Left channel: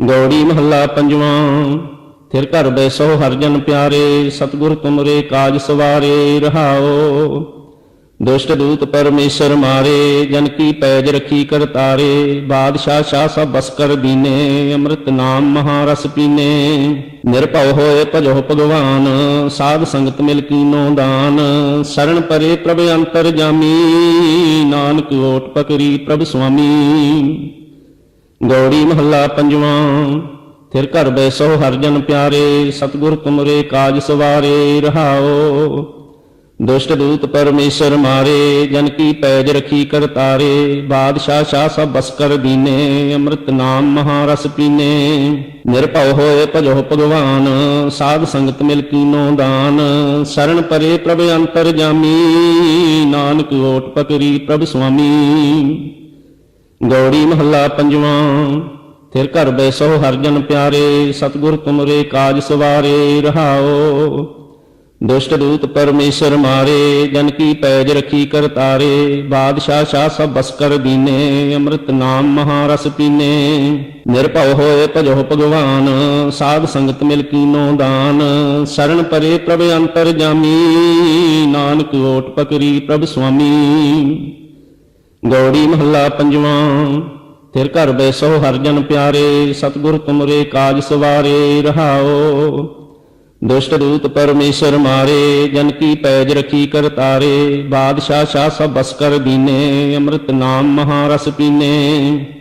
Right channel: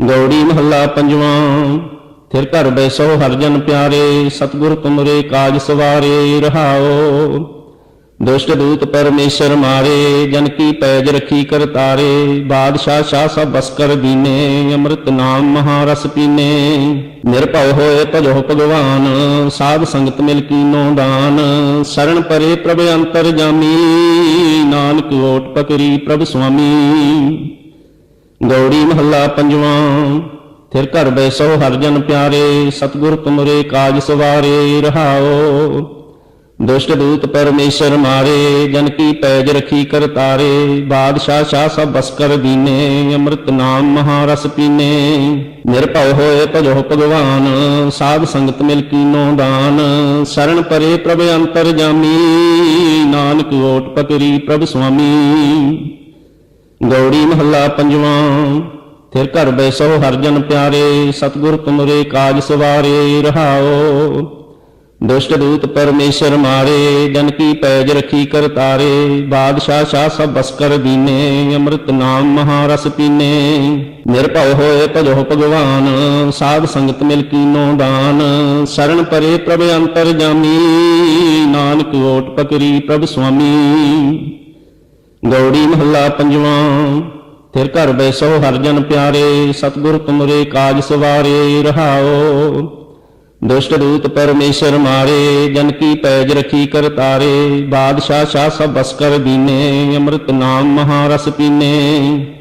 ਗੌੜੀ ਮਹੱਲਾ ਪੰਜਵਾਂ। ਫਿਰ ਘਰ ਬੈਸੋ ਹਰਿ ਜਨ ਪਿਆਰੇ, ਸਤਿਗੁਰ ਤੁਮਰੇ ਕਾਜ ਸਵਾਰੇ ਰਹਾਓ। ਦੁਸ਼ਟ ਦੂਤ ਪਰਮੇਸ਼ਰ ਮਾਰੇ, ਜਨ ਕੀ ਪੈਜ ਰਖੀ ਕਰਤਾਰੇ। ਬਾਦਸ਼ਾਹ ਸ਼ਾਹ ਸਭ ਬਸ ਕਰ ਦੀਨੇ, ਅੰਮ੍ਰਿਤ ਨਾਮ ਮਹਾਰਸ ਪੀਨੇ। ਨਿਰਭਉ ਹੋਏ ਭਜੋ ਭਗਵਾਨ, ਸਾਧ ਸੰਗਤ ਮਿਲ ਕੀਨੋ ਦਾਨ। ਸਰਣ ਪਰੇ ਪ੍ਰਭ ਅੰਤਰ ਜਾਮੀ, ਨਾਨਕ ਓਟ ਪਕਰੀ ਪ੍ਰਭ ਸੁਆਮੀ। ਗੌੜੀ ਮਹੱਲਾ ਪੰਜਵਾਂ। ਫਿਰ ਘਰ ਬੈਸੋ ਹਰਿ ਜਨ ਪਿਆਰੇ, ਸਤਿਗੁਰ ਤੁਮਰੇ ਕਾਜ ਸਵਾਰੇ ਰਹਾਓ। ਦੁਸ਼ਟ ਦੂਤ ਪਰਮੇਸ਼ਰ ਮਾਰੇ, ਜਨ ਕੀ ਪੈਜ ਰਖੀ ਕਰਤਾਰੇ। ਬਾਦਸ਼ਾਹ ਸ਼ਾਹ ਸਭ ਬਸ ਕਰ ਦੀਨੇ, ਅੰਮ੍ਰਿਤ ਨਾਮ ਮਹਾਰਸ ਪੀਨੇ। ਨਿਰਭਉ ਹੋਏ ਭਜੋ ਭਗਵਾਨ, ਸਾਧ ਸੰਗਤ ਮਿਲ ਕੀਨੋ ਦਾਨ। ਸਰਣ ਪਰੇ ਪ੍ਰਭ ਅੰਤਰ ਜਾਮੀ, ਨਾਨਕ ਓਟ ਪਕਰੀ ਪ੍ਰਭ ਸੁਆਮੀ। ਗੌੜੀ ਮਹੱਲਾ ਪੰਜਵਾਂ। ਫਿਰ ਘਰ ਬੈਸੋ ਹਰਿ ਜਨ ਪਿਆਰੇ, ਸਤਿਗੁਰ ਤੁਮਰੇ ਕਾਜ ਸਵਾਰੇ ਰਹਾਓ। ਦੁਸ਼ਟ ਦੂਤ ਪਰਮੇਸ਼ਰ ਮਾਰੇ, ਜਨ ਕੀ ਪੈਜ ਰਖੀ ਕਰਤਾਰੇ। ਬਾਦਸ਼ਾਹ ਸ਼ਾਹ ਸਭ ਬਸ ਕਰ ਦੀਨੇ, ਅੰਮ੍ਰਿਤ ਨਾਮ ਮਹਾਰਸ ਪੀਨੇ। ਨਿਰਭਉ ਹੋਏ ਭਜੋ ਭਗਵਾਨ, ਸਾਧ ਸੰਗਤ ਮਿਲ ਕੀਨੋ ਦਾਨ। ਸਰਣ ਪਰੇ ਪ੍ਰਭ ਅੰਤਰ ਜਾਮੀ, ਨਾਨਕ ਓਟ ਪਕਰੀ ਪ੍ਰਭ ਸੁਆਮੀ। ਗੌੜੀ ਮਹੱਲਾ ਪੰਜਵਾਂ। ਫਿਰ ਘਰ ਬੈਸੋ ਹਰਿ ਜਨ ਪਿਆਰੇ, ਸਤਿਗੁਰ ਤੁਮਰੇ ਕਾਜ ਸਵਾਰੇ ਰਹਾਓ। ਦੁਸ਼ਟ ਦੂਤ ਪਰਮੇਸ਼ਰ ਮਾਰੇ, ਜਨ ਕੀ ਪੈਜ ਰਖੀ ਕਰਤਾਰੇ। ਬਾਦਸ਼ਾਹ ਸ਼ਾਹ ਸਭ ਬਸ ਕਰ ਦੀਨੇ, ਅੰਮ੍ਰਿਤ ਨਾਮ ਮਹਾਰਸ ਪੀਨੇ।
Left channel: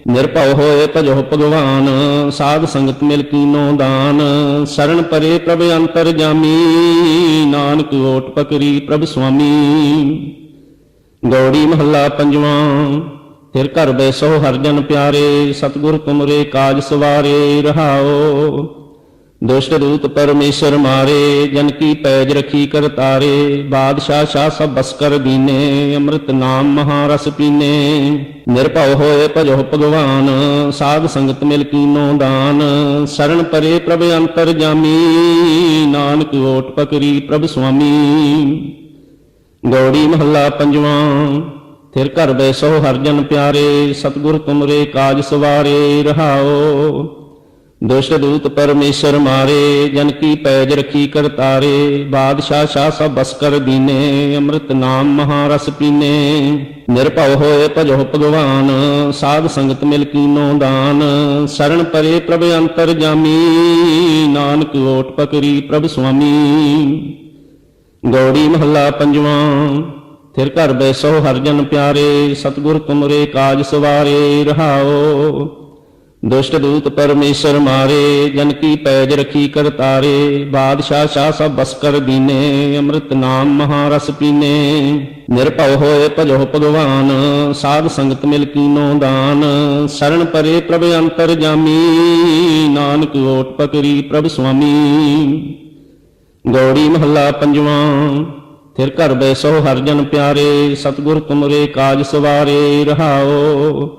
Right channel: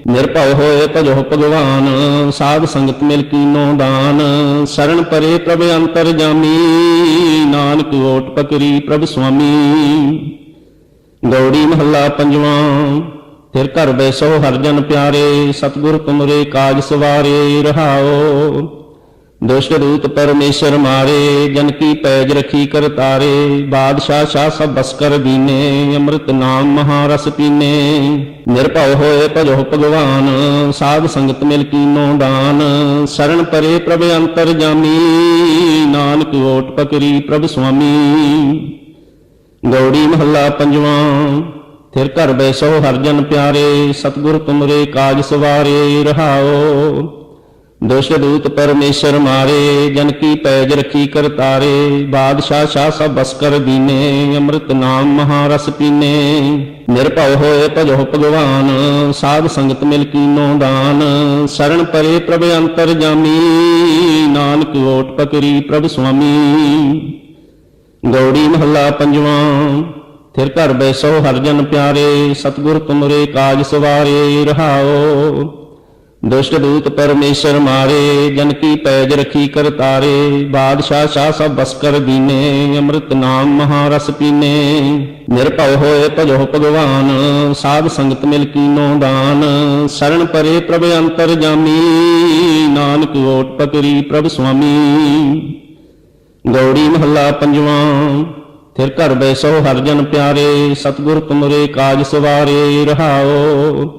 ਨਿਰਭਉ ਹੋਏ ਭਜੋ ਭਗਵਾਨ, ਸਾਧ ਸੰਗਤ ਮਿਲ ਕੀਨੋ ਦਾਨ। ਸਰਣ ਪਰੇ ਪ੍ਰਭ ਅੰਤਰ ਜਾਮੀ, ਨਾਨਕ ਓਟ ਪਕਰੀ ਪ੍ਰਭ ਸੁਆਮੀ। ਗੌੜੀ ਮਹੱਲਾ ਪੰਜਵਾਂ। ਫਿਰ ਘਰ ਬੈਸੋ ਹਰਿ ਜਨ ਪਿਆਰੇ, ਸਤਿਗੁਰ ਤੁਮਰੇ ਕਾਜ ਸਵਾਰੇ ਰਹਾਓ। ਦੁਸ਼ਟ ਦੂਤ ਪਰਮੇਸ਼ਰ ਮਾਰੇ, ਜਨ ਕੀ ਪੈਜ ਰਖੀ ਕਰਤਾਰੇ। ਬਾਦਸ਼ਾਹ ਸ਼ਾਹ ਸਭ ਬਸ ਕਰ ਦੀਨੇ, ਅੰਮ੍ਰਿਤ ਨਾਮ ਮਹਾਰਸ ਪੀਨੇ। ਨਿਰਭਉ ਹੋਏ ਭਜੋ ਭਗਵਾਨ, ਸਾਧ ਸੰਗਤ ਮਿਲ ਕੀਨੋ ਦਾਨ। ਸਰਣ ਪਰੇ ਪ੍ਰਭ ਅੰਤਰ ਜਾਮੀ, ਨਾਨਕ ਓਟ ਪਕਰੀ ਪ੍ਰਭ ਸੁਆਮੀ। ਗੌੜੀ ਮਹੱਲਾ ਪੰਜਵਾਂ। ਫਿਰ ਘਰ ਬੈਸੋ ਹਰਿ ਜਨ ਪਿਆਰੇ, ਸਤਿਗੁਰ ਤੁਮਰੇ ਕਾਜ ਸਵਾਰੇ ਰਹਾਓ। ਦੁਸ਼ਟ ਦੂਤ ਪਰਮੇਸ਼ਰ ਮਾਰੇ, ਜਨ ਕੀ ਪੈਜ ਰਖੀ ਕਰਤਾਰੇ। ਬਾਦਸ਼ਾਹ ਸ਼ਾਹ ਸਭ ਬਸ ਕਰ ਦੀਨੇ, ਅੰਮ੍ਰਿਤ ਨਾਮ ਮਹਾਰਸ ਪੀਨੇ। ਨਿਰਭਉ ਹੋਏ ਭਜੋ ਭਗਵਾਨ, ਸਾਧ ਸੰਗਤ ਮਿਲ ਕੀਨੋ ਦਾਨ। ਸਰਣ ਪਰੇ ਪ੍ਰਭ ਅੰਤਰ ਜਾਮੀ, ਨਾਨਕ ਓਟ ਪਕਰੀ ਪ੍ਰਭ ਸੁਆਮੀ। ਗੌੜੀ ਮਹੱਲਾ ਪੰਜਵਾਂ। ਫਿਰ ਘਰ ਬੈਸੋ ਹਰਿ ਜਨ ਪਿਆਰੇ, ਸਤਿਗੁਰ ਤੁਮਰੇ ਕਾਜ ਸਵਾਰੇ ਰਹਾਓ। ਦੁਸ਼ਟ ਦੂਤ ਪਰਮੇਸ਼ਰ ਮਾਰੇ, ਜਨ ਕੀ ਪੈਜ ਰਖੀ ਕਰਤਾਰੇ। ਬਾਦਸ਼ਾਹ ਸ਼ਾਹ ਸਭ ਬਸ ਕਰ ਦੀਨੇ, ਅੰਮ੍ਰਿਤ ਨਾਮ ਮਹਾਰਸ ਪੀਨੇ। ਨਿਰਭਉ ਹੋਏ ਭਜੋ ਭਗਵਾਨ, ਸਾਧ ਸੰਗਤ ਮਿਲ ਕੀਨੋ ਦਾਨ। ਸਰਣ ਪਰੇ ਪ੍ਰਭ ਅੰਤਰ ਜਾਮੀ, ਨਾਨਕ ਓਟ ਪਕਰੀ ਪ੍ਰਭ ਸੁਆਮੀ। ਗੌੜੀ ਮਹੱਲਾ ਪੰਜਵਾਂ। ਫਿਰ ਘਰ ਬੈਸੋ ਹਰਿ ਜਨ ਪਿਆਰੇ, ਸਤਿਗੁਰ ਤੁਮਰੇ ਕਾਜ ਸਵਾਰੇ ਰਹਾਓ।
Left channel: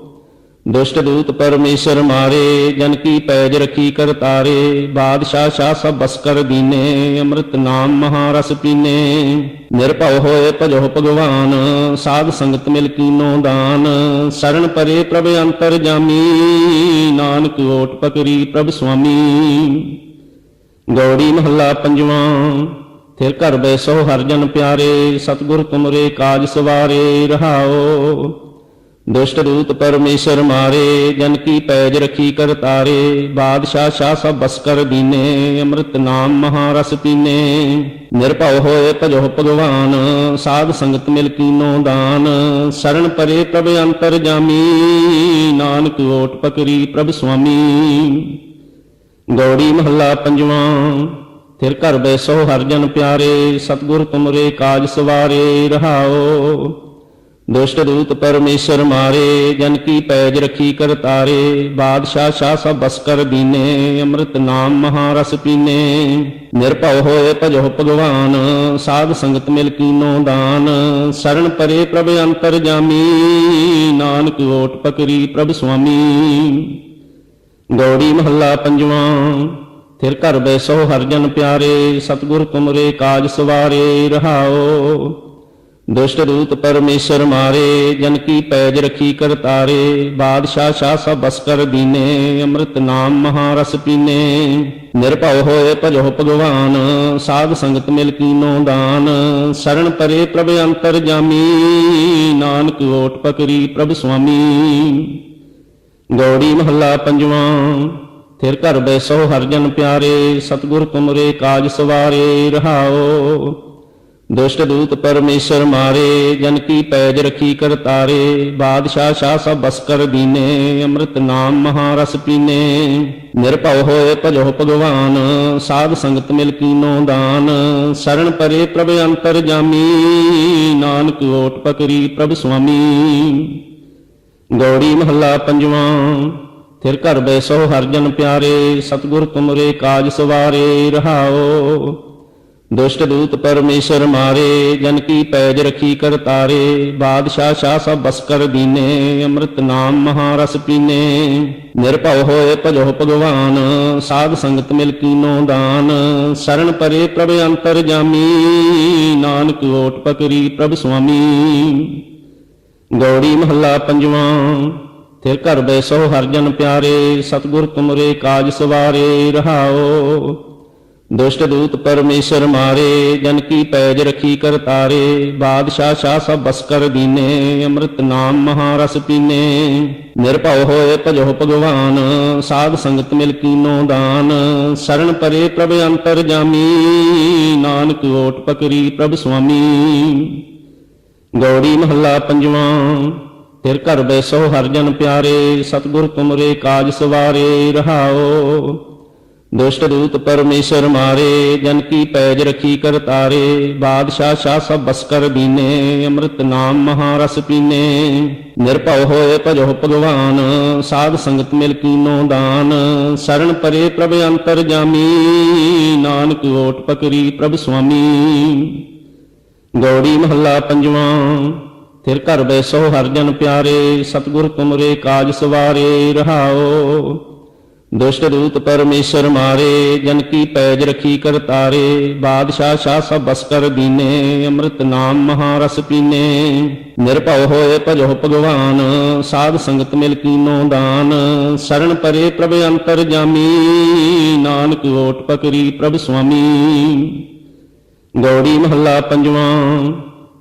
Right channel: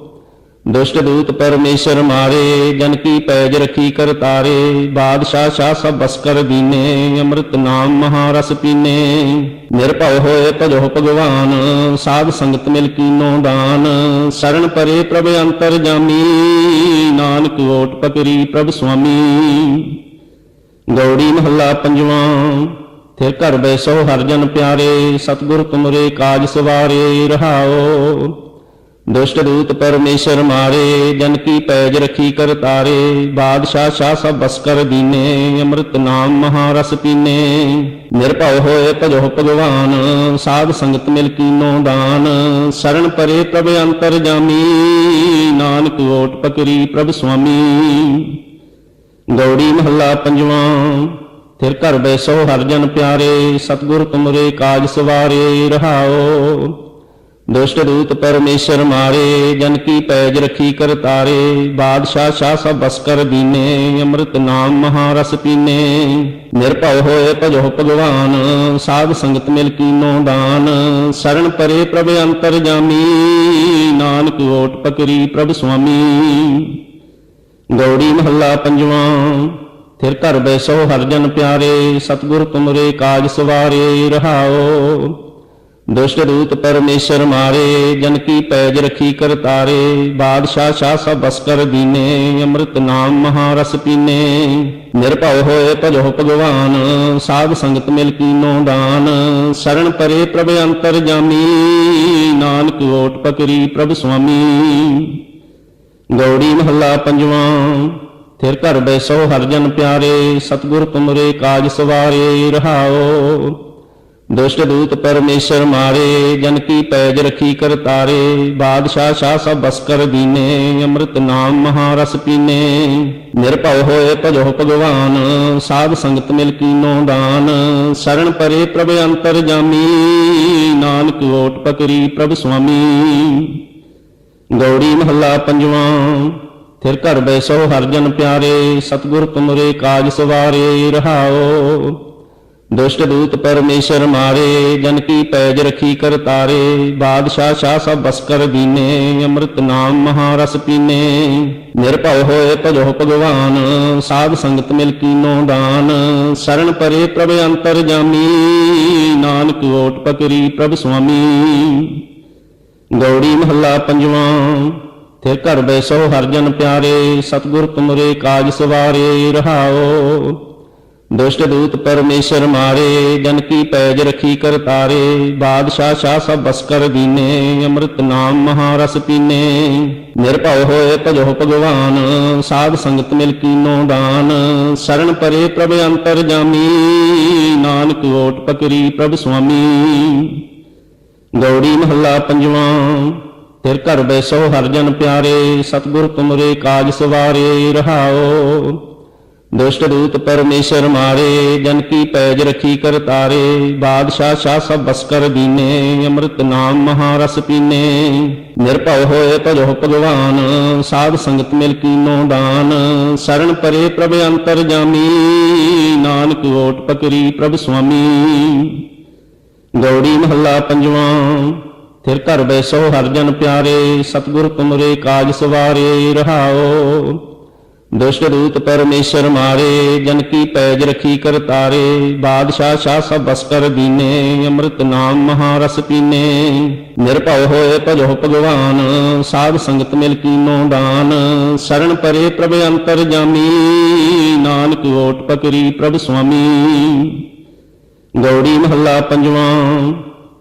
ਦੁਸ਼ਟ ਦੂਤ ਪਰਮੇਸ਼ਰ ਮਾਰੇ, ਜਨ ਕੀ ਪੈਜ ਰਖੀ ਕਰਤਾਰੇ। ਬਾਦਸ਼ਾਹ ਸ਼ਾਹ ਸਭ ਬਸ ਕਰ ਦੀਨੇ, ਅੰਮ੍ਰਿਤ ਨਾਮ ਮਹਾਰਸ ਪੀਨੇ। ਨਿਰਭਉ ਹੋਏ ਭਜੋ ਭਗਵਾਨ, ਸਾਧ ਸੰਗਤ ਮਿਲ ਕੀਨੋ ਦਾਨ। ਸਰਣ ਪਰੇ ਪ੍ਰਭ ਅੰਤਰ ਜਾਮੀ, ਨਾਨਕ ਓਟ ਪਕਰੀ ਪ੍ਰਭ ਸੁਆਮੀ। ਗੌੜੀ ਮਹੱਲਾ ਪੰਜਵਾਂ। ਫਿਰ ਘਰ ਬੈਸੋ ਹਰਿ ਜਨ ਪਿਆਰੇ, ਸਤਿਗੁਰ ਤੁਮਰੇ ਕਾਜ ਸਵਾਰੇ ਰਹਾਓ। ਦੁਸ਼ਟ ਦੂਤ ਪਰਮੇਸ਼ਰ ਮਾਰੇ, ਜਨ ਕੀ ਪੈਜ ਰਖੀ ਕਰਤਾਰੇ। ਬਾਦਸ਼ਾਹ ਸ਼ਾਹ ਸਭ ਬਸ ਕਰ ਦੀਨੇ, ਅੰਮ੍ਰਿਤ ਨਾਮ ਮਹਾਰਸ ਪੀਨੇ। ਨਿਰਭਉ ਹੋਏ ਭਜੋ ਭਗਵਾਨ, ਸਾਧ ਸੰਗਤ ਮਿਲ ਕੀਨੋ ਦਾਨ। ਸਰਣ ਪਰੇ ਪ੍ਰਭ ਅੰਤਰ ਜਾਮੀ, ਨਾਨਕ ਓਟ ਪਕਰੀ ਪ੍ਰਭ ਸੁਆਮੀ। ਗੌੜੀ ਮਹੱਲਾ ਪੰਜਵਾਂ। ਫਿਰ ਘਰ ਬੈਸੋ ਹਰਿ ਜਨ ਪਿਆਰੇ, ਸਤਿਗੁਰ ਤੁਮਰੇ ਕਾਜ ਸਵਾਰੇ ਰਹਾਓ। ਦੁਸ਼ਟ ਦੂਤ ਪਰਮੇਸ਼ਰ ਮਾਰੇ, ਜਨ ਕੀ ਪੈਜ ਰਖੀ ਕਰਤਾਰੇ। ਬਾਦਸ਼ਾਹ ਸ਼ਾਹ ਸਭ ਬਸ ਕਰ ਦੀਨੇ, ਅੰਮ੍ਰਿਤ ਨਾਮ ਮਹਾਰਸ ਪੀਨੇ। ਨਿਰਭਉ ਹੋਏ ਭਜੋ ਭਗਵਾਨ, ਸਾਧ ਸੰਗਤ ਮਿਲ ਕੀਨੋ ਦਾਨ। ਸਰਣ ਪਰੇ ਪ੍ਰਭ ਅੰਤਰ ਜਾਮੀ, ਨਾਨਕ ਓਟ ਪਕਰੀ ਪ੍ਰਭ ਸੁਆਮੀ। ਗੌੜੀ ਮਹੱਲਾ ਪੰਜਵਾਂ। ਫਿਰ ਘਰ ਬੈਸੋ ਹਰਿ ਜਨ ਪਿਆਰੇ, ਸਤਿਗੁਰ ਤੁਮਰੇ ਕਾਜ ਸਵਾਰੇ ਰਹਾਓ। ਦੁਸ਼ਟ ਦੂਤ ਪਰਮੇਸ਼ਰ ਮਾਰੇ, ਜਨ ਕੀ ਪੈਜ ਰਖੀ ਕਰਤਾਰੇ। ਬਾਦਸ਼ਾਹ ਸ਼ਾਹ ਸਭ ਬਸ ਕਰ ਦੀਨੇ, ਅੰਮ੍ਰਿਤ ਨਾਮ ਮਹਾਰਸ ਪੀਨੇ। ਨਿਰਭਉ ਹੋਏ ਭਜੋ ਭਗਵਾਨ, ਸਾਧ ਸੰਗਤ ਮਿਲ ਕੀਨੋ ਦਾਨ। ਸਰਣ ਪਰੇ ਪ੍ਰਭ ਅੰਤਰ ਜਾਮੀ, ਨਾਨਕ ਓਟ ਪਕਰੀ ਪ੍ਰਭ ਸੁਆਮੀ। ਗੌੜੀ ਮਹੱਲਾ ਪੰਜਵਾਂ। ਫਿਰ ਘਰ ਬੈਸੋ ਹਰਿ ਜਨ ਪਿਆਰੇ, ਸਤਿਗੁਰ ਤੁਮਰੇ ਕਾਜ ਸਵਾਰੇ। ਰਹਾਉ ਦੁਸ਼ਟ ਦੂਤ ਪਰਮੇਸ਼ਰ ਮਾਰੇ, ਜਨ ਕੀ ਪੈਜ ਰਖੀ ਕਰਤਾਰੇ। ਬਾਦਸ਼ਾਹ ਸ਼ਾਹ ਸਭ ਬਸ ਕਰ ਦੀਨੇ, ਅੰਮ੍ਰਿਤ ਨਾਮ ਮਹਾਰਸ ਪੀਨੇ। ਨਿਰਭਉ ਹੋਏ ਭਜੋ ਭਗਵਾਨ, ਸਾਧ ਸੰਗਤ ਮਿਲ ਕੀਨੋ ਦਾਨ। ਸਰਣ ਪਰੇ ਪ੍ਰਭ ਅੰਤਰ ਜਾਮੀ, ਨਾਨਕ ਓਟ ਪਕਰੀ ਪ੍ਰਭ ਸੁਆਮੀ। ਗੌੜੀ ਮਹੱਲਾ ਪੰਜਵਾਂ। ਫਿਰ ਘਰ ਬੈਸੋ ਹਰਿ ਜਨ ਪਿਆਰੇ, ਸਤਿਗੁਰ ਤੁਮਰੇ ਕਾਜ ਸਵਾਰੇ। ਰਹਾਉ ਦੁਸ਼ਟ ਦੂਤ ਪਰਮੇਸ਼ਰ ਮਾਰੇ, ਜਨ ਕੀ ਪੈਜ ਰਖੀ ਕਰਤਾਰੇ। ਬਾਦਸ਼ਾਹ ਸ਼ਾਹ ਸਭ ਬਸ ਕਰ ਦੀਨੇ, ਅੰਮ੍ਰਿਤ ਨਾਮ ਮਹਾਰਸ ਪੀਨੇ। ਨਿਰਭਉ ਹੋਏ ਭਜੋ ਭਗਵਾਨ, ਸਾਧ ਸੰਗਤ ਮਿਲ ਕੀਨੋ ਦਾਨ। ਸਰਣ ਪਰੇ ਪ੍ਰਭ ਅੰਤਰ ਜਾਮੀ, ਨਾਨਕ ਓਟ ਪਕਰੀ ਪ੍ਰਭ ਸੁਆਮੀ। ਗੌੜੀ ਮਹੱਲਾ ਪੰਜਵਾਂ। ਫਿਰ ਘਰ ਬੈਸੋ ਹਰਿ ਜਨ ਪਿਆਰੇ, ਸਤਿਗੁਰ ਤੁਮਰੇ ਕਾਜ ਸਵਾਰੇ। ਰਹਾਉ ਦੁਸ਼ਟ ਦੂਤ ਪਰਮੇਸ਼ਰ ਮਾਰੇ, ਜਨ ਕੀ ਪੈਜ ਰਖੀ ਕਰਤਾਰੇ। ਬਾਦਸ਼ਾਹ ਸ਼ਾਹ ਸਭ ਬਸ ਕਰ ਦੀਨੇ, ਅੰਮ੍ਰਿਤ ਨਾਮ ਮਹਾਰਸ ਪੀਨੇ। ਨਿਰਭਉ ਹੋਏ ਭਜੋ ਭਗਵਾਨ, ਸਾਧ ਸੰਗਤ ਮਿਲ ਕੀਨੋ ਦਾਨ। ਸਰਣ ਪਰੇ ਪ੍ਰਭ ਅੰਤਰ ਜਾਮੀ, ਨਾਨਕ ਓਟ ਪਕਰੀ ਪ੍ਰਭ ਸੁਆਮੀ। ਗੌੜੀ ਮਹੱਲਾ ਪੰਜਵਾਂ। ਫਿਰ ਘਰ ਬੈਸੋ ਹਰਿ ਜਨ ਪਿਆਰੇ, ਸਤਿਗੁਰ ਤੁਮਰੇ ਕਾਜ ਸਵਾਰੇ। ਰਹਾਉ ਦੁਸ਼ਟ ਦੂਤ ਪਰਮੇਸ਼ਰ ਮਾਰੇ, ਜਨ ਕੀ ਪੈਜ ਰਖੀ ਕਰਤਾਰੇ। ਬਾਦਸ਼ਾਹ ਸ਼ਾਹ ਸਭ ਬਸ ਕਰ ਦੀਨੇ, ਅੰਮ੍ਰਿਤ ਨਾਮ ਮਹਾਰਸ ਪੀਨੇ। ਨਿਰਭਉ ਹੋਏ ਭਜੋ ਭਗਵਾਨ, ਸਾਧ ਸੰਗਤ ਮਿਲ ਕੀਨੋ ਦਾਨ। ਸਰਣ ਪਰੇ ਪ੍ਰਭ ਅੰਤਰ ਜਾਮੀ, ਨਾਨਕ ਓਟ ਪਕਰੀ ਪ੍ਰਭ ਸੁਆਮੀ। ਗੌੜੀ ਮਹੱਲਾ ਪੰਜਵਾਂ। ਫਿਰ ਘਰ ਬੈਸੋ ਹਰਿ ਜਨ ਪਿਆਰੇ, ਸਤਿਗੁਰ ਤੁਮਰੇ ਕਾਜ ਸਵਾਰੇ। ਰਹਾਉ ਦੁਸ਼ਟ ਦੂਤ ਪਰਮੇਸ਼ਰ ਮਾਰੇ, ਜਨ ਕੀ ਪੈਜ ਰਖੀ ਕਰਤਾਰੇ। ਬਾਦਸ਼ਾਹ ਸ਼ਾਹ ਸਭ ਬਸ ਕਰ ਦੀਨੇ, ਅੰਮ੍ਰਿਤ ਨਾਮ ਮਹਾਰਸ ਪੀਨੇ। ਨਿਰਭਉ ਹੋਏ ਭਜੋ ਭਗਵਾਨ, ਸਾਧ ਸੰਗਤ ਮਿਲ ਕੀਨੋ ਦਾਨ। ਸਰਣ ਪਰੇ ਪ੍ਰਭ ਅੰਤਰ ਜਾਮੀ, ਨਾਨਕ ਓਟ ਪਕਰੀ ਪ੍ਰਭ ਸੁਆਮੀ। ਗੌੜੀ ਮਹੱਲਾ ਪੰਜਵਾਂ।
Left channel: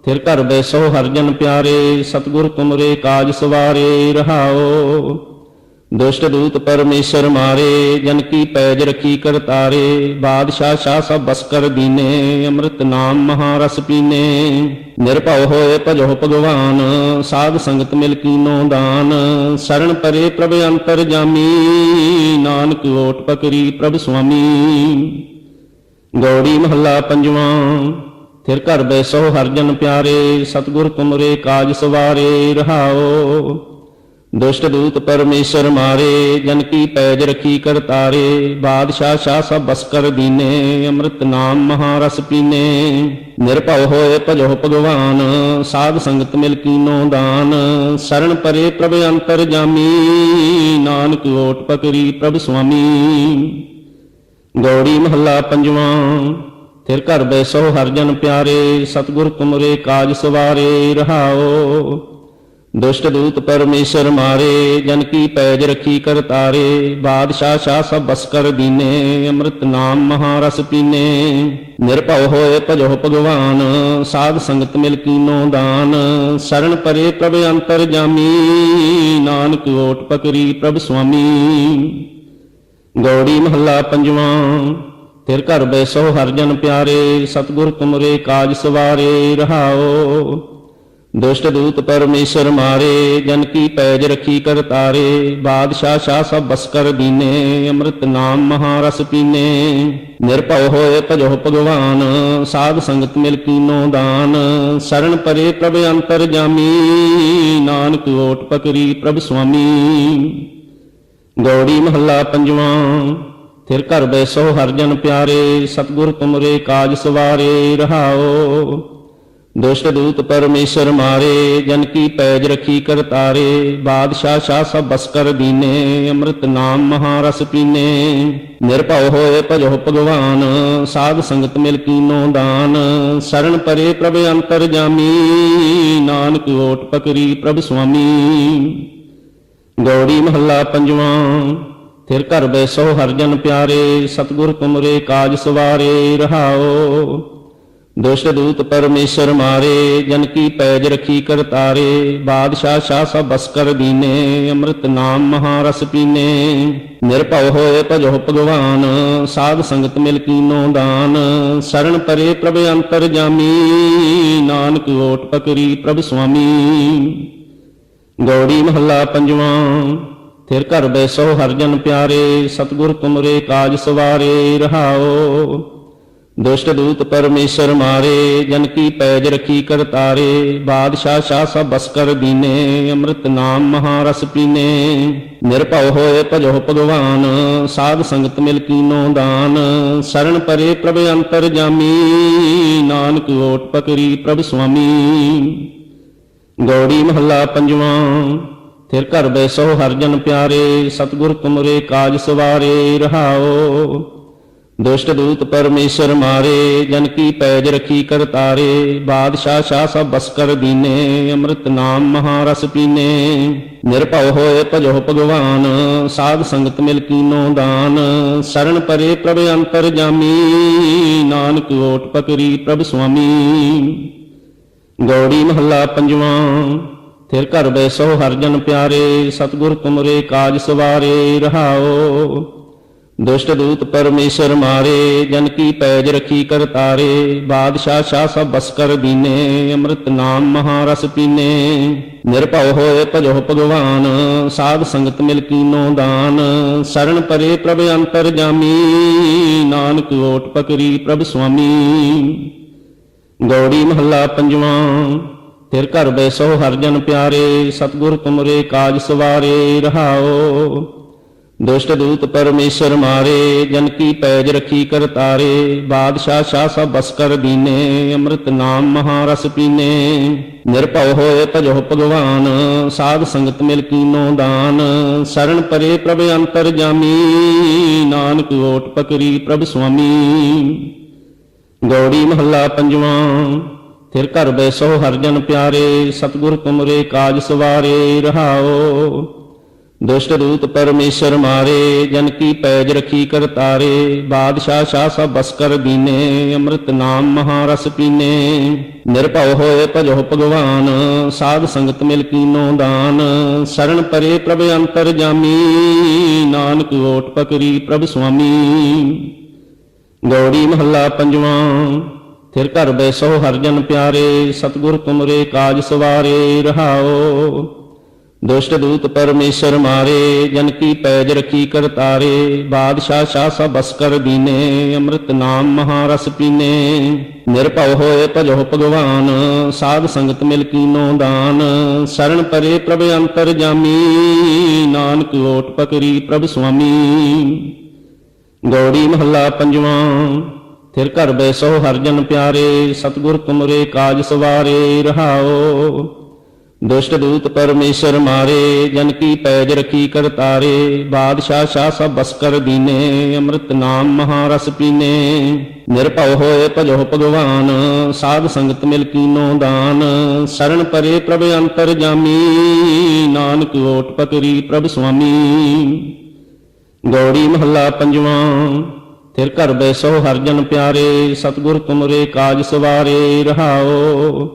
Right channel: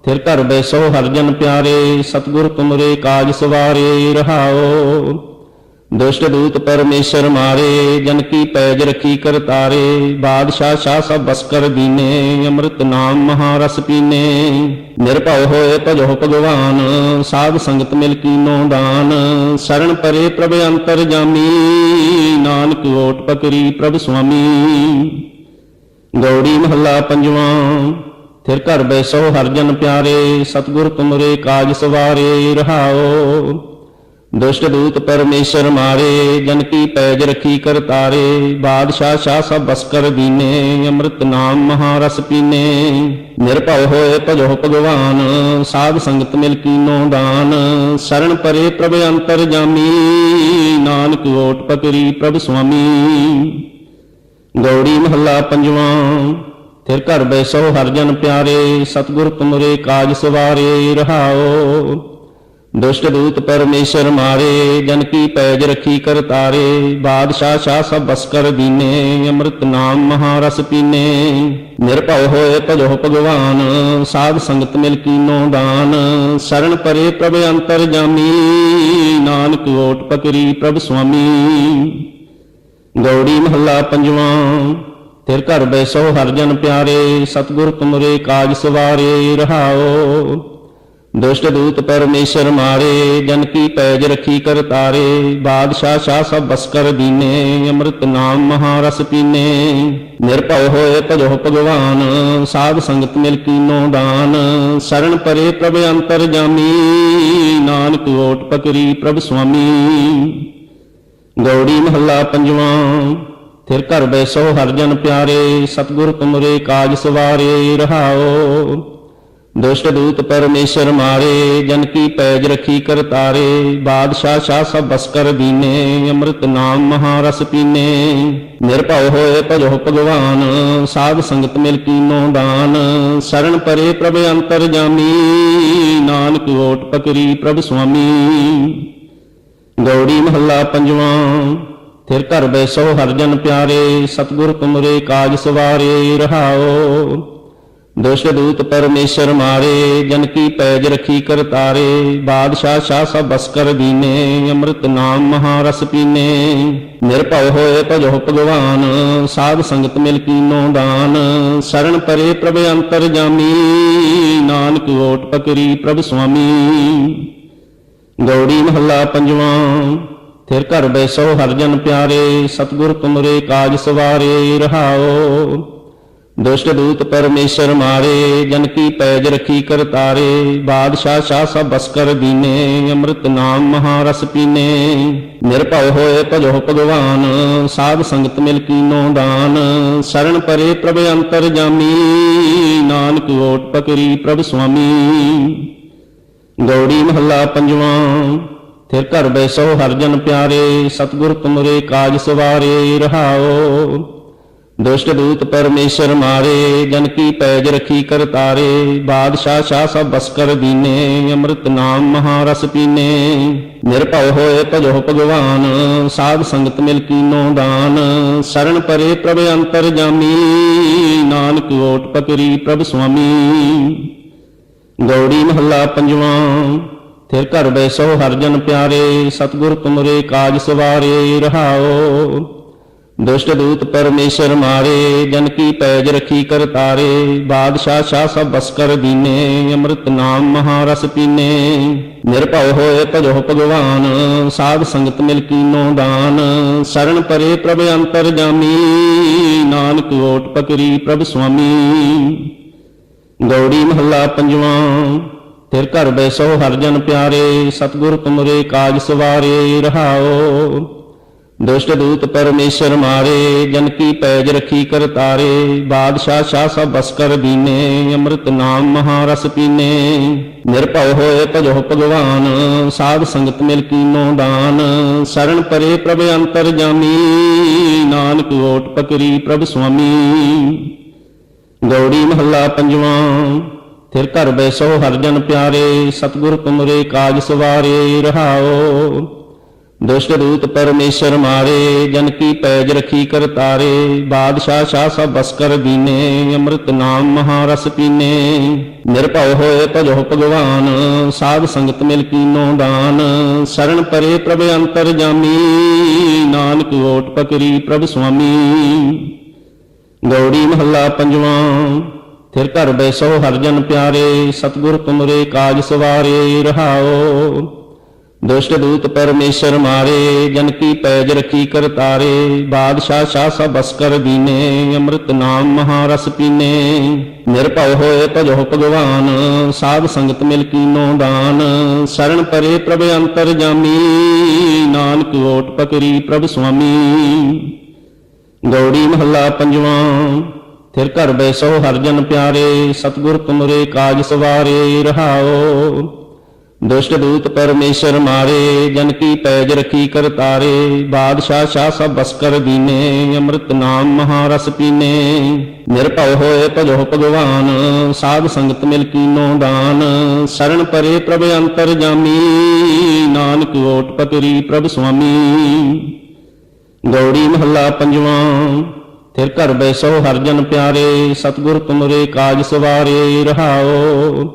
ਫਿਰ ਘਰ ਬੈਸੋ ਹਰਿ ਜਨ ਪਿਆਰੇ, ਸਤਿਗੁਰ ਤੁਮਰੇ ਕਾਜ ਸਵਾਰੇ। ਰਹਾਉ ਦੁਸ਼ਟ ਦੂਤ ਪਰਮੇਸ਼ਰ ਮਾਰੇ, ਜਨ ਕੀ ਪੈਜ ਰਖੀ ਕਰਤਾਰੇ। ਬਾਦਸ਼ਾਹ ਸ਼ਾਹ ਸਭ ਬਸ ਕਰ ਦੀਨੇ, ਅੰਮ੍ਰਿਤ ਨਾਮ ਮਹਾਰਸ ਪੀਨੇ। ਨਿਰਭਉ ਹੋਏ ਭਜੋ ਭਗਵਾਨ, ਸਾਧ ਸੰਗਤ ਮਿਲ ਕੀਨੋ ਦਾਨ। ਸਰਣ ਪਰੇ ਪ੍ਰਭ ਅੰਤਰ ਜਾਮੀ, ਨਾਨਕ ਓਟ ਪਕਰੀ ਪ੍ਰਭ ਸੁਆਮੀ। ਗੌੜੀ ਮਹੱਲਾ ਪੰਜਵਾਂ। ਫਿਰ ਘਰ ਬੈਸੋ ਹਰਿ ਜਨ ਪਿਆਰੇ, ਸਤਿਗੁਰ ਤੁਮਰੇ ਕਾਜ ਸਵਾਰੇ। ਰਹਾਉ ਦੁਸ਼ਟ ਦੂਤ ਪਰਮੇਸ਼ਰ ਮਾਰੇ, ਜਨ ਕੀ ਪੈਜ ਰਖੀ ਕਰਤਾਰੇ। ਬਾਦਸ਼ਾਹ ਸ਼ਾਹ ਸਭ ਬਸ ਕਰ ਦੀਨੇ, ਅੰਮ੍ਰਿਤ ਨਾਮ ਮਹਾਰਸ ਪੀਨੇ। ਨਿਰਭਉ ਹੋਏ ਭਜੋ ਭਗਵਾਨ, ਸਾਧ ਸੰਗਤ ਮਿਲ ਕੀਨੋ ਦਾਨ। ਸਰਣ ਪਰੇ ਪ੍ਰਭ ਅੰਤਰ ਜਾਮੀ, ਨਾਨਕ ਓਟ ਪਕਰੀ ਪ੍ਰਭ ਸੁਆਮੀ। ਗੌੜੀ ਮਹੱਲਾ ਪੰਜਵਾਂ। ਫਿਰ ਘਰ ਬੈਸੋ ਹਰਿ ਜਨ ਪਿਆਰੇ, ਸਤਿਗੁਰ ਤੁਮਰੇ ਕਾਜ ਸਵਾਰੇ। ਰਹਾਉ ਦੁਸ਼ਟ ਦੂਤ ਪਰਮੇਸ਼ਰ ਮਾਰੇ, ਜਨ ਕੀ ਪੈਜ ਰਖੀ ਕਰਤਾਰੇ। ਬਾਦਸ਼ਾਹ ਸ਼ਾਹ ਸਭ ਬਸ ਕਰ ਦੀਨੇ, ਅੰਮ੍ਰਿਤ ਨਾਮ ਮਹਾਰਸ ਪੀਨੇ। ਨਿਰਭਉ ਹੋਏ ਭਜੋ ਭਗਵਾਨ, ਸਾਧ ਸੰਗਤ ਮਿਲ ਕੀਨੋ ਦਾਨ। ਸਰਣ ਪਰੇ ਪ੍ਰਭ ਅੰਤਰ ਜਾਮੀ, ਨਾਨਕ ਓਟ ਪਕਰੀ ਪ੍ਰਭ ਸੁਆਮੀ। ਗੌੜੀ ਮਹੱਲਾ ਪੰਜਵਾਂ। ਫਿਰ ਘਰ ਬੈਸੋ ਹਰਿ ਜਨ ਪਿਆਰੇ, ਸਤਿਗੁਰ ਤੁਮਰੇ ਕਾਜ ਸਵਾਰੇ। ਰਹਾਉ ਦੁਸ਼ਟ ਦੂਤ ਪਰਮੇਸ਼ਰ ਮਾਰੇ, ਜਨ ਕੀ ਪੈਜ ਰਖੀ ਕਰਤਾਰੇ। ਬਾਦਸ਼ਾਹ ਸ਼ਾਹ ਸਭ ਬਸ ਕਰ ਦੀਨੇ, ਅੰਮ੍ਰਿਤ ਨਾਮ ਮਹਾਰਸ ਪੀਨੇ। ਨਿਰਭਉ ਹੋਏ ਭਜੋ ਭਗਵਾਨ, ਸਾਧ ਸੰਗਤ ਮਿਲ ਕੀਨੋ ਦਾਨ। ਸਰਣ ਪਰੇ ਪ੍ਰਭ ਅੰਤਰ ਜਾਮੀ, ਨਾਨਕ ਓਟ ਪਕਰੀ ਪ੍ਰਭ ਸੁਆਮੀ। ਗੌੜੀ ਮਹੱਲਾ ਪੰਜਵਾਂ। ਫਿਰ ਘਰ ਬੈਸੋ ਹਰਿ ਜਨ ਪਿਆਰੇ, ਸਤਿਗੁਰ ਤੁਮਰੇ ਕਾਜ ਸਵਾਰੇ। ਰਹਾਉ ਦੁਸ਼ਟ ਦੂਤ ਪਰਮੇਸ਼ਰ ਮਾਰੇ, ਜਨ ਕੀ ਪੈਜ ਰਖੀ ਕਰਤਾਰੇ। ਬਾਦਸ਼ਾਹ ਸ਼ਾਹ ਸਭ ਬਸ ਕਰ ਦੀਨੇ, ਅੰਮ੍ਰਿਤ ਨਾਮ ਮਹਾਰਸ ਪੀਨੇ। ਨਿਰਭਉ ਹੋਏ ਭਜੋ ਭਗਵਾਨ, ਸਾਧ ਸੰਗਤ ਮਿਲ ਕੀਨੋ ਦਾਨ। ਸਰਣ ਪਰੇ ਪ੍ਰਭ ਅੰਤਰ ਜਾਮੀ, ਨਾਨਕ ਓਟ ਪਕਰੀ ਪ੍ਰਭ ਸੁਆਮੀ। ਗੌੜੀ ਮਹੱਲਾ ਪੰਜਵਾਂ। ਫਿਰ ਘਰ ਬੈਸੋ ਹਰਿ ਜਨ ਪਿਆਰੇ, ਸਤਿਗੁਰ ਤੁਮਰੇ ਕਾਜ ਸਵਾਰੇ। ਰਹਾਉ ਦੁਸ਼ਟ ਦੂਤ ਪਰਮੇਸ਼ਰ ਮਾਰੇ, ਜਨ ਕੀ ਪੈਜ ਰਖੀ ਕਰਤਾਰੇ। ਬਾਦਸ਼ਾਹ ਸ਼ਾਹ ਸਭ ਬਸ ਕਰ ਦੀਨੇ, ਅੰਮ੍ਰਿਤ ਨਾਮ ਮਹਾਰਸ ਪੀਨੇ। ਨਿਰਭਉ ਹੋਏ ਭਜੋ ਭਗਵਾਨ, ਸਾਧ ਸੰਗਤ ਮਿਲ ਕੀਨੋ ਦਾਨ। ਸਰਣ ਪਰੇ ਪ੍ਰਭ ਅੰਤਰ ਜਾਮੀ, ਨਾਨਕ ਓਟ ਪਕਰੀ ਪ੍ਰਭ ਸੁਆਮੀ। ਗੌੜੀ ਮਹੱਲਾ ਪੰਜਵਾਂ। ਫਿਰ ਘਰ ਬੈਸੋ ਹਰਿ ਜਨ ਪਿਆਰੇ, ਸਤਿਗੁਰ ਤੁਮਰੇ ਕਾਜ ਸਵਾਰੇ। ਰਹਾਉ ਦੁਸ਼ਟ ਦੂਤ ਪਰਮੇਸ਼ਰ ਮਾਰੇ, ਜਨ ਕੀ ਪੈਜ ਰਖੀ ਕਰਤਾਰੇ। ਬਾਦਸ਼ਾਹ ਸ਼ਾਹ ਸਭ ਬਸ ਕਰ ਦੀਨੇ, ਅੰਮ੍ਰਿਤ ਨਾਮ ਮਹਾਰਸ ਪੀਨੇ। ਨਿਰਭਉ ਹੋਏ ਭਜੋ ਭਗਵਾਨ, ਸਾਧ ਸੰਗਤ ਮਿਲ ਕੀਨੋ ਦਾਨ। ਸਰਣ ਪਰੇ ਪ੍ਰਭ ਅੰਤਰ ਜਾਮੀ, ਨਾਨਕ ਓਟ ਪਕਰੀ ਪ੍ਰਭ ਸੁਆਮੀ। ਗੌੜੀ ਮਹੱਲਾ ਪੰਜਵਾਂ। ਫਿਰ ਘਰ ਬੈਸੋ ਹਰਿ ਜਨ ਪਿਆਰੇ, ਸਤਿਗੁਰ ਤੁਮਰੇ ਕਾਜ ਸਵਾਰੇ। ਰਹਾਉ ਦੁਸ਼ਟ ਦੂਤ ਪਰਮੇਸ਼ਰ ਮਾਰੇ, ਜਨ ਕੀ ਪੈਜ ਰਖੀ ਕਰਤਾਰੇ। ਬਾਦਸ਼ਾਹ ਸ਼ਾਹ ਸਭ ਬਸ ਕਰ ਦੀਨੇ, ਅੰਮ੍ਰਿਤ ਨਾਮ ਮਹਾਰਸ ਪੀਨੇ। ਨਿਰਭਉ ਹੋਏ ਭਜੋ ਭਗਵਾਨ, ਸਾਧ ਸੰਗਤ ਮਿਲ ਕੀਨੋ ਦਾਨ। ਸਰਣ ਪਰੇ ਪ੍ਰਭ ਅੰਤਰ ਜਾਮੀ, ਨਾਨਕ ਓਟ ਪਕਰੀ ਪ੍ਰਭ ਸੁਆਮੀ। ਗੌੜੀ ਮਹੱਲਾ ਪੰਜਵਾਂ। ਫਿਰ ਘਰ ਬੈਸੋ ਹਰਿ ਜਨ ਪਿਆਰੇ, ਸਤਿਗੁਰ ਤੁਮਰੇ ਕਾਜ ਸਵਾਰੇ। ਰਹਾਉ ਦੁਸ਼ਟ ਦੂਤ ਪਰਮੇਸ਼ਰ ਮਾਰੇ, ਜਨ ਕੀ ਪੈਜ ਰਖੀ ਕਰਤਾਰੇ। ਬਾਦਸ਼ਾਹ ਸ਼ਾਹ ਸਭ ਬਸ ਕਰ ਦੀਨੇ, ਅੰਮ੍ਰਿਤ ਨਾਮ ਮਹਾਰਸ ਪੀਨੇ। ਨਿਰਭਉ ਹੋਏ ਭਜੋ ਭਗਵਾਨ, ਸਾਧ ਸੰਗਤ ਮਿਲ ਕੀਨੋ ਦਾਨ। ਸਰਣ ਪਰੇ ਪ੍ਰਭ ਅੰਤਰ ਜਾਮੀ, ਨਾਨਕ ਓਟ ਪਕਰੀ ਪ੍ਰਭ ਸੁਆਮੀ। ਗੌੜੀ ਮਹੱਲਾ ਪੰਜਵਾਂ। ਫਿਰ ਘਰ ਬੈਸੋ ਹਰਿ ਜਨ ਪਿਆਰੇ, ਸਤਿਗੁਰ ਤੁਮਰੇ ਕਾਜ ਸਵਾਰੇ। ਰਹਾਉ ਦੁਸ਼ਟ ਦੂਤ ਪਰਮੇਸ਼ਰ ਮਾਰੇ, ਜਨ ਕੀ ਪੈਜ ਰਖੀ ਕਰਤਾਰੇ। ਬਾਦਸ਼ਾਹ ਸ਼ਾਹ ਸਭ ਬਸ ਕਰ ਦੀਨੇ, ਅੰਮ੍ਰਿਤ ਨਾਮ ਮਹਾਰਸ ਪੀਨੇ। ਨਿਰਭਉ ਹੋਏ ਭਜੋ ਭਗਵਾਨ, ਸਾਧ ਸੰਗਤ ਮਿਲ ਕੀਨੋ ਦਾਨ। ਸਰਣ ਪਰੇ ਪ੍ਰਭ ਅੰਤਰ ਜਾਮੀ, ਨਾਨਕ ਓਟ ਪਕਰੀ ਪ੍ਰਭ ਸੁਆਮੀ। ਗੌੜੀ ਮਹੱਲਾ ਪੰਜਵਾਂ। ਫਿਰ ਘਰ ਬੈਸੋ ਹਰਿ ਜਨ ਪਿਆਰੇ, ਸਤਿਗੁਰ ਤੁਮਰੇ ਕਾਜ ਸਵਾਰੇ। ਰਹਾਉ ਦੁਸ਼ਟ ਦੂਤ ਪਰਮੇਸ਼ਰ ਮਾਰੇ, ਜਨ ਕੀ ਪੈਜ ਰਖੀ ਕਰਤਾਰੇ। ਬਾਦਸ਼ਾਹ ਸ਼ਾਹ ਸਭ ਬਸ ਕਰ ਦੀਨੇ, ਅੰਮ੍ਰਿਤ ਨਾਮ ਮਹਾਰਸ ਪੀਨੇ। ਨਿਰਭਉ ਹੋਏ ਭਜੋ ਭਗਵਾਨ, ਸਾਧ ਸੰਗਤ ਮਿਲ ਕੀਨੋ ਦਾਨ। ਸਰਣ ਪਰੇ ਪ੍ਰਭ ਅੰਤਰ ਜਾਮੀ, ਨਾਨਕ ਓਟ ਪਕਰੀ ਪ੍ਰਭ ਸੁਆਮੀ। ਗੌੜੀ ਮਹੱਲਾ ਪੰਜਵਾਂ। ਫਿਰ ਘਰ ਬੈਸੋ ਹਰਿ ਜਨ ਪਿਆਰੇ, ਸਤਿਗੁਰ ਤੁਮਰੇ ਕਾਜ ਸਵਾਰੇ। ਰਹਾਉ ਦੁਸ਼ਟ ਦੂਤ ਪਰਮੇਸ਼ਰ ਮਾਰੇ, ਜਨ ਕੀ ਪੈਜ ਰਖੀ ਕਰਤਾਰੇ। ਬਾਦਸ਼ਾਹ ਸ਼ਾਹ ਸਭ ਬਸ ਕਰ ਦੀਨੇ, ਅੰਮ੍ਰਿਤ ਨਾਮ ਮਹਾਰਸ ਪੀਨੇ। ਨਿਰਭਉ ਹੋਏ ਭਜੋ ਭਗਵਾਨ, ਸਾਧ ਸੰਗਤ ਮਿਲ ਕੀਨੋ ਦਾਨ। ਸਰਣ ਪਰੇ ਪ੍ਰਭ ਅੰਤਰ ਜਾਮੀ, ਨਾਨਕ ਓਟ ਪਕਰੀ ਪ੍ਰਭ ਸੁਆਮੀ। ਗੌੜੀ ਮਹੱਲਾ ਪੰਜਵਾਂ। ਫਿਰ ਘਰ ਬੈਸੋ ਹਰਿ ਜਨ ਪਿਆਰੇ, ਸਤਿਗੁਰ ਤੁਮਰੇ ਕਾਜ ਸਵਾਰੇ। ਰਹਾਉ ਦੁਸ਼ਟ ਦੂਤ ਪਰਮੇਸ਼ਰ ਮਾਰੇ, ਜਨ ਕੀ ਪੈਜ ਰਖੀ ਕਰਤਾਰੇ। ਬਾਦਸ਼ਾਹ ਸ਼ਾਹ ਸਭ ਬਸ ਕਰ ਦੀਨੇ, ਅੰਮ੍ਰਿਤ ਨਾਮ ਮਹਾਰਸ ਪੀਨੇ। ਨਿਰਭਉ ਹੋਏ ਭਜੋ ਭਗਵਾਨ, ਸਾਧ ਸੰਗਤ ਮਿਲ ਕੀਨੋ ਦਾਨ। ਸਰਣ ਪਰੇ ਪ੍ਰਭ ਅੰਤਰ ਜਾਮੀ, ਨਾਨਕ ਓਟ ਪਕਰੀ ਪ੍ਰਭ ਸੁਆਮੀ। ਗੌੜੀ ਮਹੱਲਾ ਪੰਜਵਾਂ। ਫਿਰ ਘਰ ਬੈਸੋ ਹਰਿ ਜਨ ਪਿਆਰੇ, ਸਤਿਗੁਰ ਤੁਮਰੇ ਕਾਜ ਸਵਾਰੇ। ਰਹਾਉ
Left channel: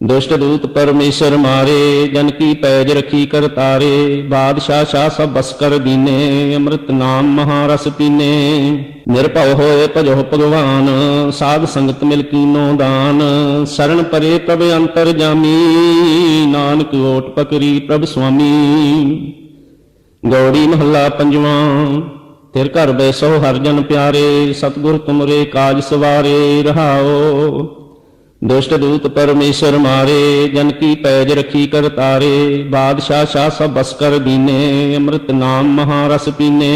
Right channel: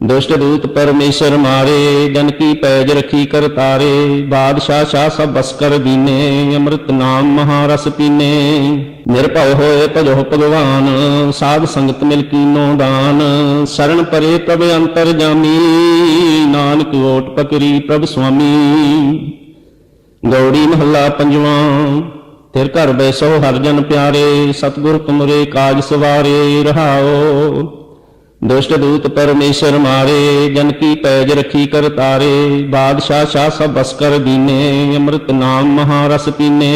ਦੁਸ਼ਟ ਦੂਤ ਪਰਮੇਸ਼ਰ ਮਾਰੇ, ਜਨ ਕੀ ਪੈਜ ਰਖੀ ਕਰਤਾਰੇ। ਬਾਦਸ਼ਾਹ ਸ਼ਾਹ ਸਭ ਬਸ ਕਰ ਦੀਨੇ, ਅੰਮ੍ਰਿਤ ਨਾਮ ਮਹਾਰਸ ਪੀਨੇ। ਨਿਰਭਉ ਹੋਏ ਭਜੋ ਭਗਵਾਨ, ਸਾਧ ਸੰਗਤ ਮਿਲ ਕੀਨੋ ਦਾਨ। ਸਰਣ ਪਰੇ ਪ੍ਰਭ ਅੰਤਰ ਜਾਮੀ, ਨਾਨਕ ਓਟ ਪਕਰੀ ਪ੍ਰਭ ਸੁਆਮੀ। ਗੌੜੀ ਮਹੱਲਾ ਪੰਜਵਾਂ। ਫਿਰ ਘਰ ਬੈਸੋ ਹਰਿ ਜਨ ਪਿਆਰੇ, ਸਤਿਗੁਰ ਤੁਮਰੇ ਕਾਜ ਸਵਾਰੇ। ਰਹਾਉ ਦੁਸ਼ਟ ਦੂਤ ਪਰਮੇਸ਼ਰ ਮਾਰੇ, ਜਨ ਕੀ ਪੈਜ ਰਖੀ ਕਰ ਤਾਰੇ। ਬਾਦਸ਼ਾਹ ਸ਼ਾਹ ਸਭ ਬਸ ਕਰ ਦੀਨੇ, ਅੰਮ੍ਰਿਤ ਨਾਮ ਮਹਾਰਸ ਪੀਨੇ।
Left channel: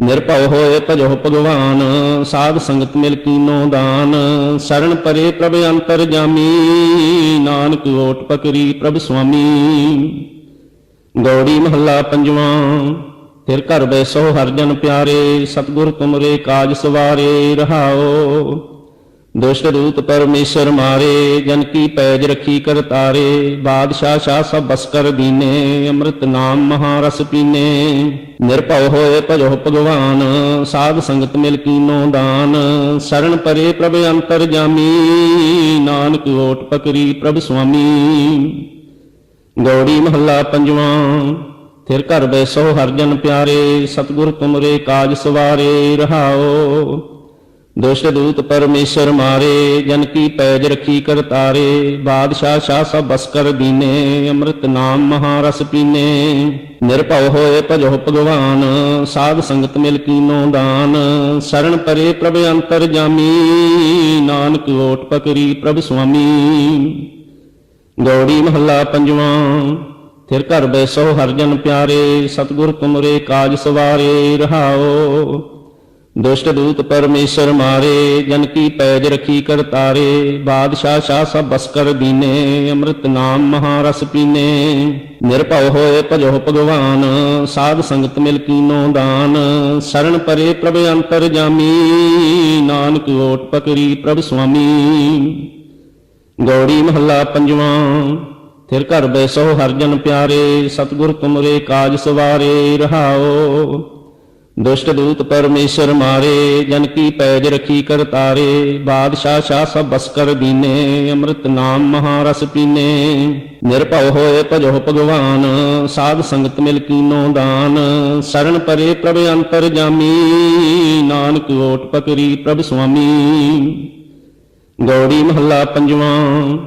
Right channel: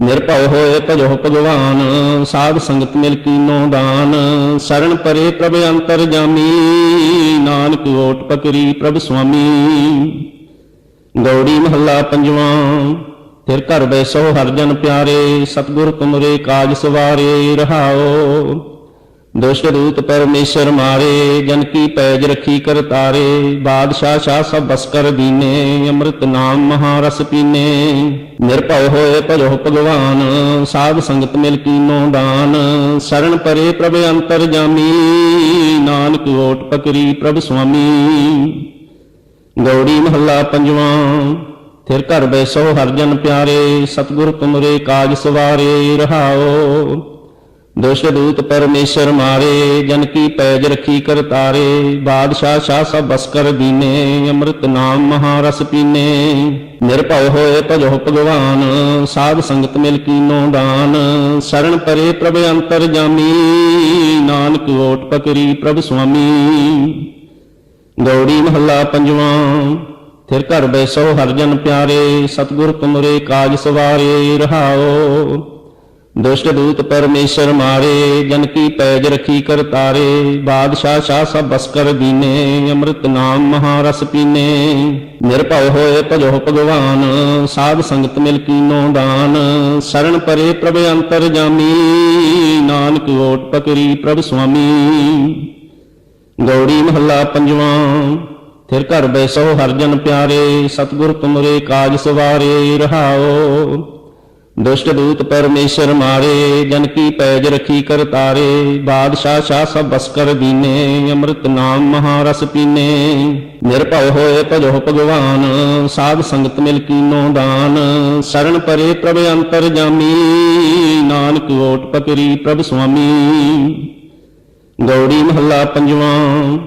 ਨਿਰਭਉ ਹੋਏ ਭਜੋ ਭਗਵਾਨ, ਸਾਧ ਸੰਗਤ ਮਿਲ ਕੀਨੋ ਦਾਨ। ਸਰਣ ਪਰੇ ਪ੍ਰਭ ਅੰਤਰ ਜਾਮੀ, ਨਾਨਕ ਓਟ ਪਕਰੀ ਪ੍ਰਭ ਸੁਆਮੀ। ਗੌੜੀ ਮਹੱਲਾ ਪੰਜਵਾਂ। ਫਿਰ ਘਰ ਬੈਸੋ ਹਰਿ ਜਨ ਪਿਆਰੇ, ਸਤਿਗੁਰ ਤੁਮਰੇ ਕਾਜ ਸਵਾਰੇ। ਰਹਾਉ ਦੁਸ਼ਟ ਦੂਤ ਪਰਮੇਸ਼ਰ ਮਾਰੇ, ਜਨ ਕੀ ਪੈਜ ਰਖੀ ਕਰ ਤਾਰੇ। ਬਾਦਸ਼ਾਹ ਸ਼ਾਹ ਸਭ ਬਸ ਕਰ ਦੀਨੇ, ਅੰਮ੍ਰਿਤ ਨਾਮ ਮਹਾਰਸ ਪੀਨੇ। ਨਿਰਭਉ ਹੋਏ ਭਜੋ ਭਗਵਾਨ, ਸਾਧ ਸੰਗਤ ਮਿਲ ਕੀਨੋ ਦਾਨ। ਸਰਣ ਪਰੇ ਪ੍ਰਭ ਅੰਤਰ ਜਾਮੀ, ਨਾਨਕ ਓਟ ਪਕਰੀ ਪ੍ਰਭ ਸੁਆਮੀ। ਗੌੜੀ ਮਹੱਲਾ ਪੰਜਵਾਂ। ਫਿਰ ਘਰ ਬੈਸੋ ਹਰਿ ਜਨ ਪਿਆਰੇ, ਸਤਿਗੁਰ ਤੁਮਰੇ ਕਾਜ ਸਵਾਰੇ। ਰਹਾਉ ਦੁਸ਼ਟ ਦੂਤ ਪਰਮੇਸ਼ਰ ਮਾਰੇ, ਜਨ ਕੀ ਪੈਜ ਰਖੀ ਕਰ ਤਾਰੇ। ਬਾਦਸ਼ਾਹ ਸ਼ਾਹ ਸਭ ਬਸ ਕਰ ਦੀਨੇ, ਅੰਮ੍ਰਿਤ ਨਾਮ ਮਹਾਰਸ ਪੀਨੇ। ਨਿਰਭਉ ਹੋਏ ਭਜੋ ਭਗਵਾਨ, ਸਾਧ ਸੰਗਤ ਮਿਲ ਕੀਨੋ ਦਾਨ। ਸਰਣ ਪਰੇ ਪ੍ਰਭ ਅੰਤਰ ਜਾਮੀ, ਨਾਨਕ ਓਟ ਪਕਰੀ ਪ੍ਰਭ ਸੁਆਮੀ। ਗੌੜੀ ਮਹੱਲਾ ਪੰਜਵਾਂ। ਫਿਰ ਘਰ ਬੈਸੋ ਹਰਿ ਜਨ ਪਿਆਰੇ, ਸਤਿਗੁਰ ਤੁਮਰੇ ਕਾਜ ਸਵਾਰੇ। ਰਹਾਉ ਦੁਸ਼ਟ ਦੂਤ ਪਰਮੇਸ਼ਰ ਮਾਰੇ, ਜਨ ਕੀ ਪੈਜ ਰਖੀ ਕਰ ਤਾਰੇ। ਬਾਦਸ਼ਾਹ ਸ਼ਾਹ ਸਭ ਬਸ ਕਰ ਦੀਨੇ, ਅੰਮ੍ਰਿਤ ਨਾਮ ਮਹਾਰਸ ਪੀਨੇ। ਨਿਰਭਉ ਹੋਏ ਭਜੋ ਭਗਵਾਨ, ਸਾਧ ਸੰਗਤ ਮਿਲ ਕੀਨੋ ਦਾਨ। ਸਰਣ ਪਰੇ ਪ੍ਰਭ ਅੰਤਰ ਜਾਮੀ, ਨਾਨਕ ਓਟ ਪਕਰੀ ਪ੍ਰਭ ਸੁਆਮੀ। ਗੌੜੀ ਮਹੱਲਾ ਪੰਜਵਾਂ। ਫਿਰ ਘਰ ਬੈਸੋ ਹਰਿ ਜਨ ਪਿਆਰੇ, ਸਤਿਗੁਰ ਤੁਮਰੇ ਕਾਜ ਸਵਾਰੇ। ਰਹਾਉ ਦੁਸ਼ਟ ਦੂਤ ਪਰਮੇਸ਼ਰ ਮਾਰੇ, ਜਨ ਕੀ ਪੈਜ ਰਖੀ ਕਰ ਤਾਰੇ। ਬਾਦਸ਼ਾਹ ਸ਼ਾਹ ਸਭ ਬਸ ਕਰ ਦੀਨੇ, ਅੰਮ੍ਰਿਤ ਨਾਮ ਮਹਾਰਸ ਪੀਨੇ। ਨਿਰਭਉ ਹੋਏ ਭਜੋ ਭਗਵਾਨ, ਸਾਧ ਸੰਗਤ ਮਿਲ ਕੀਨੋ ਦਾਨ। ਸਰਣ ਪਰੇ ਪ੍ਰਭ ਅੰਤਰ ਜਾਮੀ, ਨਾਨਕ ਓਟ ਪਕਰੀ ਪ੍ਰਭ ਸੁਆਮੀ। ਗੌੜੀ ਮਹੱਲਾ ਪੰਜਵਾਂ।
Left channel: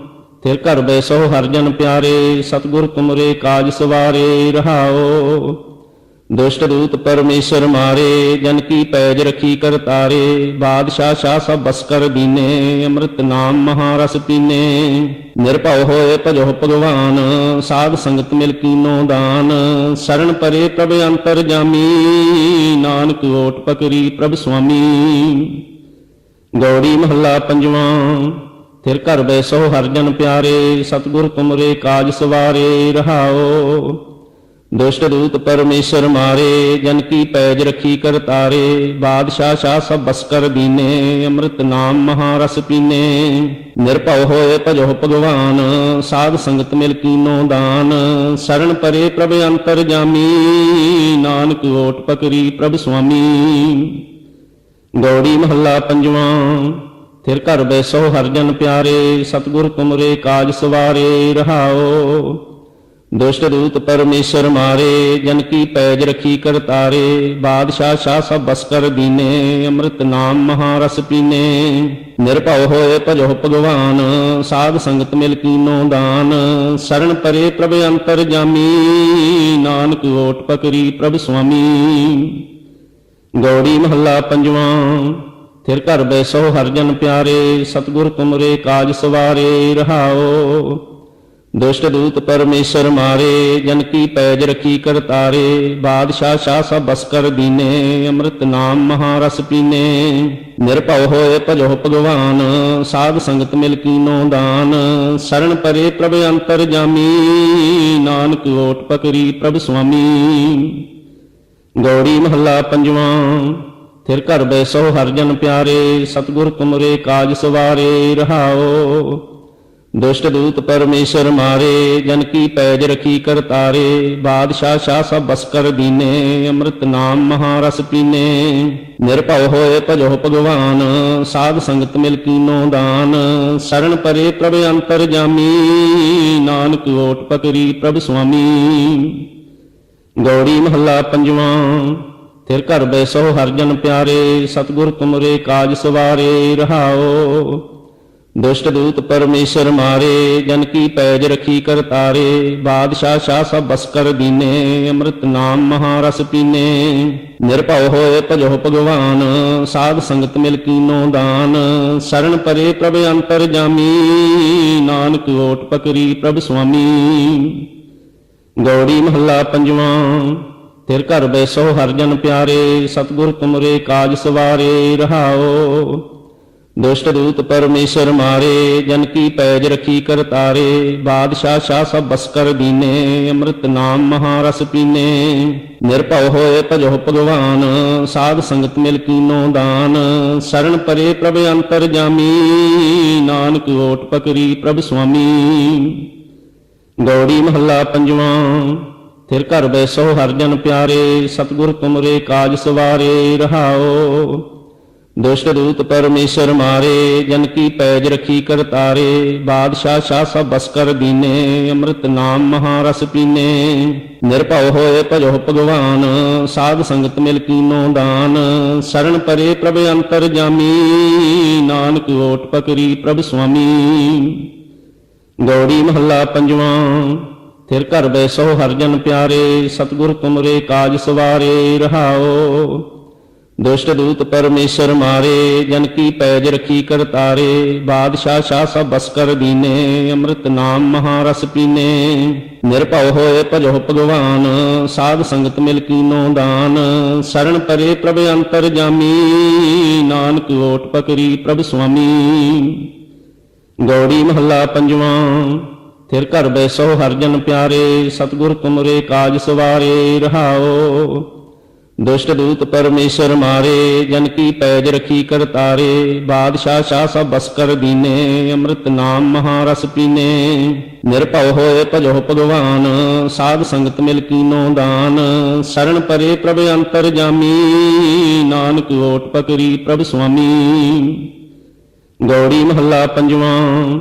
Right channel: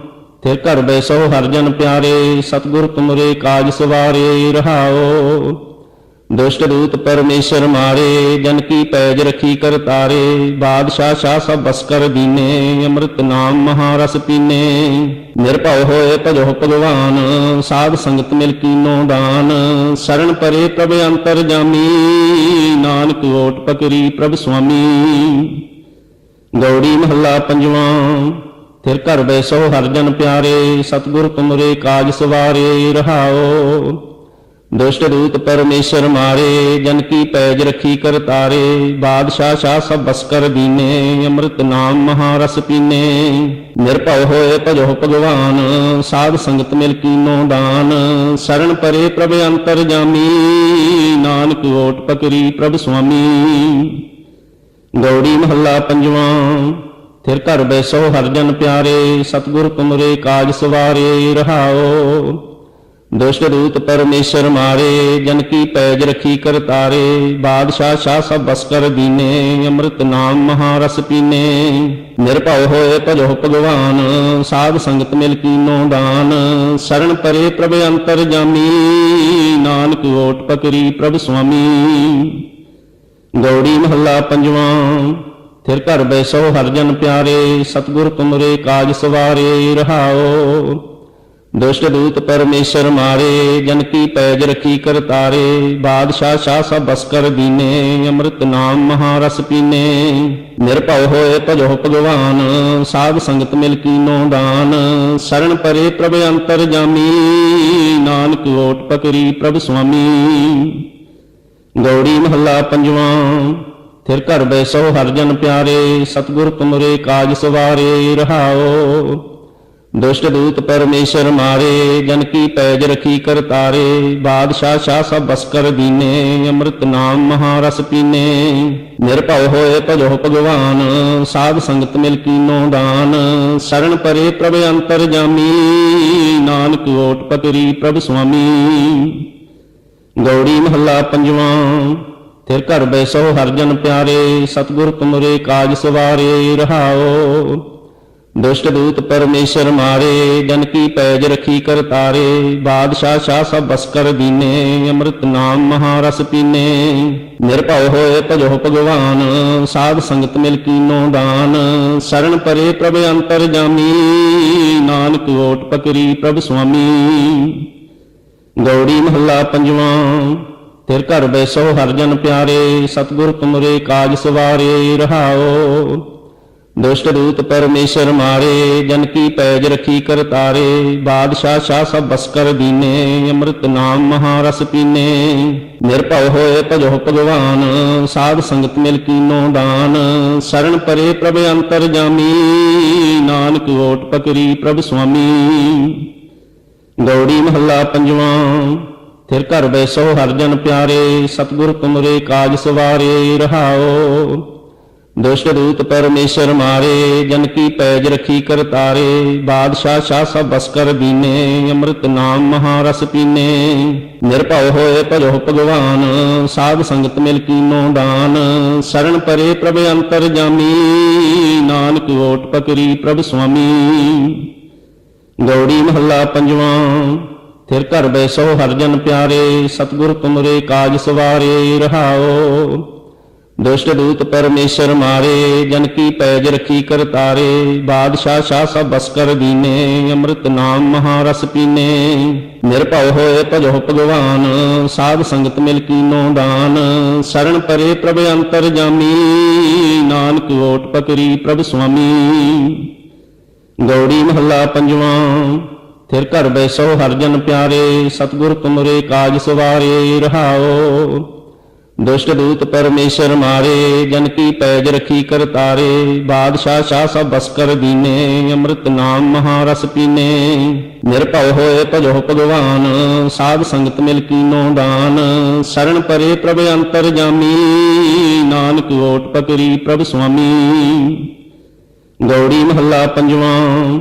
ਫਿਰ ਘਰ ਬੈਸੋ ਹਰਿ ਜਨ ਪਿਆਰੇ, ਸਤਿਗੁਰ ਤੁਮਰੇ ਕਾਜ ਸਵਾਰੇ। ਰਹਾਉ ਦੁਸ਼ਟ ਦੂਤ ਪਰਮੇਸ਼ਰ ਮਾਰੇ, ਜਨ ਕੀ ਪੈਜ ਰਖੀ ਕਰ ਤਾਰੇ। ਬਾਦਸ਼ਾਹ ਸ਼ਾਹ ਸਭ ਬਸ ਕਰ ਦੀਨੇ, ਅੰਮ੍ਰਿਤ ਨਾਮ ਮਹਾਰਸ ਪੀਨੇ। ਨਿਰਭਉ ਹੋਏ ਭਜੋ ਭਗਵਾਨ, ਸਾਧ ਸੰਗਤ ਮਿਲ ਕੀਨੋ ਦਾਨ। ਸਰਣ ਪਰੇ ਪ੍ਰਭ ਅੰਤਰ ਜਾਮੀ, ਨਾਨਕ ਓਟ ਪਕਰੀ ਪ੍ਰਭ ਸੁਆਮੀ। ਗੌੜੀ ਮਹੱਲਾ ਪੰਜਵਾਂ। ਫਿਰ ਘਰ ਬੈਸੋ ਹਰਿ ਜਨ ਪਿਆਰੇ, ਸਤਿਗੁਰ ਤੁਮਰੇ ਕਾਜ ਸਵਾਰੇ। ਰਹਾਉ ਦੁਸ਼ਟ ਦੂਤ ਪਰਮੇਸ਼ਰ ਮਾਰੇ, ਜਨ ਕੀ ਪੈਜ ਰਖੀ ਕਰ ਤਾਰੇ। ਬਾਦਸ਼ਾਹ ਸ਼ਾਹ ਸਭ ਬਸ ਕਰ ਦੀਨੇ, ਅੰਮ੍ਰਿਤ ਨਾਮ ਮਹਾਰਸ ਪੀਨੇ। ਨਿਰਭਉ ਹੋਏ ਭਜੋ ਭਗਵਾਨ, ਸਾਧ ਸੰਗਤ ਮਿਲ ਕੀਨੋ ਦਾਨ। ਸਰਣ ਪਰੇ ਪ੍ਰਭ ਅੰਤਰ ਜਾਮੀ, ਨਾਨਕ ਓਟ ਪਕਰੀ ਪ੍ਰਭ ਸੁਆਮੀ। ਗੌੜੀ ਮਹੱਲਾ ਪੰਜਵਾਂ। ਫਿਰ ਘਰ ਬੈਸੋ ਹਰਿ ਜਨ ਪਿਆਰੇ, ਸਤਿਗੁਰ ਤੁਮਰੇ ਕਾਜ ਸਵਾਰੇ। ਰਹਾਉ ਦੁਸ਼ਟ ਦੂਤ ਪਰਮੇਸ਼ਰ ਮਾਰੇ, ਜਨ ਕੀ ਪੈਜ ਰਖੀ ਕਰ ਤਾਰੇ। ਬਾਦਸ਼ਾਹ ਸ਼ਾਹ ਸਭ ਬਸ ਕਰ ਦੀਨੇ, ਅੰਮ੍ਰਿਤ ਨਾਮ ਮਹਾਰਸ ਪੀਨੇ। ਨਿਰਭਉ ਹੋਏ ਭਜੋ ਭਗਵਾਨ, ਸਾਧ ਸੰਗਤ ਮਿਲ ਕੀਨੋ ਦਾਨ। ਸਰਣ ਪਰੇ ਪ੍ਰਭ ਅੰਤਰ ਜਾਮੀ, ਨਾਨਕ ਓਟ ਪਕਰੀ ਪ੍ਰਭ ਸੁਆਮੀ। ਗੌੜੀ ਮਹੱਲਾ ਪੰਜਵਾਂ। ਫਿਰ ਘਰ ਬੈਸੋ ਹਰਿ ਜਨ ਪਿਆਰੇ, ਸਤਿਗੁਰ ਤੁਮਰੇ ਕਾਜ ਸਵਾਰੇ। ਰਹਾਉ ਦੁਸ਼ਟ ਦੂਤ ਪਰਮੇਸ਼ਰ ਮਾਰੇ, ਜਨ ਕੀ ਪੈਜ ਰਖੀ ਕਰ ਤਾਰੇ। ਬਾਦਸ਼ਾਹ ਸ਼ਾਹ ਸਭ ਬਸ ਕਰ ਦੀਨੇ, ਅੰਮ੍ਰਿਤ ਨਾਮ ਮਹਾਰਸ ਪੀਨੇ। ਨਿਰਭਉ ਹੋਏ ਭਜੋ ਭਗਵਾਨ, ਸਾਧ ਸੰਗਤ ਮਿਲ ਕੀਨੋ ਦਾਨ। ਸਰਣ ਪਰੇ ਪ੍ਰਭ ਅੰਤਰ ਜਾਮੀ, ਨਾਨਕ ਓਟ ਪਕਰੀ ਪ੍ਰਭ ਸੁਆਮੀ। ਗੌੜੀ ਮਹੱਲਾ ਪੰਜਵਾਂ। ਫਿਰ ਘਰ ਬੈਸੋ ਹਰਿ ਜਨ ਪਿਆਰੇ, ਸਤਿਗੁਰ ਤੁਮਰੇ ਕਾਜ ਸਵਾਰੇ। ਰਹਾਉ ਦੁਸ਼ਟ ਦੂਤ ਪਰਮੇਸ਼ਰ ਮਾਰੇ, ਜਨ ਕੀ ਪੈਜ ਰਖੀ ਕਰ ਤਾਰੇ। ਬਾਦਸ਼ਾਹ ਸ਼ਾਹ ਸਭ ਬਸ ਕਰ ਦੀਨੇ, ਅੰਮ੍ਰਿਤ ਨਾਮ ਮਹਾਰਸ ਪੀਨੇ। ਨਿਰਭਉ ਹੋਏ ਭਜੋ ਭਗਵਾਨ, ਸਾਧ ਸੰਗਤ ਮਿਲ ਕੀਨੋ ਦਾਨ। ਸਰਣ ਪਰੇ ਪ੍ਰਭ ਅੰਤਰ ਜਾਮੀ, ਨਾਨਕ ਓਟ ਪਕਰੀ ਪ੍ਰਭ ਸੁਆਮੀ। ਗੌੜੀ ਮਹੱਲਾ ਪੰਜਵਾਂ। ਫਿਰ ਘਰ ਬੈਸੋ ਹਰਿ ਜਨ ਪਿਆਰੇ, ਸਤਿਗੁਰ ਤੁਮਰੇ ਕਾਜ ਸਵਾਰੇ। ਰਹਾਉ ਦੁਸ਼ਟ ਦੂਤ ਪਰਮੇਸ਼ਰ ਮਾਰੇ, ਜਨ ਕੀ ਪੈਜ ਰਖੀ ਕਰ ਤਾਰੇ। ਬਾਦਸ਼ਾਹ ਸ਼ਾਹ ਸਭ ਬਸ ਕਰ ਦੀਨੇ, ਅੰਮ੍ਰਿਤ ਨਾਮ ਮਹਾਰਸ ਪੀਨੇ। ਨਿਰਭਉ ਹੋਏ ਭਜੋ ਭਗਵਾਨ, ਸਾਧ ਸੰਗਤ ਮਿਲ ਕੀਨੋ ਦਾਨ। ਸਰਣ ਪਰੇ ਪ੍ਰਭ ਅੰਤਰ ਜਾਮੀ, ਨਾਨਕ ਓਟ ਪਕਰੀ ਪ੍ਰਭ ਸੁਆਮੀ। ਗੌੜੀ ਮਹੱਲਾ ਪੰਜਵਾਂ। ਤਿਰ ਘਰ ਬੈਸੋ ਹਰਿ ਜਨ ਪਿਆਰੇ, ਸਤਿਗੁਰ ਤੁਮਰੇ ਕਾਜ ਸਵਾਰੇ। ਰਹਾਉ ਦੁਸ਼ਟ ਦੂਤ ਪਰਮੇਸ਼ਰ ਮਾਰੇ, ਜਨ ਕੀ ਪੈਜ ਰਖੀ ਕਰ ਤਾਰੇ। ਬਾਦਸ਼ਾਹ ਸ਼ਾਹ ਸਭ ਬਸ ਕਰ ਦੀਨੇ, ਅੰਮ੍ਰਿਤ ਨਾਮ ਮਹਾਰਸ ਪੀਨੇ। ਨਿਰਭਉ ਹੋਏ ਭਜੋ ਭਗਵਾਨ, ਸਾਧ ਸੰਗਤ ਮਿਲ ਕੀਨੋ ਦਾਨ। ਸਰਣ ਪਰੇ ਪ੍ਰਭ ਅੰਤਰ ਜਾਮੀ, ਨਾਨਕ ਓਟ ਪਕਰੀ ਪ੍ਰਭ ਸੁਆਮੀ। ਗੌੜੀ ਮਹੱਲਾ ਪੰਜਵਾਂ। ਤਿਰ ਘਰ ਬੈਸੋ ਹਰਿ ਜਨ ਪਿਆਰੇ, ਸਤਿਗੁਰ ਤੁਮਰੇ ਕਾਜ ਸਵਾਰੇ। ਰਹਾਉ ਦੁਸ਼ਟ ਦੂਤ ਪਰਮੇਸ਼ਰ ਮਾਰੇ, ਜਨ ਕੀ ਪੈਜ ਰਖੀ ਕਰ ਤਾਰੇ। ਬਾਦਸ਼ਾਹ ਸ਼ਾਹ ਸਭ ਬਸ ਕਰ ਦੀਨੇ, ਅੰਮ੍ਰਿਤ ਨਾਮ ਮਹਾਰਸ ਪੀਨੇ। ਨਿਰਭਉ ਹੋਏ ਭਜੋ ਭਗਵਾਨ, ਸਾਧ ਸੰਗਤ ਮਿਲ ਕੀਨੋ ਦਾਨ। ਸਰਣ ਪਰੇ ਪ੍ਰਭ ਅੰਤਰ ਜਾਮੀ, ਨਾਨਕ ਓਟ ਪਕਰੀ ਪ੍ਰਭ ਸੁਆਮੀ। ਗੌੜੀ ਮਹੱਲਾ ਪੰਜਵਾਂ। ਤਿਰ ਘਰ ਬੈਸੋ ਹਰਿ ਜਨ ਪਿਆਰੇ, ਸਤਿਗੁਰ ਤੁਮਰੇ ਕਾਜ ਸਵਾਰੇ। ਰਹਾਉ ਦੁਸ਼ਟ ਦੂਤ ਪਰਮੇਸ਼ਰ ਮਾਰੇ, ਜਨ ਕੀ ਪੈਜ ਰਖੀ ਕਰ ਤਾਰੇ। ਬਾਦਸ਼ਾਹ ਸ਼ਾਹ ਸਭ ਬਸ ਕਰ ਦੀਨੇ, ਅੰਮ੍ਰਿਤ ਨਾਮ ਮਹਾਰਸ ਪੀਨੇ। ਨਿਰਭਉ ਹੋਏ ਭਜੋ ਭਗਵਾਨ, ਸਾਧ ਸੰਗਤ ਮਿਲ ਕੀਨੋ ਦਾਨ। ਸਰਣ ਪਰੇ ਪ੍ਰਭ ਅੰਤਰ ਜਾਮੀ, ਨਾਨਕ ਓਟ ਪਕਰੀ ਪ੍ਰਭ ਸੁਆਮੀ। ਗੌੜੀ ਮਹੱਲਾ ਪੰਜਵਾਂ। ਤਿਰ ਘਰ ਬੈਸੋ ਹਰਿ ਜਨ ਪਿਆਰੇ, ਸਤਿਗੁਰ ਤੁਮਰੇ ਕਾਜ ਸਵਾਰੇ। ਰਹਾਉ ਦੁਸ਼ਟ ਦੂਤ ਪਰਮੇਸ਼ਰ ਮਾਰੇ, ਜਨ ਕੀ ਪੈਜ ਰਖੀ ਕਰ ਤਾਰੇ। ਬਾਦਸ਼ਾਹ ਸ਼ਾਹ ਸਭ ਬਸ ਕਰ ਦੀਨੇ, ਅੰਮ੍ਰਿਤ ਨਾਮ ਮਹਾਰਸ ਪੀਨੇ। ਨਿਰਭਉ ਹੋਏ ਭਜੋ ਭਗਵਾਨ, ਸਾਧ ਸੰਗਤ ਮਿਲ ਕੀਨੋ ਦਾਨ। ਸਰਣ ਪਰੇ ਪ੍ਰਭ ਅੰਤਰ ਜਾਮੀ, ਨਾਨਕ ਓਟ ਪਕਰੀ ਪ੍ਰਭ ਸੁਆਮੀ। ਗੌੜੀ ਮਹੱਲਾ ਪੰਜਵਾਂ।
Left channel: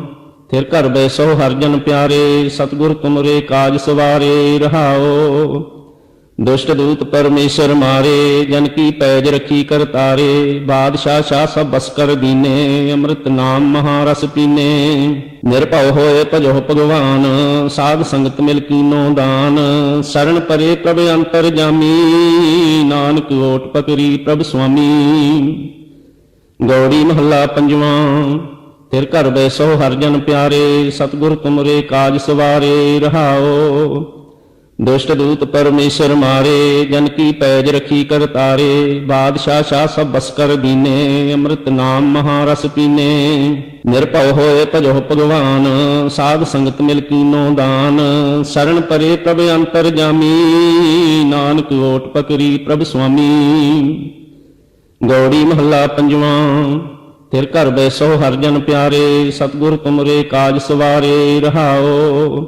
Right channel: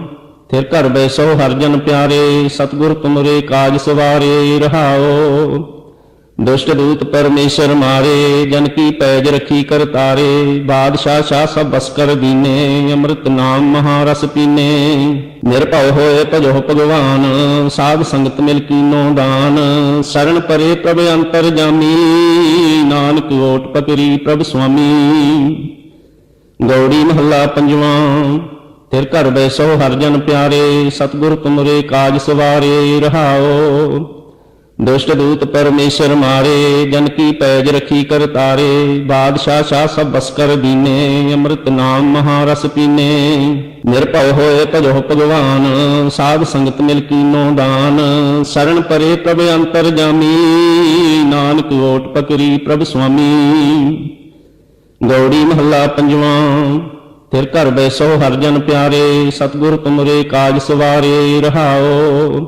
ਤਿਰ ਘਰ ਬੈਸੋ ਹਰਿ ਜਨ ਪਿਆਰੇ, ਸਤਿਗੁਰ ਤੁਮਰੇ ਕਾਜ ਸਵਾਰੇ। ਰਹਾਉ ਦੁਸ਼ਟ ਦੂਤ ਪਰਮੇਸ਼ਰ ਮਾਰੇ, ਜਨ ਕੀ ਪੈਜ ਰਖੀ ਕਰ ਤਾਰੇ। ਬਾਦਸ਼ਾਹ ਸ਼ਾਹ ਸਭ ਬਸ ਕਰ ਦੀਨੇ, ਅੰਮ੍ਰਿਤ ਨਾਮ ਮਹਾਰਸ ਪੀਨੇ। ਨਿਰਭਉ ਹੋਏ ਭਜੋ ਭਗਵਾਨ, ਸਾਧ ਸੰਗਤ ਮਿਲ ਕੀਨੋ ਦਾਨ। ਸਰਣ ਪਰੇ ਪ੍ਰਭ ਅੰਤਰ ਜਾਮੀ, ਨਾਨਕ ਓਟ ਪਕਰੀ ਪ੍ਰਭ ਸੁਆਮੀ। ਗੌੜੀ ਮਹੱਲਾ ਪੰਜਵਾਂ। ਤਿਰ ਘਰ ਬੈਸੋ ਹਰਿ ਜਨ ਪਿਆਰੇ, ਸਤਿਗੁਰ ਤੁਮਰੇ ਕਾਜ ਸਵਾਰੇ। ਰਹਾਉ ਦੁਸ਼ਟ ਦੂਤ ਪਰਮੇਸ਼ਰ ਮਾਰੇ, ਜਨ ਕੀ ਪੈਜ ਰਖੀ ਕਰ ਤਾਰੇ। ਬਾਦਸ਼ਾਹ ਸ਼ਾਹ ਸਭ ਬਸ ਕਰ ਦੀਨੇ, ਅੰਮ੍ਰਿਤ ਨਾਮ ਮਹਾਰਸ ਪੀਨੇ। ਨਿਰਭਉ ਹੋਏ ਭਜੋ ਭਗਵਾਨ, ਸਾਧ ਸੰਗਤ ਮਿਲ ਕੀਨੋ ਦਾਨ। ਸਰਣ ਪਰੇ ਪ੍ਰਭ ਅੰਤਰ ਜਾਮੀ, ਨਾਨਕ ਓਟ ਪਕਰੀ ਪ੍ਰਭ ਸੁਆਮੀ। ਗੌੜੀ ਮਹੱਲਾ ਪੰਜਵਾਂ। ਤਿਰ ਘਰ ਬੈਸੋ ਹਰਿ ਜਨ ਪਿਆਰੇ, ਸਤਿਗੁਰ ਤੁਮਰੇ ਕਾਜ ਸਵਾਰੇ। ਰਹਾਉ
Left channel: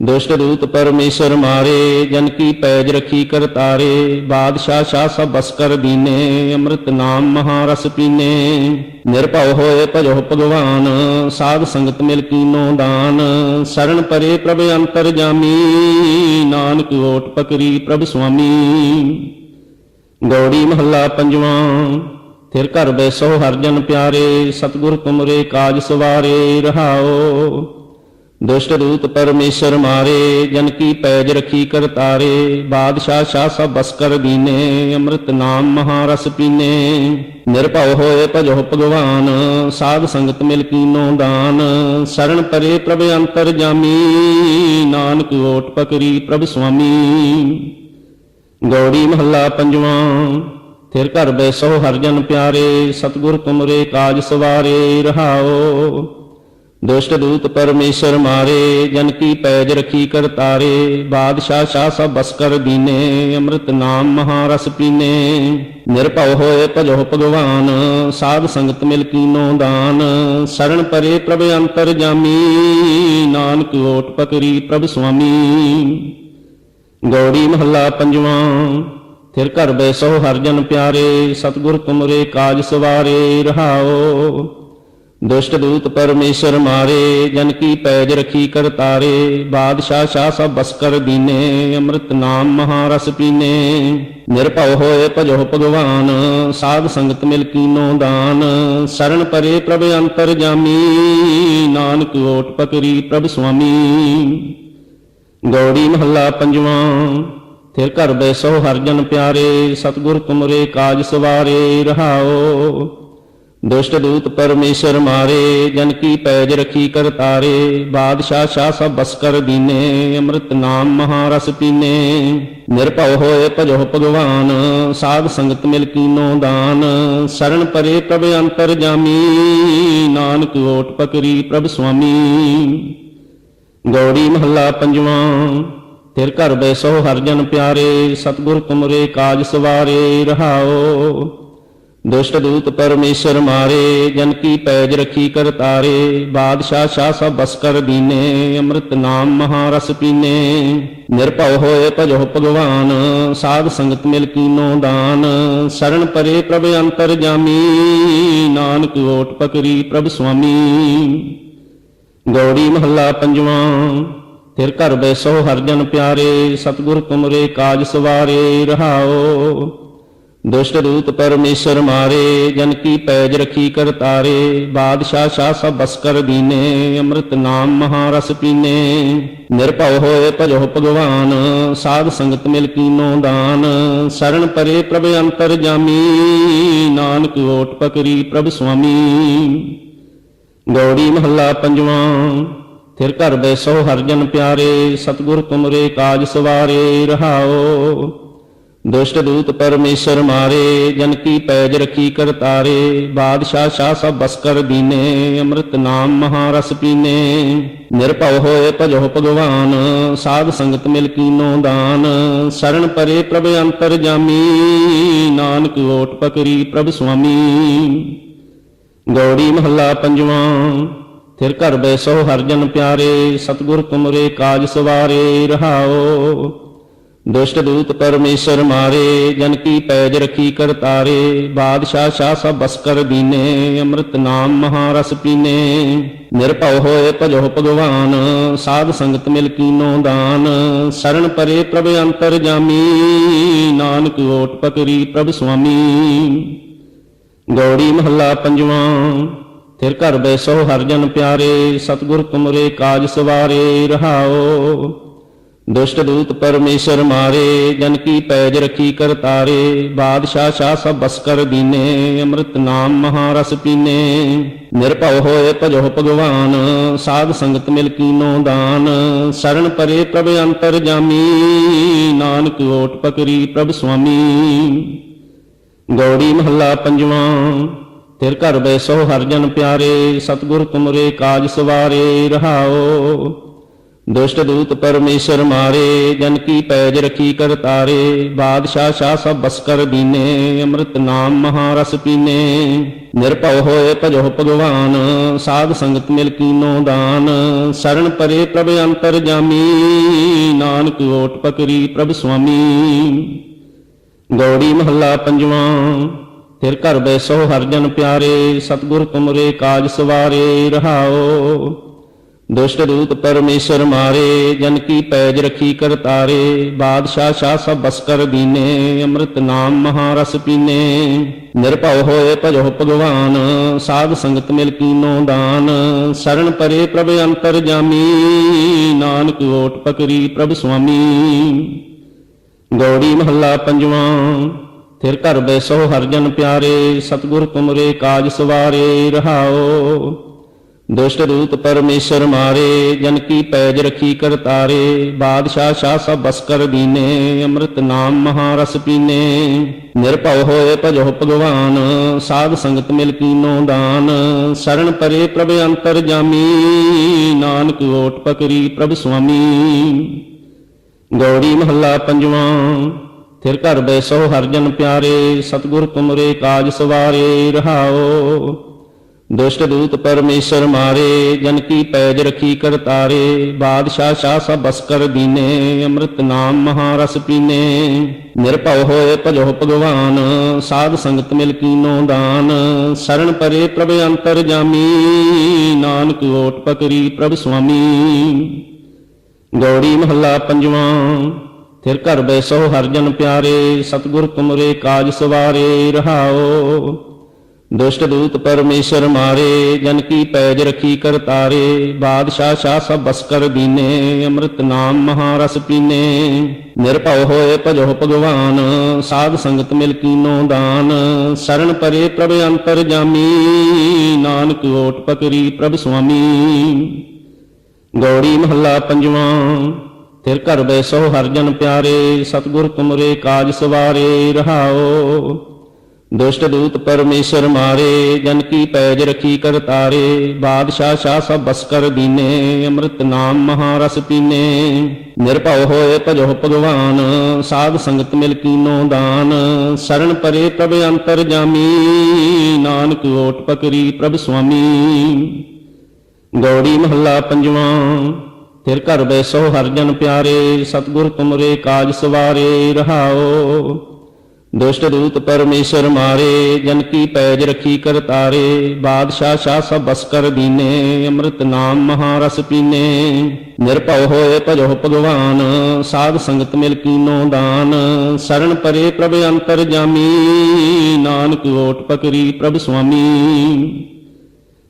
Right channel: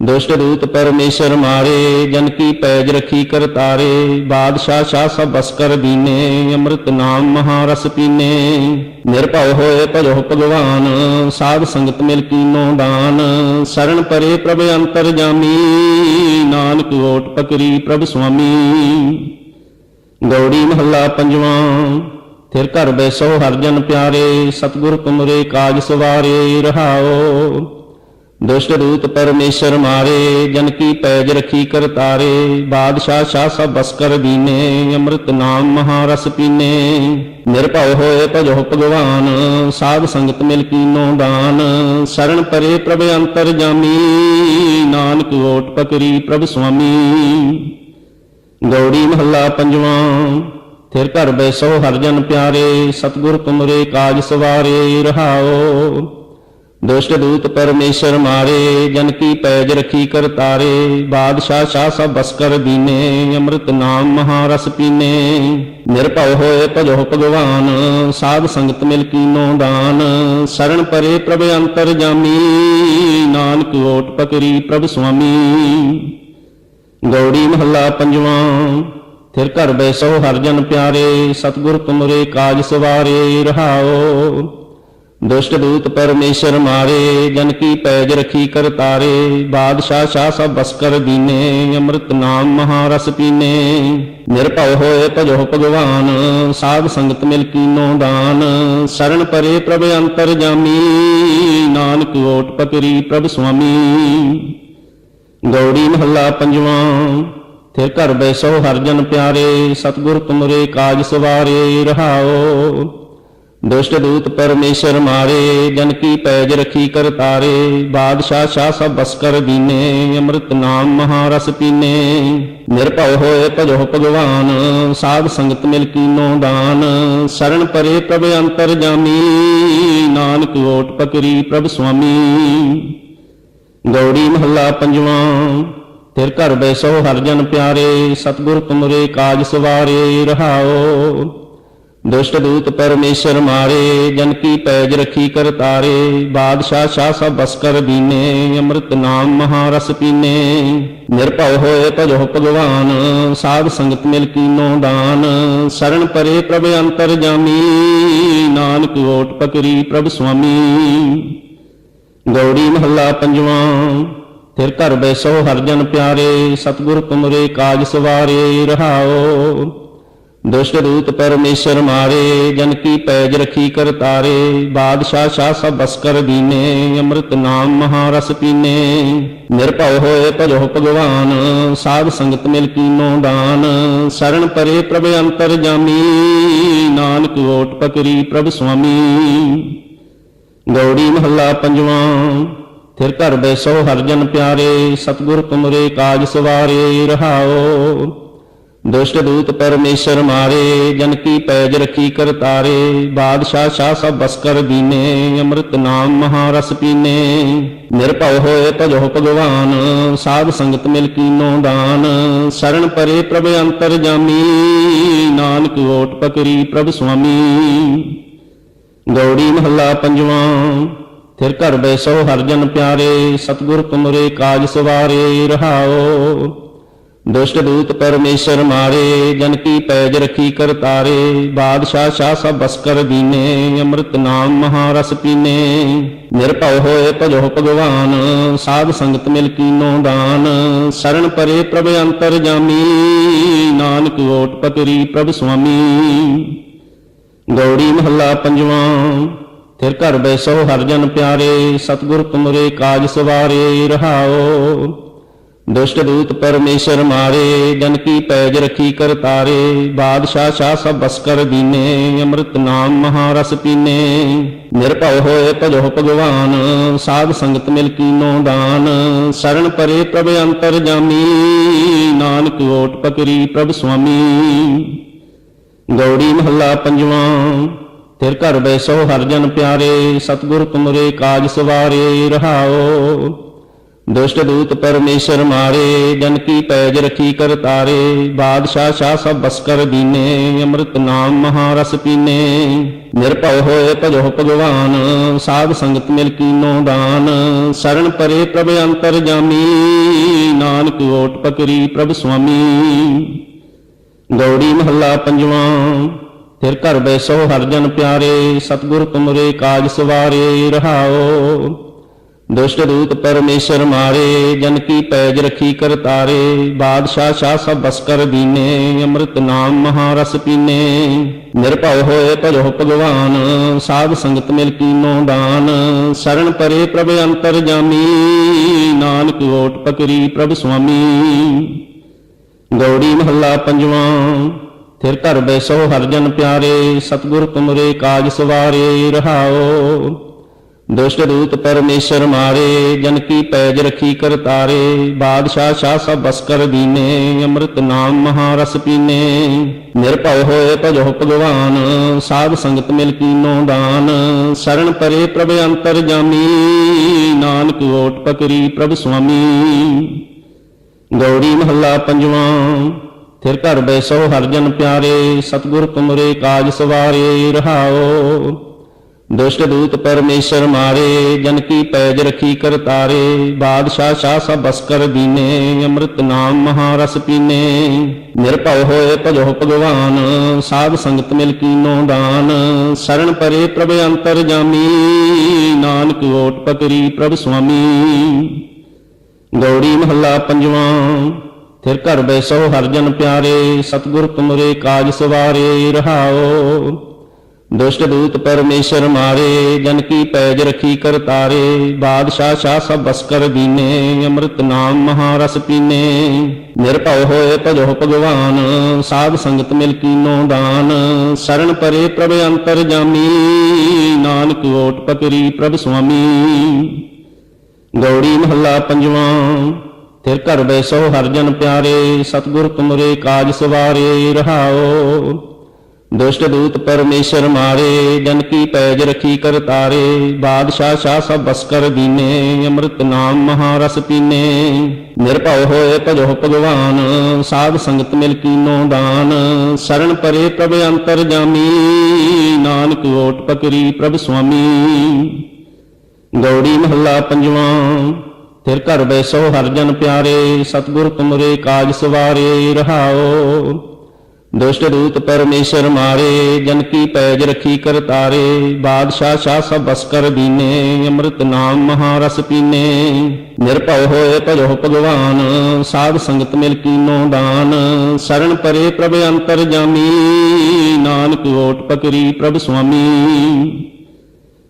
ਦੁਸ਼ਟ ਦੂਤ ਪਰਮੇਸ਼ਰ ਮਾਰੇ, ਜਨ ਕੀ ਪੈਜ ਰਖੀ ਕਰ ਤਾਰੇ। ਬਾਦਸ਼ਾਹ ਸ਼ਾਹ ਸਭ ਬਸ ਕਰ ਦੀਨੇ, ਅੰਮ੍ਰਿਤ ਨਾਮ ਮਹਾਰਸ ਪੀਨੇ। ਨਿਰਭਉ ਹੋਏ ਭਜੋ ਭਗਵਾਨ, ਸਾਧ ਸੰਗਤ ਮਿਲ ਕੀਨੋ ਦਾਨ। ਸਰਣ ਪਰੇ ਪ੍ਰਭ ਅੰਤਰ ਜਾਮੀ, ਨਾਨਕ ਓਟ ਪਕਰੀ ਪ੍ਰਭ ਸੁਆਮੀ। ਗੌੜੀ ਮਹੱਲਾ ਪੰਜਵਾਂ। ਤਿਰ ਘਰ ਬੈਸੋ ਹਰਿ ਜਨ ਪਿਆਰੇ, ਸਤਿਗੁਰ ਤੁਮਰੇ ਕਾਜ ਸਵਾਰੇ। ਰਹਾਉ ਦੁਸ਼ਟ ਦੂਤ ਪਰਮੇਸ਼ਰ ਮਾਰੇ, ਜਨ ਕੀ ਪੈਜ ਰਖੀ ਕਰ ਤਾਰੇ। ਬਾਦਸ਼ਾਹ ਸ਼ਾਹ ਸਭ ਬਸ ਕਰ ਦੀਨੇ, ਅੰਮ੍ਰਿਤ ਨਾਮ ਮਹਾਰਸ ਪੀਨੇ। ਨਿਰਭਉ ਹੋਏ ਭਜੋ ਭਗਵਾਨ, ਸਾਧ ਸੰਗਤ ਮਿਲ ਕੀਨੋ ਦਾਨ। ਸਰਣ ਪਰੇ ਪ੍ਰਭ ਅੰਤਰ ਜਾਮੀ, ਨਾਨਕ ਓਟ ਪਕਰੀ ਪ੍ਰਭ ਸੁਆਮੀ। ਗੌੜੀ ਮਹੱਲਾ ਪੰਜਵਾਂ। ਤਿਰ ਘਰ ਬੈਸੋ ਹਰਿ ਜਨ ਪਿਆਰੇ, ਸਤਿਗੁਰ ਤੁਮਰੇ ਕਾਜ ਸਵਾਰੇ। ਰਹਾਉ ਦੁਸ਼ਟ ਦੂਤ ਪਰਮੇਸ਼ਰ ਮਾਰੇ, ਜਨ ਕੀ ਪੈਜ ਰਖੀ ਕਰ ਤਾਰੇ। ਬਾਦਸ਼ਾਹ ਸ਼ਾਹ ਸਭ ਬਸ ਕਰ ਦੀਨੇ, ਅੰਮ੍ਰਿਤ ਨਾਮ ਮਹਾਰਸ ਪੀਨੇ। ਨਿਰਭਉ ਹੋਏ ਭਜੋ ਭਗਵਾਨ, ਸਾਧ ਸੰਗਤ ਮਿਲ ਕੀਨੋ ਦਾਨ। ਸਰਣ ਪਰੇ ਪ੍ਰਭ ਅੰਤਰ ਜਾਮੀ, ਨਾਨਕ ਓਟ ਪਕਰੀ ਪ੍ਰਭ ਸੁਆਮੀ। ਗੌੜੀ ਮਹੱਲਾ ਪੰਜਵਾਂ। ਤਿਰ ਘਰ ਬੈਸੋ ਹਰਿ ਜਨ ਪਿਆਰੇ, ਸਤਿਗੁਰ ਤੁਮਰੇ ਕਾਜ ਸਵਾਰੇ। ਰਹਾਉ ਦੁਸ਼ਟ ਦੂਤ ਪਰਮੇਸ਼ਰ ਮਾਰੇ, ਜਨ ਕੀ ਪੈਜ ਰਖੀ ਕਰ ਤਾਰੇ। ਬਾਦਸ਼ਾਹ ਸ਼ਾਹ ਸਭ ਬਸ ਕਰ ਦੀਨੇ, ਅੰਮ੍ਰਿਤ ਨਾਮ ਮਹਾਰਸ ਪੀਨੇ। ਨਿਰਭਉ ਹੋਏ ਭਜੋ ਭਗਵਾਨ, ਸਾਧ ਸੰਗਤ ਮਿਲ ਕੀਨੋ ਦਾਨ। ਸਰਣ ਪਰੇ ਪ੍ਰਭ ਅੰਤਰ ਜਾਮੀ, ਨਾਨਕ ਓਟ ਪਕਰੀ ਪ੍ਰਭ ਸੁਆਮੀ। ਗੌੜੀ ਮਹੱਲਾ ਪੰਜਵਾਂ। ਫਿਰ ਘਰ ਬੈਸੋ ਹਰ ਜਨ ਪਿਆਰੇ, ਸਤਿਗੁਰ ਤੁਮਰੇ ਕਾਜ ਸਵਾਰੇ। ਰਹਾਉ ਦੁਸ਼ਟ ਦੂਤ ਪਰਮੇਸ਼ਰ ਮਾਰੇ, ਜਨ ਕੀ ਪੈਜ ਰਖੀ ਕਰ ਤਾਰੇ। ਬਾਦਸ਼ਾਹ ਸ਼ਾਹ ਸਭ ਬਸ ਕਰ ਦੀਨੇ, ਅੰਮ੍ਰਿਤ ਨਾਮ ਮਹਾਰਸ ਪੀਨੇ। ਨਿਰਭਉ ਹੋਏ ਭਜੋ ਭਗਵਾਨ, ਸਾਧ ਸੰਗਤ ਮਿਲ ਕੀਨੋ ਦਾਨ। ਸਰਣ ਪਰੇ ਪ੍ਰਭ ਅੰਤਰ ਜਾਮੀ, ਨਾਨਕ ਓਟ ਪਕਰੀ ਪ੍ਰਭ ਸੁਆਮੀ। ਗੌੜੀ ਮਹੱਲਾ ਪੰਜਵਾਂ। ਫਿਰ ਘਰ ਬੈਸੋ ਹਰ ਜਨ ਪਿਆਰੇ, ਸਤਿਗੁਰ ਤੁਮਰੇ ਕਾਜ ਸਵਾਰੇ। ਰਹਾਉ ਦੁਸ਼ਟ ਦੂਤ ਪਰਮੇਸ਼ਰ ਮਾਰੇ, ਜਨ ਕੀ ਪੈਜ ਰਖੀ ਕਰ ਤਾਰੇ। ਬਾਦਸ਼ਾਹ ਸ਼ਾਹ ਸਭ ਬਸ ਕਰ ਦੀਨੇ, ਅੰਮ੍ਰਿਤ ਨਾਮ ਮਹਾਰਸ ਪੀਨੇ। ਨਿਰਭਉ ਹੋਏ ਭਜੋ ਭਗਵਾਨ, ਸਾਧ ਸੰਗਤ ਮਿਲ ਕੀਨੋ ਦਾਨ। ਸਰਣ ਪਰੇ ਪ੍ਰਭ ਅੰਤਰ ਜਾਮੀ, ਨਾਨਕ ਓਟ ਪਕਰੀ ਪ੍ਰਭ ਸੁਆਮੀ। ਗੌੜੀ ਮਹੱਲਾ ਪੰਜਵਾਂ। ਫਿਰ ਘਰ ਬੈਸੋ ਹਰ ਜਨ ਪਿਆਰੇ, ਸਤਿਗੁਰ ਤੁਮਰੇ ਕਾਜ ਸਵਾਰੇ। ਰਹਾਉ ਦੁਸ਼ਟ ਦੂਤ ਪਰਮੇਸ਼ਰ ਮਾਰੇ, ਜਨ ਕੀ ਪੈਜ ਰਖੀ ਕਰ ਤਾਰੇ। ਬਾਦਸ਼ਾਹ ਸ਼ਾਹ ਸਭ ਬਸ ਕਰ ਦੀਨੇ, ਅੰਮ੍ਰਿਤ ਨਾਮ ਮਹਾਰਸ ਪੀਨੇ। ਨਿਰਭਉ ਹੋਏ ਭਜੋ ਭਗਵਾਨ, ਸਾਧ ਸੰਗਤ ਮਿਲ ਕੀਨੋ ਦਾਨ। ਸਰਣ ਪਰੇ ਪ੍ਰਭ ਅੰਤਰ ਜਾਮੀ, ਨਾਨਕ ਓਟ ਪਕਰੀ ਪ੍ਰਭ ਸੁਆਮੀ। ਗੌੜੀ ਮਹੱਲਾ ਪੰਜਵਾਂ। ਫਿਰ ਘਰ ਬੈਸੋ ਹਰ ਜਨ ਪਿਆਰੇ, ਸਤਿਗੁਰ ਤੁਮਰੇ ਕਾਜ ਸਵਾਰੇ। ਰਹਾਉ ਦੁਸ਼ਟ ਦੂਤ ਪਰਮੇਸ਼ਰ ਮਾਰੇ, ਜਨ ਕੀ ਪੈਜ ਰਖੀ ਕਰ ਤਾਰੇ। ਬਾਦਸ਼ਾਹ ਸ਼ਾਹ ਸਭ ਬਸ ਕਰ ਦੀਨੇ, ਅੰਮ੍ਰਿਤ ਨਾਮ ਮਹਾਰਸ ਪੀਨੇ। ਨਿਰਭਉ ਹੋਏ ਭਜੋ ਭਗਵਾਨ, ਸਾਧ ਸੰਗਤ ਮਿਲ ਕੀਨੋ ਦਾਨ। ਸਰਣ ਪਰੇ ਪ੍ਰਭ ਅੰਤਰ ਜਾਮੀ, ਨਾਨਕ ਓਟ ਪਕਰੀ ਪ੍ਰਭ ਸੁਆਮੀ। ਗੌੜੀ ਮਹੱਲਾ ਪੰਜਵਾਂ। ਫਿਰ ਘਰ ਬੈਸੋ ਹਰ ਜਨ ਪਿਆਰੇ, ਸਤਿਗੁਰ ਤੁਮਰੇ ਕਾਜ ਸਵਾਰੇ। ਰਹਾਉ ਦੁਸ਼ਟ ਦੂਤ ਪਰਮੇਸ਼ਰ ਮਾਰੇ, ਜਨ ਕੀ ਪੈਜ ਰਖੀ ਕਰ ਤਾਰੇ। ਬਾਦਸ਼ਾਹ ਸ਼ਾਹ ਸਭ ਬਸ ਕਰ ਦੀਨੇ, ਅੰਮ੍ਰਿਤ ਨਾਮ ਮਹਾਰਸ ਪੀਨੇ। ਨਿਰਭਉ ਹੋਏ ਭਜੋ ਭਗਵਾਨ, ਸਾਧ ਸੰਗਤ ਮਿਲ ਕੀਨੋ ਦਾਨ। ਸਰਣ ਪਰੇ ਪ੍ਰਭ ਅੰਤਰ ਜਾਮੀ, ਨਾਨਕ ਓਟ ਪਕਰੀ ਪ੍ਰਭ ਸੁਆਮੀ। ਗੌੜੀ ਮਹੱਲਾ ਪੰਜਵਾਂ। ਫਿਰ ਘਰ ਬੈਸੋ ਹਰ ਜਨ ਪਿਆਰੇ, ਸਤਿਗੁਰ ਤੁਮਰੇ ਕਾਜ ਸਵਾਰੇ। ਰਹਾਉ ਦੁਸ਼ਟ ਦੂਤ ਪਰਮੇਸ਼ਰ ਮਾਰੇ, ਜਨ ਕੀ ਪੈਜ ਰਖੀ ਕਰ ਤਾਰੇ। ਬਾਦਸ਼ਾਹ ਸ਼ਾਹ ਸਭ ਬਸ ਕਰ ਦੀਨੇ, ਅੰਮ੍ਰਿਤ ਨਾਮ ਮਹਾਰਸ ਪੀਨੇ। ਨਿਰਭਉ ਹੋਏ ਭਜੋ ਭਗਵਾਨ, ਸਾਧ ਸੰਗਤ ਮਿਲ ਕੀਨੋ ਦਾਨ। ਸਰਣ ਪਰੇ ਪ੍ਰਭ ਅੰਤਰ ਜਾਮੀ, ਨਾਨਕ ਓਟ ਪਕਰੀ ਪ੍ਰਭ ਸੁਆਮੀ। ਗੌੜੀ ਮਹੱਲਾ ਪੰਜਵਾਂ। ਫਿਰ ਘਰ ਬੈਸੋ ਹਰ ਜਨ ਪਿਆਰੇ, ਸਤਿਗੁਰ ਤੁਮਰੇ ਕਾਜ ਸਵਾਰੇ। ਰਹਾਉ ਦੁਸ਼ਟ ਦੂਤ ਪਰਮੇਸ਼ਰ ਮਾਰੇ, ਜਨ ਕੀ ਪੈਜ ਰਖੀ ਕਰ ਤਾਰੇ। ਬਾਦਸ਼ਾਹ ਸ਼ਾਹ ਸਭ ਬਸ ਕਰ ਦੀਨੇ, ਅੰਮ੍ਰਿਤ ਨਾਮ ਮਹਾਰਸ ਪੀਨੇ। ਨਿਰਭਉ ਹੋਏ ਭਜੋ ਭਗਵਾਨ, ਸਾਧ ਸੰਗਤ ਮਿਲ ਕੀਨੋ ਦਾਨ। ਸਰਣ ਪਰੇ ਪ੍ਰਭ ਅੰਤਰ ਜਾਮੀ, ਨਾਨਕ ਓਟ ਪਕਰੀ ਪ੍ਰਭ ਸੁਆਮੀ। ਗੌੜੀ ਮਹੱਲਾ ਪੰਜਵਾਂ। ਫਿਰ ਘਰ ਬੈਸੋ ਹਰ ਜਨ ਪਿਆਰੇ, ਸਤਿਗੁਰ ਤੁਮਰੇ ਕਾਜ ਸਵਾਰੇ। ਰਹਾਉ ਦੁਸ਼ਟ ਦੂਤ ਪਰਮੇਸ਼ਰ ਮਾਰੇ, ਜਨ ਕੀ ਪੈਜ ਰਖੀ ਕਰ ਤਾਰੇ। ਬਾਦਸ਼ਾਹ ਸ਼ਾਹ ਸਭ ਬਸ ਕਰ ਦੀਨੇ, ਅੰਮ੍ਰਿਤ ਨਾਮ ਮਹਾਰਸ ਪੀਨੇ। ਨਿਰਭਉ ਹੋਏ ਭਜੋ ਭਗਵਾਨ, ਸਾਧ ਸੰਗਤ ਮਿਲ ਕੀਨੋ ਦਾਨ। ਸਰਣ ਪਰੇ ਪ੍ਰਭ ਅੰਤਰ ਜਾਮੀ, ਨਾਨਕ ਓਟ ਪਕਰੀ ਪ੍ਰਭ ਸੁਆਮੀ। ਗੌੜੀ ਮਹੱਲਾ ਪੰਜਵਾਂ। ਫਿਰ ਘਰ ਬੈਸੋ ਹਰ ਜਨ ਪਿਆਰੇ, ਸਤਿਗੁਰ ਤੁਮਰੇ ਕਾਜ ਸਵਾਰੇ। ਰਹਾਉ ਦੁਸ਼ਟ ਦੂਤ ਪਰਮੇਸ਼ਰ ਮਾਰੇ, ਜਨ ਕੀ ਪੈਜ ਰਖੀ ਕਰ ਤਾਰੇ। ਬਾਦਸ਼ਾਹ ਸ਼ਾਹ ਸਭ ਬਸ ਕਰ ਦੀਨੇ, ਅੰਮ੍ਰਿਤ ਨਾਮ ਮਹਾਰਸ ਪੀਨੇ। ਨਿਰਭਉ ਹੋਏ ਭਜੋ ਭਗਵਾਨ, ਸਾਧ ਸੰਗਤ ਮਿਲ ਕੀਨੋ ਦਾਨ। ਸਰਣ ਪਰੇ ਪ੍ਰਭ ਅੰਤਰ ਜਾਮੀ, ਨਾਨਕ ਓਟ ਪਕਰੀ ਪ੍ਰਭ ਸੁਆਮੀ। ਗੌੜੀ ਮਹੱਲਾ ਪੰਜਵਾਂ। ਫਿਰ ਘਰ ਬੈਸੋ ਹਰ ਜਨ ਪਿਆਰੇ, ਸਤਿਗੁਰ ਤੁਮਰੇ ਕਾਜ ਸਵਾਰੇ। ਰਹਾਉ ਦੁਸ਼ਟ ਦੂਤ ਪਰਮੇਸ਼ਰ ਮਾਰੇ, ਜਨ ਕੀ ਪੈਜ ਰਖੀ ਕਰਤਾਰੇ। ਬਾਦਸ਼ਾਹ ਸ਼ਾਹ ਸਭ ਬਸ ਕਰ ਦੀਨੇ, ਅੰਮ੍ਰਿਤ ਨਾਮ ਮਹਾਰਸ ਪੀਨੇ। ਨਿਰਭਉ ਹੋਏ ਭਜੋ ਭਗਵਾਨ, ਸਾਧ ਸੰਗਤ ਮਿਲ ਕੀਨੋ ਦਾਨ। ਸਰਣ ਪਰੇ ਪ੍ਰਭ ਅੰਤਰ ਜਾਮੀ, ਨਾਨਕ ਓਟ ਪਕਰੀ ਪ੍ਰਭ ਸੁਆਮੀ। ਗੌੜੀ ਮਹੱਲਾ ਪੰਜਵਾਂ। ਫਿਰ ਘਰ ਬੈਸੋ ਹਰ ਜਨ ਪਿਆਰੇ, ਸਤਿਗੁਰ ਤੁਮਰੇ ਕਾਜ ਸਵਾਰੇ। ਰਹਾਉ ਦੁਸ਼ਟ ਦੂਤ ਪਰਮੇਸ਼ਰ ਮਾਰੇ, ਜਨ ਕੀ ਪੈਜ ਰਖੀ ਕਰਤਾਰੇ। ਬਾਦਸ਼ਾਹ ਸ਼ਾਹ ਸਭ ਬਸ ਕਰ ਦੀਨੇ, ਅੰਮ੍ਰਿਤ ਨਾਮ ਮਹਾਰਸ ਪੀਨੇ। ਨਿਰਭਉ ਹੋਏ ਭਜੋ ਭਗਵਾਨ, ਸਾਧ ਸੰਗਤ ਮਿਲ ਕੀਨੋ ਦਾਨ। ਸਰਣ ਪਰੇ ਪ੍ਰਭ ਅੰਤਰ ਜਾਮੀ, ਨਾਨਕ ਓਟ ਪਕਰੀ ਪ੍ਰਭ ਸੁਆਮੀ। ਗੌੜੀ ਮਹੱਲਾ ਪੰਜਵਾਂ। ਫਿਰ ਘਰ ਬੈਸੋ ਹਰ ਜਨ ਪਿਆਰੇ, ਸਤਿਗੁਰ ਤੁਮਰੇ ਕਾਜ ਸਵਾਰੇ। ਰਹਾਉ ਦੁਸ਼ਟ ਦੂਤ ਪਰਮੇਸ਼ਰ ਮਾਰੇ, ਜਨ ਕੀ ਪੈਜ ਰਖੀ ਕਰਤਾਰੇ। ਬਾਦਸ਼ਾਹ ਸ਼ਾਹ ਸਭ ਬਸ ਕਰ ਦੀਨੇ, ਅੰਮ੍ਰਿਤ ਨਾਮ ਮਹਾਰਸ ਪੀਨੇ। ਨਿਰਭਉ ਹੋਏ ਭਜੋ ਭਗਵਾਨ, ਸਾਧ ਸੰਗਤ ਮਿਲ ਕੀਨੋ ਦਾਨ। ਸਰਣ ਪਰੇ ਪ੍ਰਭ ਅੰਤਰ ਜਾਮੀ, ਨਾਨਕ ਓਟ ਪਕਰੀ ਪ੍ਰਭ ਸੁਆਮੀ। ਗੌੜੀ ਮਹੱਲਾ ਪੰਜਵਾਂ। ਫਿਰ ਘਰ ਬੈਸੋ ਹਰ ਜਨ ਪਿਆਰੇ, ਸਤਿਗੁਰ ਤੁਮਰੇ ਕਾਜ ਸਵਾਰੇ। ਰਹਾਉ ਦੁਸ਼ਟ ਦੂਤ ਪਰਮੇਸ਼ਰ ਮਾਰੇ, ਜਨ ਕੀ ਪੈਜ ਰਖੀ ਕਰਤਾਰੇ। ਬਾਦਸ਼ਾਹ ਸ਼ਾਹ ਸਭ ਬਸ ਕਰ ਦੀਨੇ, ਅੰਮ੍ਰਿਤ ਨਾਮ ਮਹਾਰਸ ਪੀਨੇ। ਨਿਰਭਉ ਹੋਏ ਭਜੋ ਭਗਵਾਨ, ਸਾਧ ਸੰਗਤ ਮਿਲ ਕੀਨੋ ਦਾਨ। ਸਰਣ ਪਰੇ ਪ੍ਰਭ ਅੰਤਰ ਜਾਮੀ, ਨਾਨਕ ਓਟ ਪਕਰੀ ਪ੍ਰਭ ਸੁਆਮੀ।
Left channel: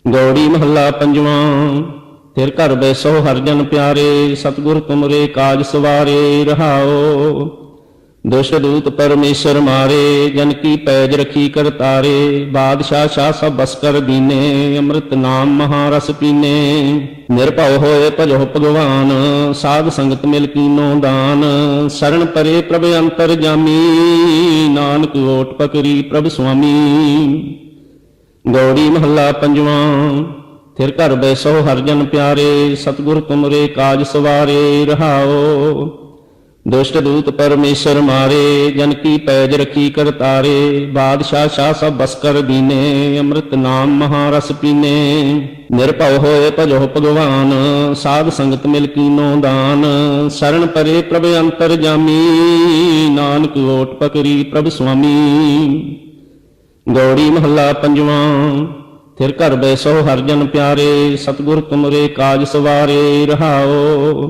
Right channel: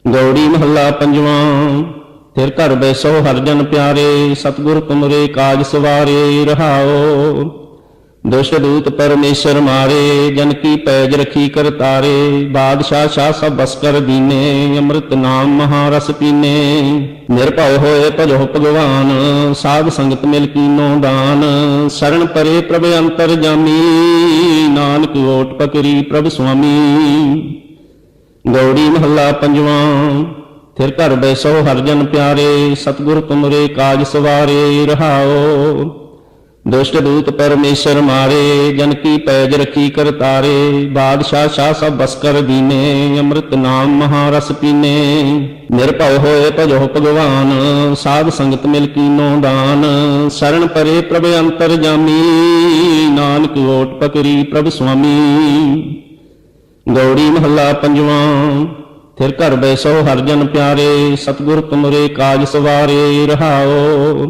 ਗੌੜੀ ਮਹੱਲਾ ਪੰਜਵਾਂ। ਫਿਰ ਘਰ ਬੈਸੋ ਹਰ ਜਨ ਪਿਆਰੇ, ਸਤਿਗੁਰ ਤੁਮਰੇ ਕਾਜ ਸਵਾਰੇ। ਰਹਾਉ ਦੁਸ਼ਟ ਦੂਤ ਪਰਮੇਸ਼ਰ ਮਾਰੇ, ਜਨ ਕੀ ਪੈਜ ਰਖੀ ਕਰਤਾਰੇ। ਬਾਦਸ਼ਾਹ ਸ਼ਾਹ ਸਭ ਬਸ ਕਰ ਦੀਨੇ, ਅੰਮ੍ਰਿਤ ਨਾਮ ਮਹਾਰਸ ਪੀਨੇ। ਨਿਰਭਉ ਹੋਏ ਭਜੋ ਭਗਵਾਨ, ਸਾਧ ਸੰਗਤ ਮਿਲ ਕੀਨੋ ਦਾਨ। ਸਰਣ ਪਰੇ ਪ੍ਰਭ ਅੰਤਰ ਜਾਮੀ, ਨਾਨਕ ਓਟ ਪਕਰੀ ਪ੍ਰਭ ਸੁਆਮੀ। ਗੌੜੀ ਮਹੱਲਾ ਪੰਜਵਾਂ। ਫਿਰ ਘਰ ਬੈਸੋ ਹਰ ਜਨ ਪਿਆਰੇ, ਸਤਿਗੁਰ ਤੁਮਰੇ ਕਾਜ ਸਵਾਰੇ। ਰਹਾਉ ਦੁਸ਼ਟ ਦੂਤ ਪਰਮੇਸ਼ਰ ਮਾਰੇ, ਜਨ ਕੀ ਪੈਜ ਰਖੀ ਕਰਤਾਰੇ। ਬਾਦਸ਼ਾਹ ਸ਼ਾਹ ਸਭ ਬਸ ਕਰ ਦੀਨੇ, ਅੰਮ੍ਰਿਤ ਨਾਮ ਮਹਾਰਸ ਪੀਨੇ। ਨਿਰਭਉ ਹੋਏ ਭਜੋ ਭਗਵਾਨ, ਸਾਧ ਸੰਗਤ ਮਿਲ ਕੀਨੋ ਦਾਨ। ਸਰਣ ਪਰੇ ਪ੍ਰਭ ਅੰਤਰ ਜਾਮੀ, ਨਾਨਕ ਓਟ ਪਕਰੀ ਪ੍ਰਭ ਸੁਆਮੀ। ਗੌੜੀ ਮਹੱਲਾ ਪੰਜਵਾਂ। ਫਿਰ ਘਰ ਬੈਸੋ ਹਰ ਜਨ ਪਿਆਰੇ, ਸਤਿਗੁਰ ਤੁਮਰੇ ਕਾਜ ਸਵਾਰੇ। ਰਹਾਉ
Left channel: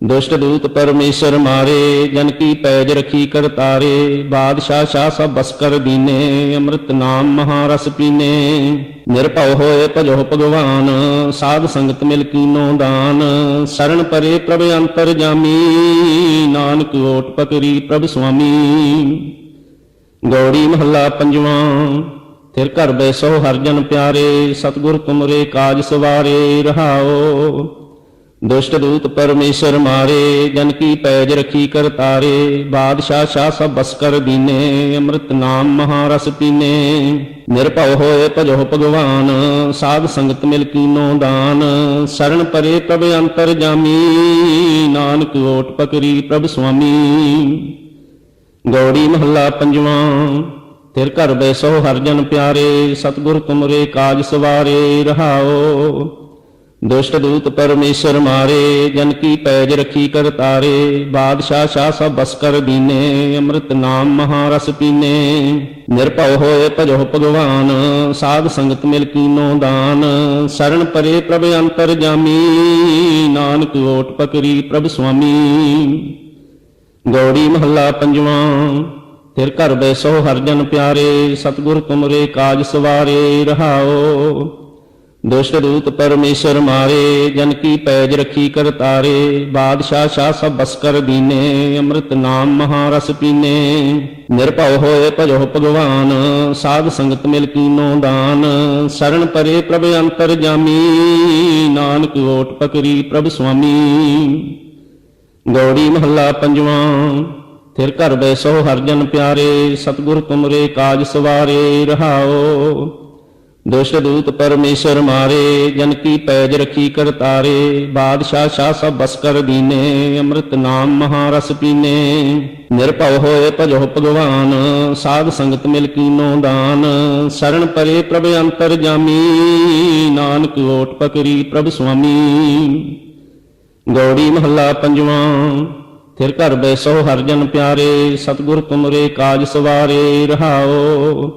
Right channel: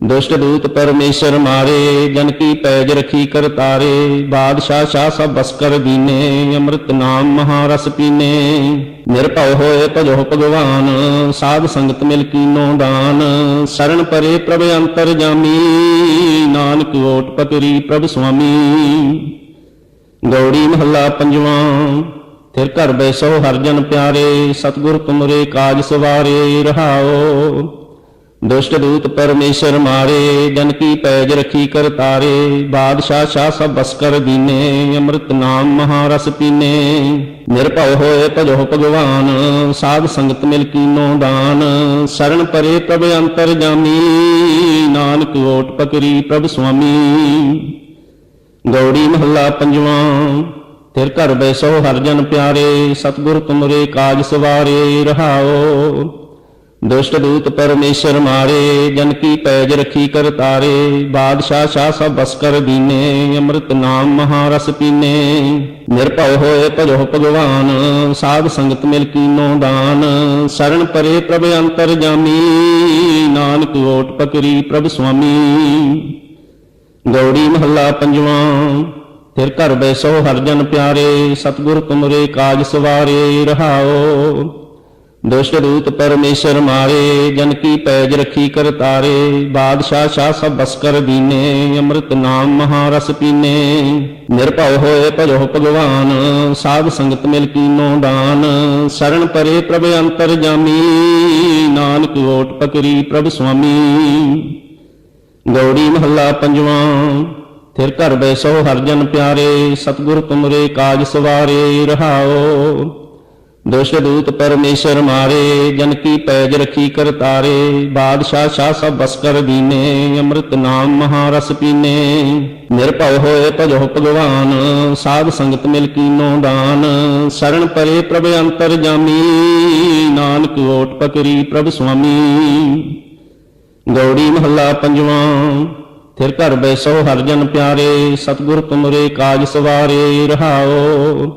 ਦੁਸ਼ਟ ਦੂਤ ਪਰਮੇਸ਼ਰ ਮਾਰੇ, ਜਨ ਕੀ ਪੈਜ ਰਖੀ ਕਰਤਾਰੇ। ਬਾਦਸ਼ਾਹ ਸ਼ਾਹ ਸਭ ਬਸ ਕਰ ਦੀਨੇ, ਅੰਮ੍ਰਿਤ ਨਾਮ ਮਹਾਰਸ ਪੀਨੇ। ਨਿਰਭਉ ਹੋਏ ਭਜੋ ਭਗਵਾਨ, ਸਾਧ ਸੰਗਤ ਮਿਲ ਕੀਨੋ ਦਾਨ। ਸਰਣ ਪਰੇ ਪ੍ਰਭ ਅੰਤਰ ਜਾਮੀ, ਨਾਨਕ ਓਟ ਪਕਰੀ ਪ੍ਰਭ ਸੁਆਮੀ। ਗੌੜੀ ਮਹੱਲਾ ਪੰਜਵਾਂ। ਫਿਰ ਘਰ ਬੈਸੋ ਹਰ ਜਨ ਪਿਆਰੇ, ਸਤਿਗੁਰ ਤੁਮਰੇ ਕਾਜ ਸਵਾਰੇ। ਰਹਾਉ ਦੁਸ਼ਟ ਦੂਤ ਪਰਮੇਸ਼ਰ ਮਾਰੇ, ਜਨ ਕੀ ਪੈਜ ਰਖੀ ਕਰਤਾਰੇ। ਬਾਦਸ਼ਾਹ ਸ਼ਾਹ ਸਭ ਬਸ ਕਰ ਦੀਨੇ, ਅੰਮ੍ਰਿਤ ਨਾਮ ਮਹਾਰਸ ਪੀਨੇ। ਨਿਰਭਉ ਹੋਏ ਭਜੋ ਭਗਵਾਨ, ਸਾਧ ਸੰਗਤ ਮਿਲ ਕੀਨੋ ਦਾਨ। ਸਰਣ ਪਰੇ ਪ੍ਰਭ ਅੰਤਰ ਜਾਮੀ, ਨਾਨਕ ਓਟ ਪਕਰੀ ਪ੍ਰਭ ਸੁਆਮੀ। ਗੌੜੀ ਮਹੱਲਾ ਪੰਜਵਾਂ। ਫਿਰ ਘਰ ਬੈਸੋ ਹਰ ਜਨ ਪਿਆਰੇ, ਸਤਿਗੁਰ ਤੁਮਰੇ ਕਾਜ ਸਵਾਰੇ। ਰਹਾਉ ਦੁਸ਼ਟ ਦੂਤ ਪਰਮੇਸ਼ਰ ਮਾਰੇ, ਜਨ ਕੀ ਪੈਜ ਰਖੀ ਕਰਤਾਰੇ। ਬਾਦਸ਼ਾਹ ਸ਼ਾਹ ਸਭ ਬਸ ਕਰ ਦੀਨੇ, ਅੰਮ੍ਰਿਤ ਨਾਮ ਮਹਾਰਸ ਪੀਨੇ। ਨਿਰਭਉ ਹੋਏ ਭਜੋ ਭਗਵਾਨ, ਸਾਧ ਸੰਗਤ ਮਿਲ ਕੀਨੋ ਦਾਨ। ਸਰਣ ਪਰੇ ਪ੍ਰਭ ਅੰਤਰ ਜਾਮੀ, ਨਾਨਕ ਓਟ ਪਕਰੀ ਪ੍ਰਭ ਸੁਆਮੀ। ਗੌੜੀ ਮਹੱਲਾ ਪੰਜਵਾਂ। ਫਿਰ ਘਰ ਬੈਸੋ ਹਰ ਜਨ ਪਿਆਰੇ, ਸਤਿਗੁਰ ਤੁਮਰੇ ਕਾਜ ਸਵਾਰੇ। ਰਹਾਉ ਦੁਸ਼ਟ ਦੂਤ ਪਰਮੇਸ਼ਰ ਮਾਰੇ, ਜਨ ਕੀ ਪੈਜ ਰਖੀ ਕਰਤਾਰੇ। ਬਾਦਸ਼ਾਹ ਸ਼ਾਹ ਸਭ ਬਸ ਕਰ ਦੀਨੇ, ਅੰਮ੍ਰਿਤ ਨਾਮ ਮਹਾਰਸ ਪੀਨੇ। ਨਿਰਭਉ ਹੋਏ ਭਜੋ ਭਗਵਾਨ, ਸਾਧ ਸੰਗਤ ਮਿਲ ਕੀਨੋ ਦਾਨ। ਸਰਣ ਪਰੇ ਪ੍ਰਭ ਅੰਤਰ ਜਾਮੀ, ਨਾਨਕ ਓਟ ਪਕਰੀ ਪ੍ਰਭ ਸੁਆਮੀ। ਗੌੜੀ ਮਹੱਲਾ ਪੰਜਵਾਂ। ਫਿਰ ਘਰ ਬੈਸੋ ਹਰ ਜਨ ਪਿਆਰੇ, ਸਤਿਗੁਰ ਤੁਮਰੇ ਕਾਜ ਸਵਾਰੇ। ਰਹਾਉ ਦੁਸ਼ਟ ਦੂਤ ਪਰਮੇਸ਼ਰ ਮਾਰੇ, ਜਨ ਕੀ ਪੈਜ ਰਖੀ ਕਰਤਾਰੇ। ਬਾਦਸ਼ਾਹ ਸ਼ਾਹ ਸਭ ਬਸ ਕਰ ਦੀਨੇ, ਅੰਮ੍ਰਿਤ ਨਾਮ ਮਹਾਰਸ ਪੀਨੇ। ਨਿਰਭਉ ਹੋਏ ਭਜੋ ਭਗਵਾਨ, ਸਾਧ ਸੰਗਤ ਮਿਲ ਕੀਨੋ ਦਾਨ। ਸ਼ਰਨ ਪਰੇ ਪ੍ਰਭ ਅੰਤਰ ਜਾਮੀ, ਨਾਨਕ ਓਟ ਪਕਰੀ ਪ੍ਰਭ ਸੁਆਮੀ। ਗੌੜੀ ਮਹੱਲਾ ਪੰਜਵਾਂ। ਫਿਰ ਘਰ ਬੈਸੋ ਹਰਿ ਜਨ ਪਿਆਰੇ, ਸਤਿਗੁਰ ਤੁਮਰੇ ਕਾਜ ਸਵਾਰੇ। ਰਹਾਉ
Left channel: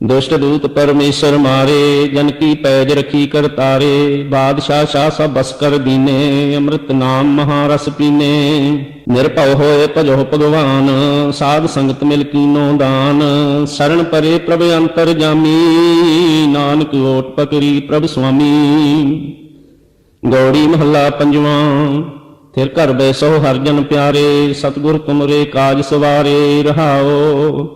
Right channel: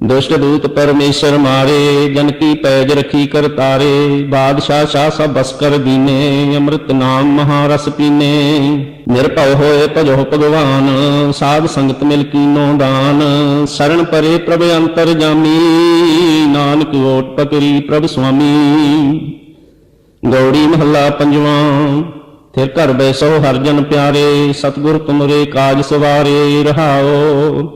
ਦੁਸ਼ਟ ਦੂਤ ਪਰਮੇਸ਼ਰ ਮਾਰੇ, ਜਨ ਕੀ ਪੈਜ ਰਖੀ ਕਰਤਾਰੇ। ਬਾਦਸ਼ਾਹ ਸ਼ਾਹ ਸਭ ਬਸ ਕਰ ਦੀਨੇ, ਅੰਮ੍ਰਿਤ ਨਾਮ ਮਹਾਰਸ ਪੀਨੇ। ਨਿਰਭਉ ਹੋਏ ਭਜੋ ਭਗਵਾਨ, ਸਾਧ ਸੰਗਤ ਮਿਲ ਕੀਨੋ ਦਾਨ। ਸ਼ਰਨ ਪਰੇ ਪ੍ਰਭ ਅੰਤਰ ਜਾਮੀ, ਨਾਨਕ ਓਟ ਪਕਰੀ ਪ੍ਰਭ ਸੁਆਮੀ। ਗੌੜੀ ਮਹੱਲਾ ਪੰਜਵਾਂ। ਫਿਰ ਘਰ ਬੈਸੋ ਹਰਿ ਜਨ ਪਿਆਰੇ, ਸਤਿਗੁਰ ਤੁਮਰੇ ਕਾਜ ਸਵਾਰੇ। ਰਹਾਉ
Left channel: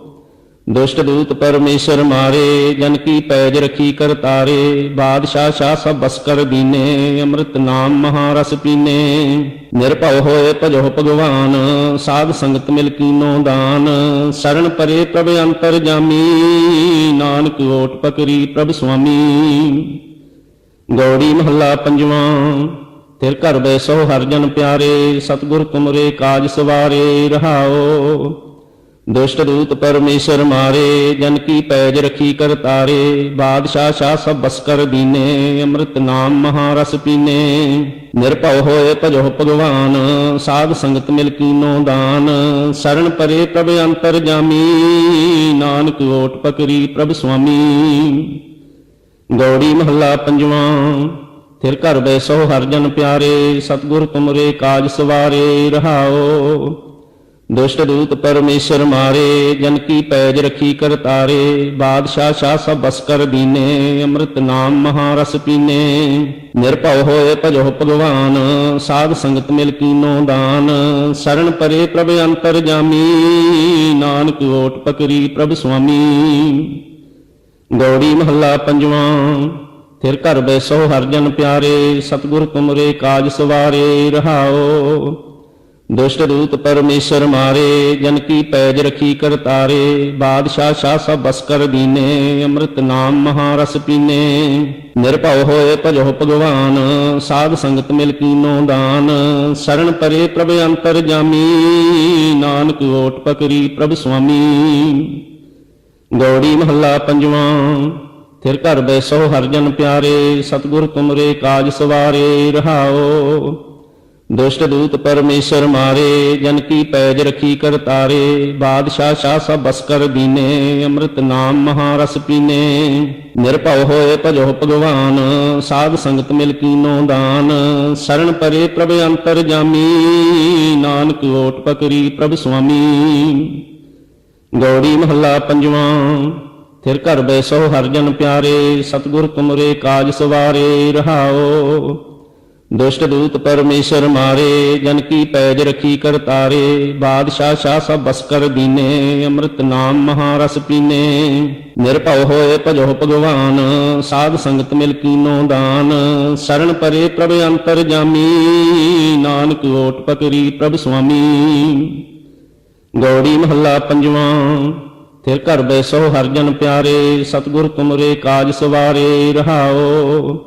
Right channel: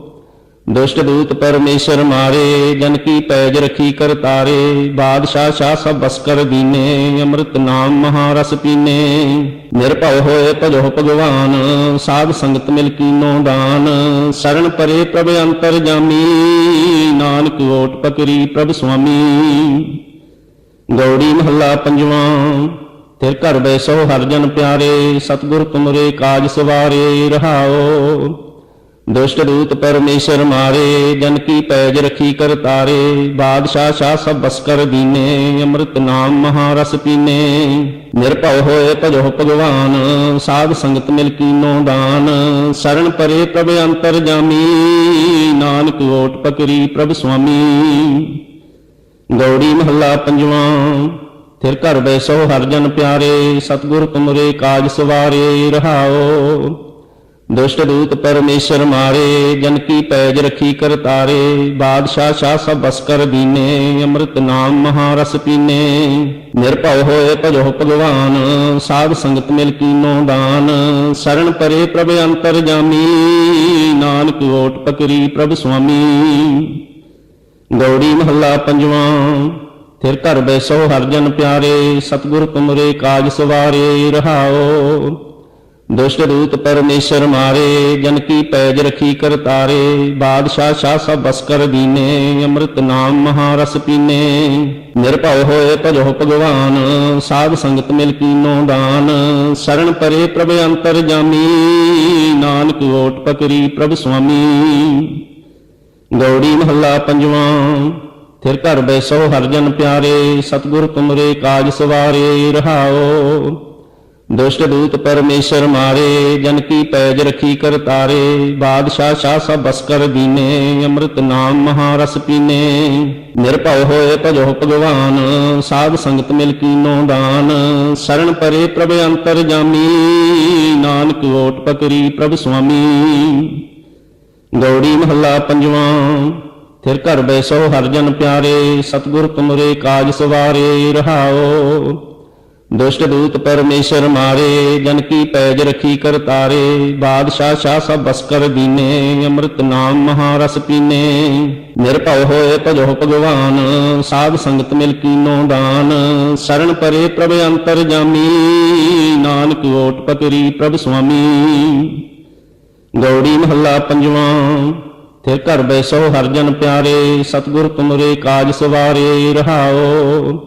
ਦੁਸ਼ਟ ਦੂਤ ਪਰਮੇਸ਼ਰ ਮਾਰੇ, ਜਨ ਕੀ ਪੈਜ ਰਖੀ ਕਰਤਾਰੇ। ਬਾਦਸ਼ਾਹ ਸ਼ਾਹ ਸਭ ਬਸ ਕਰ ਦੀਨੇ, ਅੰਮ੍ਰਿਤ ਨਾਮ ਮਹਾਰਸ ਪੀਨੇ। ਨਿਰਭਉ ਹੋਏ ਭਜੋ ਭਗਵਾਨ, ਸਾਧ ਸੰਗਤ ਮਿਲ ਕੀਨੋ ਦਾਨ। ਸ਼ਰਨ ਪਰੇ ਪ੍ਰਭ ਅੰਤਰ ਜਾਮੀ, ਨਾਨਕ ਓਟ ਪਕਰੀ ਪ੍ਰਭ ਸੁਆਮੀ। ਗੌੜੀ ਮਹੱਲਾ ਪੰਜਵਾਂ। ਫਿਰ ਘਰ ਬੈਸੋ ਹਰਿ ਜਨ ਪਿਆਰੇ, ਸਤਿਗੁਰ ਤੁਮਰੇ ਕਾਜ ਸਵਾਰੇ। ਰਹਾਉ ਦੁਸ਼ਟ ਦੂਤ ਪਰਮੇਸ਼ਰ ਮਾਰੇ, ਜਨ ਕੀ ਪੈਜ ਰਖੀ ਕਰਤਾਰੇ। ਬਾਦਸ਼ਾਹ ਸ਼ਾਹ ਸਭ ਬਸ ਕਰ ਦੀਨੇ, ਅੰਮ੍ਰਿਤ ਨਾਮ ਮਹਾਰਸ ਪੀਨੇ। ਨਿਰਭਉ ਹੋਏ ਭਜੋ ਭਗਵਾਨ, ਸਾਧ ਸੰਗਤ ਮਿਲ ਕੀਨੋ ਦਾਨ। ਸ਼ਰਨ ਪਰੇ ਪ੍ਰਭ ਅੰਤਰ ਜਾਮੀ, ਨਾਨਕ ਓਟ ਪਕਰੀ ਪ੍ਰਭ ਸੁਆਮੀ। ਗੌੜੀ ਮਹੱਲਾ ਪੰਜਵਾਂ। ਫਿਰ ਘਰ ਬੈਸੋ ਹਰਿ ਜਨ ਪਿਆਰੇ, ਸਤਿਗੁਰ ਤੁਮਰੇ ਕਾਜ ਸਵਾਰੇ। ਰਹਾਉ ਦੁਸ਼ਟ ਦੂਤ ਪਰਮੇਸ਼ਰ ਮਾਰੇ, ਜਨ ਕੀ ਪੈਜ ਰਖੀ ਕਰਤਾਰੇ। ਬਾਦਸ਼ਾਹ ਸ਼ਾਹ ਸਭ ਬਸ ਕਰ ਦੀਨੇ, ਅੰਮ੍ਰਿਤ ਨਾਮ ਮਹਾਰਸ ਪੀਨੇ। ਨਿਰਭਉ ਹੋਏ ਭਜੋ ਭਗਵਾਨ, ਸਾਧ ਸੰਗਤ ਮਿਲ ਕੀਨੋ ਦਾਨ। ਸ਼ਰਨ ਪਰੇ ਪ੍ਰਭ ਅੰਤਰ ਜਾਮੀ, ਨਾਨਕ ਓਟ ਪਕਰੀ ਪ੍ਰਭ ਸੁਆਮੀ। ਗੌੜੀ ਮਹੱਲਾ ਪੰਜਵਾਂ। ਫਿਰ ਘਰ ਬੈਸੋ ਹਰਿ ਜਨ ਪਿਆਰੇ, ਸਤਿਗੁਰ ਤੁਮਰੇ ਕਾਜ ਸਵਾਰੇ। ਰਹਾਉ ਦੁਸ਼ਟ ਦੂਤ ਪਰਮੇਸ਼ਰ ਮਾਰੇ, ਜਨ ਕੀ ਪੈਜ ਰਖੀ ਕਰਤਾਰੇ। ਬਾਦਸ਼ਾਹ ਸ਼ਾਹ ਸਭ ਬਸ ਕਰ ਦੀਨੇ, ਅੰਮ੍ਰਿਤ ਨਾਮ ਮਹਾਰਸ ਪੀਨੇ। ਨਿਰਭਉ ਹੋਏ ਭਜੋ ਭਗਵਾਨ, ਸਾਧ ਸੰਗਤ ਮਿਲ ਕੀਨੋ ਦਾਨ। ਸ਼ਰਨ ਪਰੇ ਪ੍ਰਭ ਅੰਤਰ ਜਾਮੀ, ਨਾਨਕ ਓਟ ਪਕਰੀ ਪ੍ਰਭ ਸੁਆਮੀ। ਗੌੜੀ ਮਹੱਲਾ ਪੰਜਵਾਂ। ਫਿਰ ਘਰ ਬੈਸੋ ਹਰਿ ਜਨ ਪਿਆਰੇ, ਸਤਿਗੁਰ ਤੁਮਰੇ ਕਾਜ ਸਵਾਰੇ। ਰਹਾਉ ਦੁਸ਼ਟ ਦੂਤ ਪਰਮੇਸ਼ਰ ਮਾਰੇ, ਜਨ ਕੀ ਪੈਜ ਰਖੀ ਕਰਤਾਰੇ। ਬਾਦਸ਼ਾਹ ਸ਼ਾਹ ਸਭ ਬਸ ਕਰ ਦੀਨੇ, ਅੰਮ੍ਰਿਤ ਨਾਮ ਮਹਾਰਸ ਪੀਨੇ। ਨਿਰਭਉ ਹੋਏ ਭਜੋ ਭਗਵਾਨ, ਸਾਧ ਸੰਗਤ ਮਿਲ ਕੀਨੋ ਦਾਨ। ਸ਼ਰਨ ਪਰੇ ਪ੍ਰਭ ਅੰਤਰ ਜਾਮੀ, ਨਾਨਕ ਓਟ ਪਕਰੀ ਪ੍ਰਭ ਸੁਆਮੀ। ਗੌੜੀ ਮਹੱਲਾ ਪੰਜਵਾਂ। ਫਿਰ ਘਰ ਬੈਸੋ ਹਰਿ ਜਨ ਪਿਆਰੇ, ਸਤਿਗੁਰ ਤੁਮਰੇ ਕਾਜ ਸਵਾਰੇ। ਰਹਾਉ ਦੁਸ਼ਟ ਦੂਤ ਪਰਮੇਸ਼ਰ ਮਾਰੇ, ਜਨ ਕੀ ਪੈਜ ਰਖੀ ਕਰਤਾਰੇ। ਬਾਦਸ਼ਾਹ ਸ਼ਾਹ ਸਭ ਬਸ ਕਰ ਦੀਨੇ, ਅੰਮ੍ਰਿਤ ਨਾਮ ਮਹਾਰਸ ਪੀਨੇ। ਨਿਰਭਉ ਹੋਏ ਭਜੋ ਭਗਵਾਨ, ਸਾਧ ਸੰਗਤ ਮਿਲ ਕੀਨੋ ਦਾਨ। ਸ਼ਰਨ ਪਰੇ ਪ੍ਰਭ ਅੰਤਰ ਜਾਮੀ, ਨਾਨਕ ਓਟ ਪਕਰੀ ਪ੍ਰਭ ਸੁਆਮੀ। ਗੌੜੀ ਮਹੱਲਾ ਪੰਜਵਾਂ। ਫਿਰ ਘਰ ਬੈਸੋ ਹਰਿ ਜਨ ਪਿਆਰੇ, ਸਤਿਗੁਰ ਤੁਮਰੇ ਕਾਜ ਸਵਾਰੇ। ਰਹਾਉ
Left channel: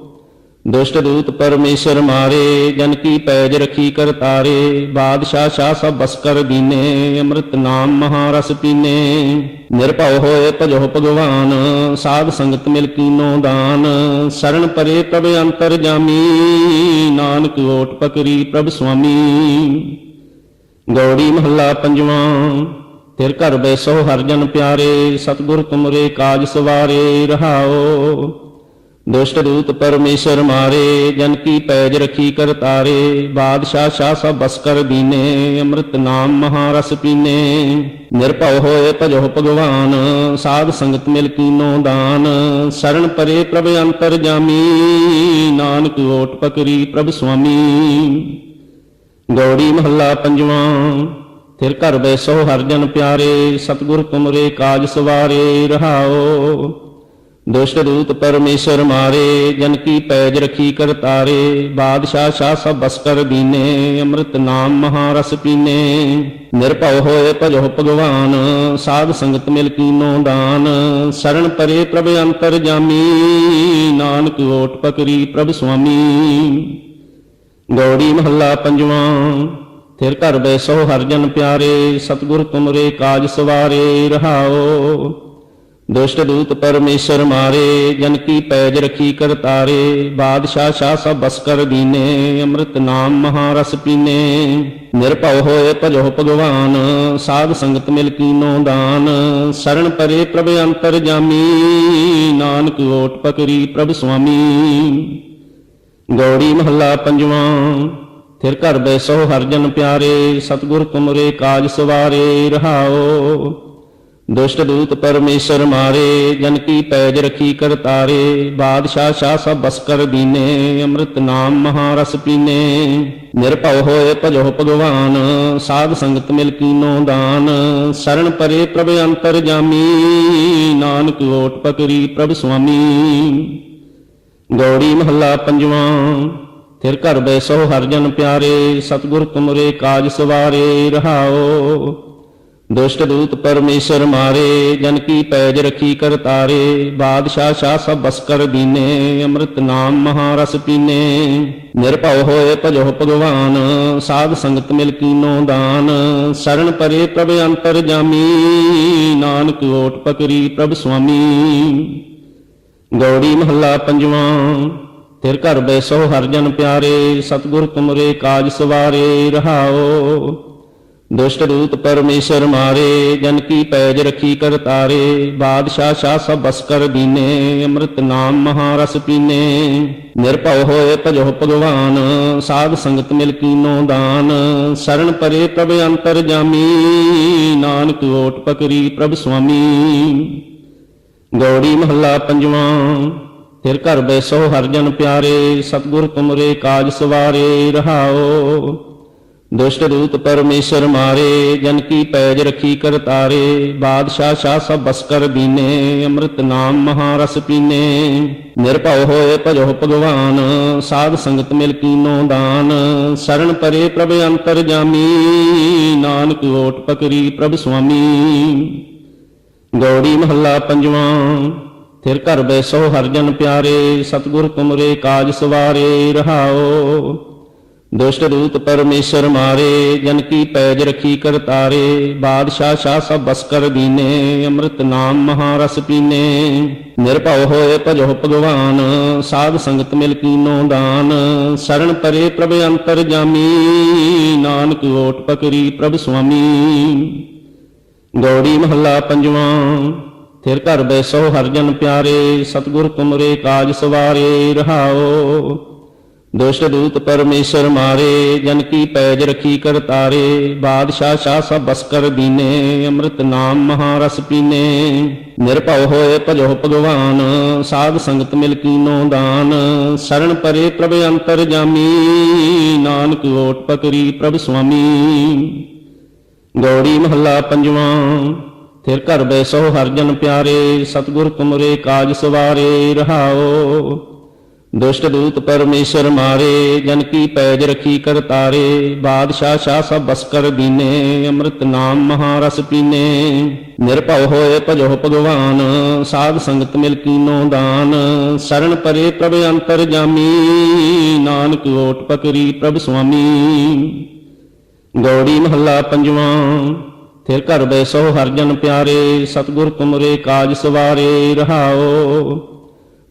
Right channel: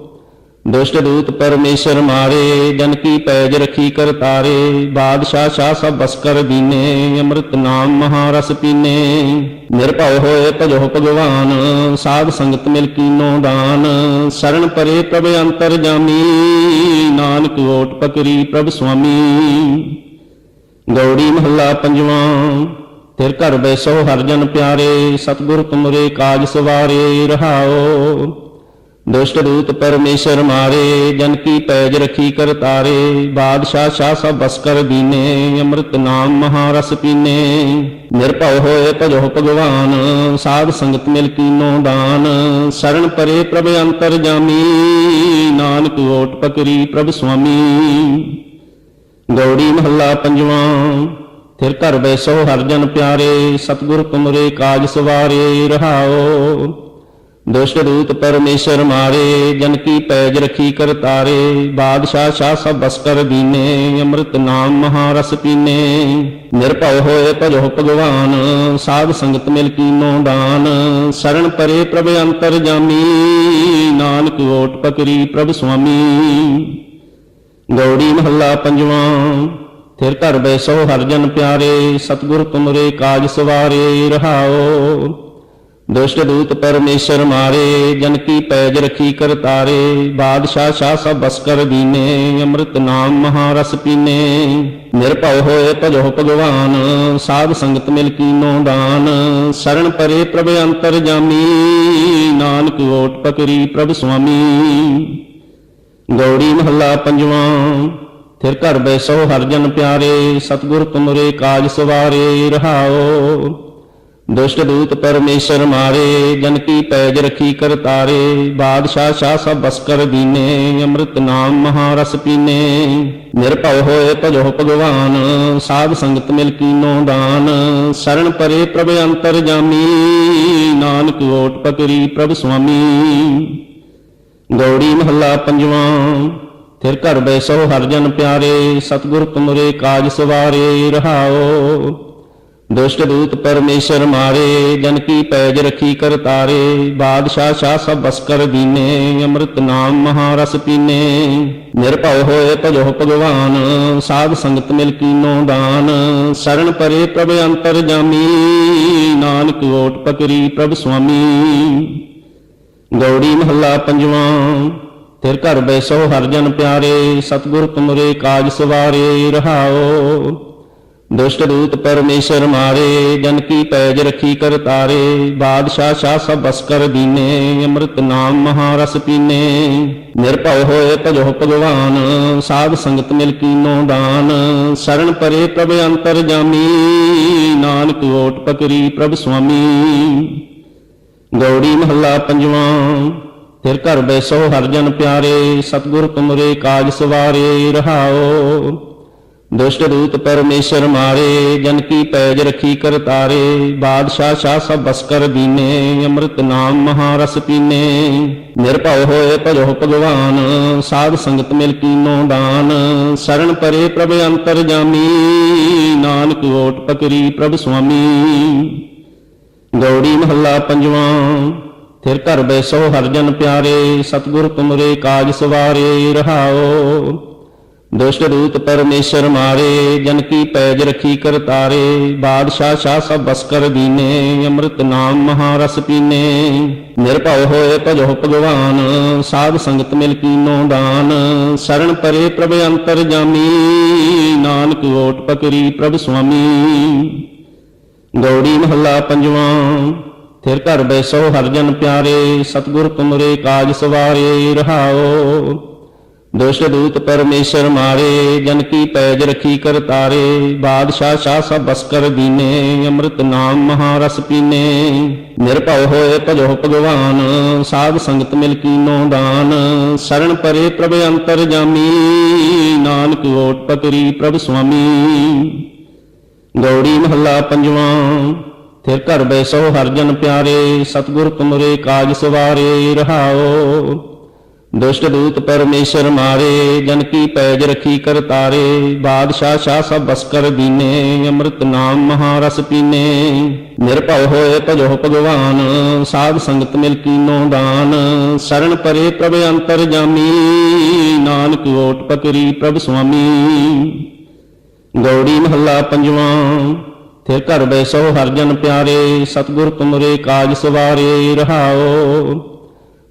ਦੁਸ਼ਟ ਦੂਤ ਪਰਮੇਸ਼ਰ ਮਾਰੇ, ਜਨ ਕੀ ਪੈਜ ਰਖੀ ਕਰਤਾਰੇ। ਬਾਦਸ਼ਾਹ ਸ਼ਾਹ ਸਭ ਬਸ ਕਰ ਦੀਨੇ, ਅੰਮ੍ਰਿਤ ਨਾਮ ਮਹਾਰਸ ਪੀਨੇ। ਨਿਰਭਉ ਹੋਏ ਭਜੋ ਭਗਵਾਨ, ਸਾਧ ਸੰਗਤ ਮਿਲ ਕੀਨੋ ਦਾਨ। ਸ਼ਰਨ ਪਰੇ ਪ੍ਰਭ ਅੰਤਰ ਜਾਮੀ, ਨਾਨਕ ਓਟ ਪਕਰੀ ਪ੍ਰਭ ਸੁਆਮੀ। ਗੌੜੀ ਮਹੱਲਾ ਪੰਜਵਾਂ। ਫਿਰ ਘਰ ਬੈਸੋ ਹਰਿ ਜਨ ਪਿਆਰੇ, ਸਤਿਗੁਰ ਤੁਮਰੇ ਕਾਜ ਸਵਾਰੇ। ਰਹਾਉ ਦੁਸ਼ਟ ਦੂਤ ਪਰਮੇਸ਼ਰ ਮਾਰੇ, ਜਨ ਕੀ ਪੈਜ ਰਖੀ ਕਰਤਾਰੇ। ਬਾਦਸ਼ਾਹ ਸ਼ਾਹ ਸਭ ਬਸ ਕਰ ਦੀਨੇ, ਅੰਮ੍ਰਿਤ ਨਾਮ ਮਹਾਰਸ ਪੀਨੇ। ਨਿਰਭਉ ਹੋਏ ਭਜੋ ਭਗਵਾਨ, ਸਾਧ ਸੰਗਤ ਮਿਲ ਕੀਨੋ ਦਾਨ। ਸ਼ਰਨ ਪਰੇ ਪ੍ਰਭ ਅੰਤਰ ਜਾਮੀ, ਨਾਨਕ ਓਟ ਪਕਰੀ ਪ੍ਰਭ ਸੁਆਮੀ। ਗੌੜੀ ਮਹੱਲਾ ਪੰਜਵਾਂ। ਫਿਰ ਘਰ ਬੈਸੋ ਹਰਿ ਜਨ ਪਿਆਰੇ, ਸਤਿਗੁਰ ਤੁਮਰੇ ਕਾਜ ਸਵਾਰੇ। ਰਹਾਉ ਦੁਸ਼ਟ ਦੂਤ ਪਰਮੇਸ਼ਰ ਮਾਰੇ, ਜਨ ਕੀ ਪੈਜ ਰਖੀ ਕਰਤਾਰੇ। ਬਾਦਸ਼ਾਹ ਸ਼ਾਹ ਸਭ ਬਸ ਕਰ ਦੀਨੇ, ਅੰਮ੍ਰਿਤ ਨਾਮ ਮਹਾਰਸ ਪੀਨੇ। ਨਿਰਭਉ ਹੋਏ ਭਜੋ ਭਗਵਾਨ, ਸਾਧ ਸੰਗਤ ਮਿਲ ਕੀਨੋ ਦਾਨ। ਸਰਣ ਪਰੇ ਪ੍ਰਭ ਅੰਤਰ ਜਾਮੀ, ਨਾਨਕ ਓਟ ਪਕਰੀ ਪ੍ਰਭ ਸੁਆਮੀ। ਗੌੜੀ ਮਹੱਲਾ ਪੰਜਵਾਂ। ਫਿਰ ਘਰ ਬੈਸੋ ਹਰਿ ਜਨ ਪਿਆਰੇ, ਸਤਿਗੁਰ ਤੁਮਰੇ ਕਾਜ ਸਵਾਰੇ। ਰਹਾਉ ਦੁਸ਼ਟ ਦੂਤ ਪਰਮੇਸ਼ਰ ਮਾਰੇ, ਜਨ ਕੀ ਪੈਜ ਰਖੀ ਕਰਤਾਰੇ। ਬਾਦਸ਼ਾਹ ਸ਼ਾਹ ਸਭ ਬਸ ਕਰ ਦੀਨੇ, ਅੰਮ੍ਰਿਤ ਨਾਮ ਮਹਾਰਸ ਪੀਨੇ। ਨਿਰਭਉ ਹੋਏ ਭਜੋ ਭਗਵਾਨ, ਸਾਧ ਸੰਗਤ ਮਿਲ ਕੀਨੋ ਦਾਨ। ਸਰਣ ਪਰੇ ਪ੍ਰਭ ਅੰਤਰ ਜਾਮੀ, ਨਾਨਕ ਓਟ ਪਕਰੀ ਪ੍ਰਭ ਸੁਆਮੀ। ਗੌੜੀ ਮਹੱਲਾ ਪੰਜਵਾਂ। ਫਿਰ ਘਰ ਬੈਸੋ ਹਰਿ ਜਨ ਪਿਆਰੇ, ਸਤਿਗੁਰ ਤੁਮਰੇ ਕਾਜ ਸਵਾਰੇ। ਰਹਾਉ ਦੁਸ਼ਟ ਦੂਤ ਪਰਮੇਸ਼ਰ ਮਾਰੇ, ਜਨ ਕੀ ਪੈਜ ਰਖੀ ਕਰਤਾਰੇ। ਬਾਦਸ਼ਾਹ ਸ਼ਾਹ ਸਭ ਬਸ ਕਰ ਦੀਨੇ, ਅੰਮ੍ਰਿਤ ਨਾਮ ਮਹਾਰਸ ਪੀਨੇ। ਨਿਰਭਉ ਹੋਏ ਭਜੋ ਭਗਵਾਨ, ਸਾਧ ਸੰਗਤ ਮਿਲ ਕੀਨੋ ਦਾਨ। ਸਰਣ ਪਰੇ ਪ੍ਰਭ ਅੰਤਰ ਜਾਮੀ, ਨਾਨਕ ਓਟ ਪਕਰੀ ਪ੍ਰਭ ਸੁਆਮੀ। ਗੌੜੀ ਮਹੱਲਾ ਪੰਜਵਾਂ। ਫਿਰ ਘਰ ਬੈਸੋ ਹਰਿ ਜਨ ਪਿਆਰੇ, ਸਤਿਗੁਰ ਤੁਮਰੇ ਕਾਜ ਸਵਾਰੇ। ਰਹਾਉ ਦੁਸ਼ਟ ਦੂਤ ਪਰਮੇਸ਼ਰ ਮਾਰੇ, ਜਨ ਕੀ ਪੈਜ ਰਖੀ ਕਰਤਾਰੇ। ਬਾਦਸ਼ਾਹ ਸ਼ਾਹ ਸਭ ਬਸ ਕਰ ਦੀਨੇ, ਅੰਮ੍ਰਿਤ ਨਾਮ ਮਹਾਰਸ ਪੀਨੇ। ਨਿਰਭਉ ਹੋਏ ਭਜੋ ਭਗਵਾਨ, ਸਾਧ ਸੰਗਤ ਮਿਲ ਕੀਨੋ ਦਾਨ। ਸਰਣ ਪਰੇ ਪ੍ਰਭ ਅੰਤਰ ਜਾਮੀ, ਨਾਨਕ ਓਟ ਪਕਰੀ ਪ੍ਰਭ ਸੁਆਮੀ। ਗੌੜੀ ਮਹੱਲਾ ਪੰਜਵਾਂ। ਫਿਰ ਘਰ ਬੈਸੋ ਹਰਿ ਜਨ ਪਿਆਰੇ, ਸਤਿਗੁਰ ਤੁਮਰੇ ਕਾਜ ਸਵਾਰੇ। ਰਹਾਉ ਦੁਸ਼ਟ ਦੂਤ ਪਰਮੇਸ਼ਰ ਮਾਰੇ, ਜਨ ਕੀ ਪੈਜ ਰਖੀ ਕਰਤਾਰੇ। ਬਾਦਸ਼ਾਹ ਸ਼ਾਹ ਸਭ ਬਸ ਕਰ ਦੀਨੇ, ਅੰਮ੍ਰਿਤ ਨਾਮ ਮਹਾਰਸ ਪੀਨੇ। ਨਿਰਭਉ ਹੋਏ ਭਜੋ ਭਗਵਾਨ, ਸਾਧ ਸੰਗਤ ਮਿਲ ਕੀਨੋ ਦਾਨ। ਸਰਣ ਪਰੇ ਪ੍ਰਭ ਅੰਤਰ ਜਾਮੀ, ਨਾਨਕ ਓਟ ਪਕਰੀ ਪ੍ਰਭ ਸੁਆਮੀ। ਗੌੜੀ ਮਹੱਲਾ ਪੰਜਵਾਂ। ਫਿਰ ਘਰ ਬੈਸੋ ਹਰਿ ਜਨ ਪਿਆਰੇ, ਸਤਿਗੁਰ ਤੁਮਰੇ ਕਾਜ ਸਵਾਰੇ। ਰਹਾਉ ਦੁਸ਼ਟ ਦੂਤ ਪਰਮੇਸ਼ਰ ਮਾਰੇ, ਜਨ ਕੀ ਪੈਜ ਰਖੀ ਕਰਤਾਰੇ। ਬਾਦਸ਼ਾਹ ਸ਼ਾਹ ਸਭ ਬਸ ਕਰ ਦੀਨੇ, ਅੰਮ੍ਰਿਤ ਨਾਮ ਮਹਾਰਸ ਪੀਨੇ। ਨਿਰਭਉ ਹੋਏ ਭਜੋ ਭਗਵਾਨ, ਸਾਧ ਸੰਗਤ ਮਿਲ ਕੀਨੋ ਦਾਨ। ਸਰਣ ਪਰੇ ਪ੍ਰਭ ਅੰਤਰ ਜਾਮੀ, ਨਾਨਕ ਓਟ ਪਕਰੀ ਪ੍ਰਭ ਸੁਆਮੀ। ਗੌੜੀ ਮਹੱਲਾ ਪੰਜਵਾਂ। ਫਿਰ ਘਰ ਬੈਸੋ ਹਰਿ ਜਨ ਪਿਆਰੇ, ਸਤਿਗੁਰ ਤੁਮਰੇ ਕਾਜ ਸਵਾਰੇ। ਰਹਾਉ ਦੁਸ਼ਟ ਦੂਤ ਪਰਮੇਸ਼ਰ ਮਾਰੇ, ਜਨ ਕੀ ਪੈਜ ਰਖੀ ਕਰਤਾਰੇ। ਬਾਦਸ਼ਾਹ ਸ਼ਾਹ ਸਭ ਬਸ ਕਰ ਦੀਨੇ, ਅੰਮ੍ਰਿਤ ਨਾਮ ਮਹਾਰਸ ਪੀਨੇ। ਨਿਰਭਉ ਹੋਏ ਭਜੋ ਭਗਵਾਨ, ਸਾਧ ਸੰਗਤ ਮਿਲ ਕੀਨੋ ਦਾਨ। ਸਰਣ ਪਰੇ ਪ੍ਰਭ ਅੰਤਰ ਜਾਮੀ, ਨਾਨਕ ਓਟ ਪਕਰੀ ਪ੍ਰਭ ਸੁਆਮੀ। ਗੌੜੀ ਮਹੱਲਾ ਪੰਜਵਾਂ। ਫਿਰ ਘਰ ਬੈਸੋ ਹਰਿ ਜਨ ਪਿਆਰੇ, ਸਤਿਗੁਰ ਤੁਮਰੇ ਕਾਜ ਸਵਾਰੇ। ਰਹਾਉ ਦੁਸ਼ਟ ਦੂਤ ਪਰਮੇਸ਼ਰ ਮਾਰੇ, ਜਨ ਕੀ ਪੈਜ ਰਖੀ ਕਰਤਾਰੇ। ਬਾਦਸ਼ਾਹ ਸ਼ਾਹ ਸਭ ਬਸ ਕਰ ਦੀਨੇ, ਅੰਮ੍ਰਿਤ ਨਾਮ ਮਹਾਰਸ ਪੀਨੇ। ਨਿਰਭਉ ਹੋਏ ਭਜੋ ਭਗਵਾਨ, ਸਾਧ ਸੰਗਤ ਮਿਲ ਕੀਨੋ ਦਾਨ। ਸਰਣ ਪਰੇ ਪ੍ਰਭ ਅੰਤਰ ਜਾਮੀ, ਨਾਨਕ ਓਟ ਪਕਰੀ ਪ੍ਰਭ ਸੁਆਮੀ। ਗੌੜੀ ਮਹੱਲਾ ਪੰਜਵਾਂ। ਫਿਰ ਘਰ ਬੈਸੋ ਹਰਿ ਜਨ ਪਿਆਰੇ, ਸਤਿਗੁਰ ਤੁਮਰੇ ਕਾਜ ਸਵਾਰੇ। ਰਹਾਉ ਦੁਸ਼ਟ ਦੂਤ ਪਰਮੇਸ਼ਰ ਮਾਰੇ, ਜਨ ਕੀ ਪੈਜ ਰਖੀ ਕਰਤਾਰੇ। ਬਾਦਸ਼ਾਹ ਸ਼ਾਹ ਸਭ ਬਸ ਕਰ ਦੀਨੇ, ਅੰਮ੍ਰਿਤ ਨਾਮ ਮਹਾਰਸ ਪੀਨੇ। ਨਿਰਭਉ ਹੋਏ ਭਜੋ ਭਗਵਾਨ, ਸਾਧ ਸੰਗਤ ਮਿਲ ਕੀਨੋ ਦਾਨ। ਸਰਣ ਪਰੇ ਪ੍ਰਭ ਅੰਤਰ ਜਾਮੀ, ਨਾਨਕ ਓਟ ਪਕਰੀ ਪ੍ਰਭ ਸੁਆਮੀ। ਗੌੜੀ ਮਹੱਲਾ ਪੰਜਵਾਂ। ਫਿਰ ਘਰ ਬੈਸੋ ਹਰਿ ਜਨ ਪਿਆਰੇ, ਸਤਿਗੁਰ ਤੁਮਰੇ ਕਾਜ ਸਵਾਰੇ। ਰਹਾਉ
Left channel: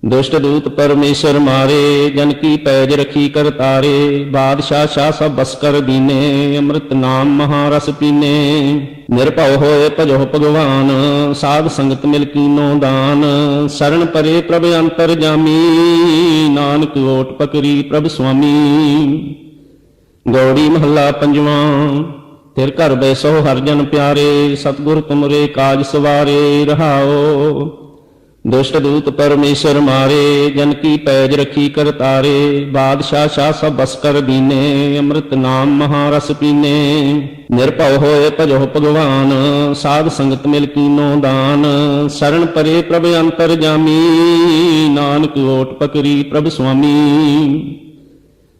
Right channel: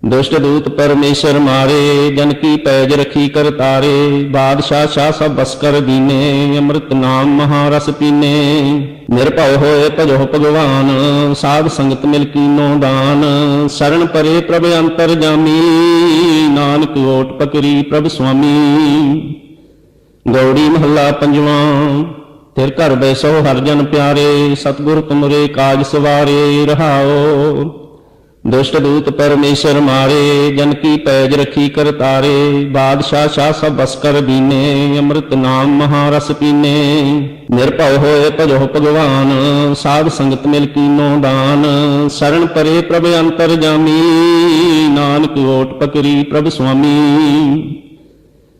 ਦੁਸ਼ਟ ਦੂਤ ਪਰਮੇਸ਼ਰ ਮਾਰੇ, ਜਨ ਕੀ ਪੈਜ ਰਖੀ ਕਰਤਾਰੇ। ਬਾਦਸ਼ਾਹ ਸ਼ਾਹ ਸਭ ਬਸ ਕਰ ਦੀਨੇ, ਅੰਮ੍ਰਿਤ ਨਾਮ ਮਹਾਰਸ ਪੀਨੇ। ਨਿਰਭਉ ਹੋਏ ਭਜੋ ਭਗਵਾਨ, ਸਾਧ ਸੰਗਤ ਮਿਲ ਕੀਨੋ ਦਾਨ। ਸਰਣ ਪਰੇ ਪ੍ਰਭ ਅੰਤਰ ਜਾਮੀ, ਨਾਨਕ ਓਟ ਪਕਰੀ ਪ੍ਰਭ ਸੁਆਮੀ। ਗੌੜੀ ਮਹੱਲਾ ਪੰਜਵਾਂ। ਫਿਰ ਘਰ ਬੈਸੋ ਹਰਿ ਜਨ ਪਿਆਰੇ, ਸਤਿਗੁਰ ਤੁਮਰੇ ਕਾਜ ਸਵਾਰੇ। ਰਹਾਉ ਦੁਸ਼ਟ ਦੂਤ ਪਰਮੇਸ਼ਰ ਮਾਰੇ, ਜਨ ਕੀ ਪੈਜ ਰਖੀ ਕਰ ਤਾਰੇ। ਬਾਦਸ਼ਾਹ ਸ਼ਾਹ ਸਭ ਬਸ ਕਰ ਦੀਨੇ, ਅੰਮ੍ਰਿਤ ਨਾਮ ਮਹਾਰਸ ਪੀਨੇ। ਨਿਰਭਉ ਹੋਏ ਭਜੋ ਭਗਵਾਨ, ਸਾਧ ਸੰਗਤ ਮਿਲ ਕੀਨੋ ਦਾਨ। ਸਰਣ ਪਰੇ ਪ੍ਰਭ ਅੰਤਰ ਜਾਮੀ, ਨਾਨਕ ਓਟ ਪਕਰੀ ਪ੍ਰਭ ਸੁਆਮੀ।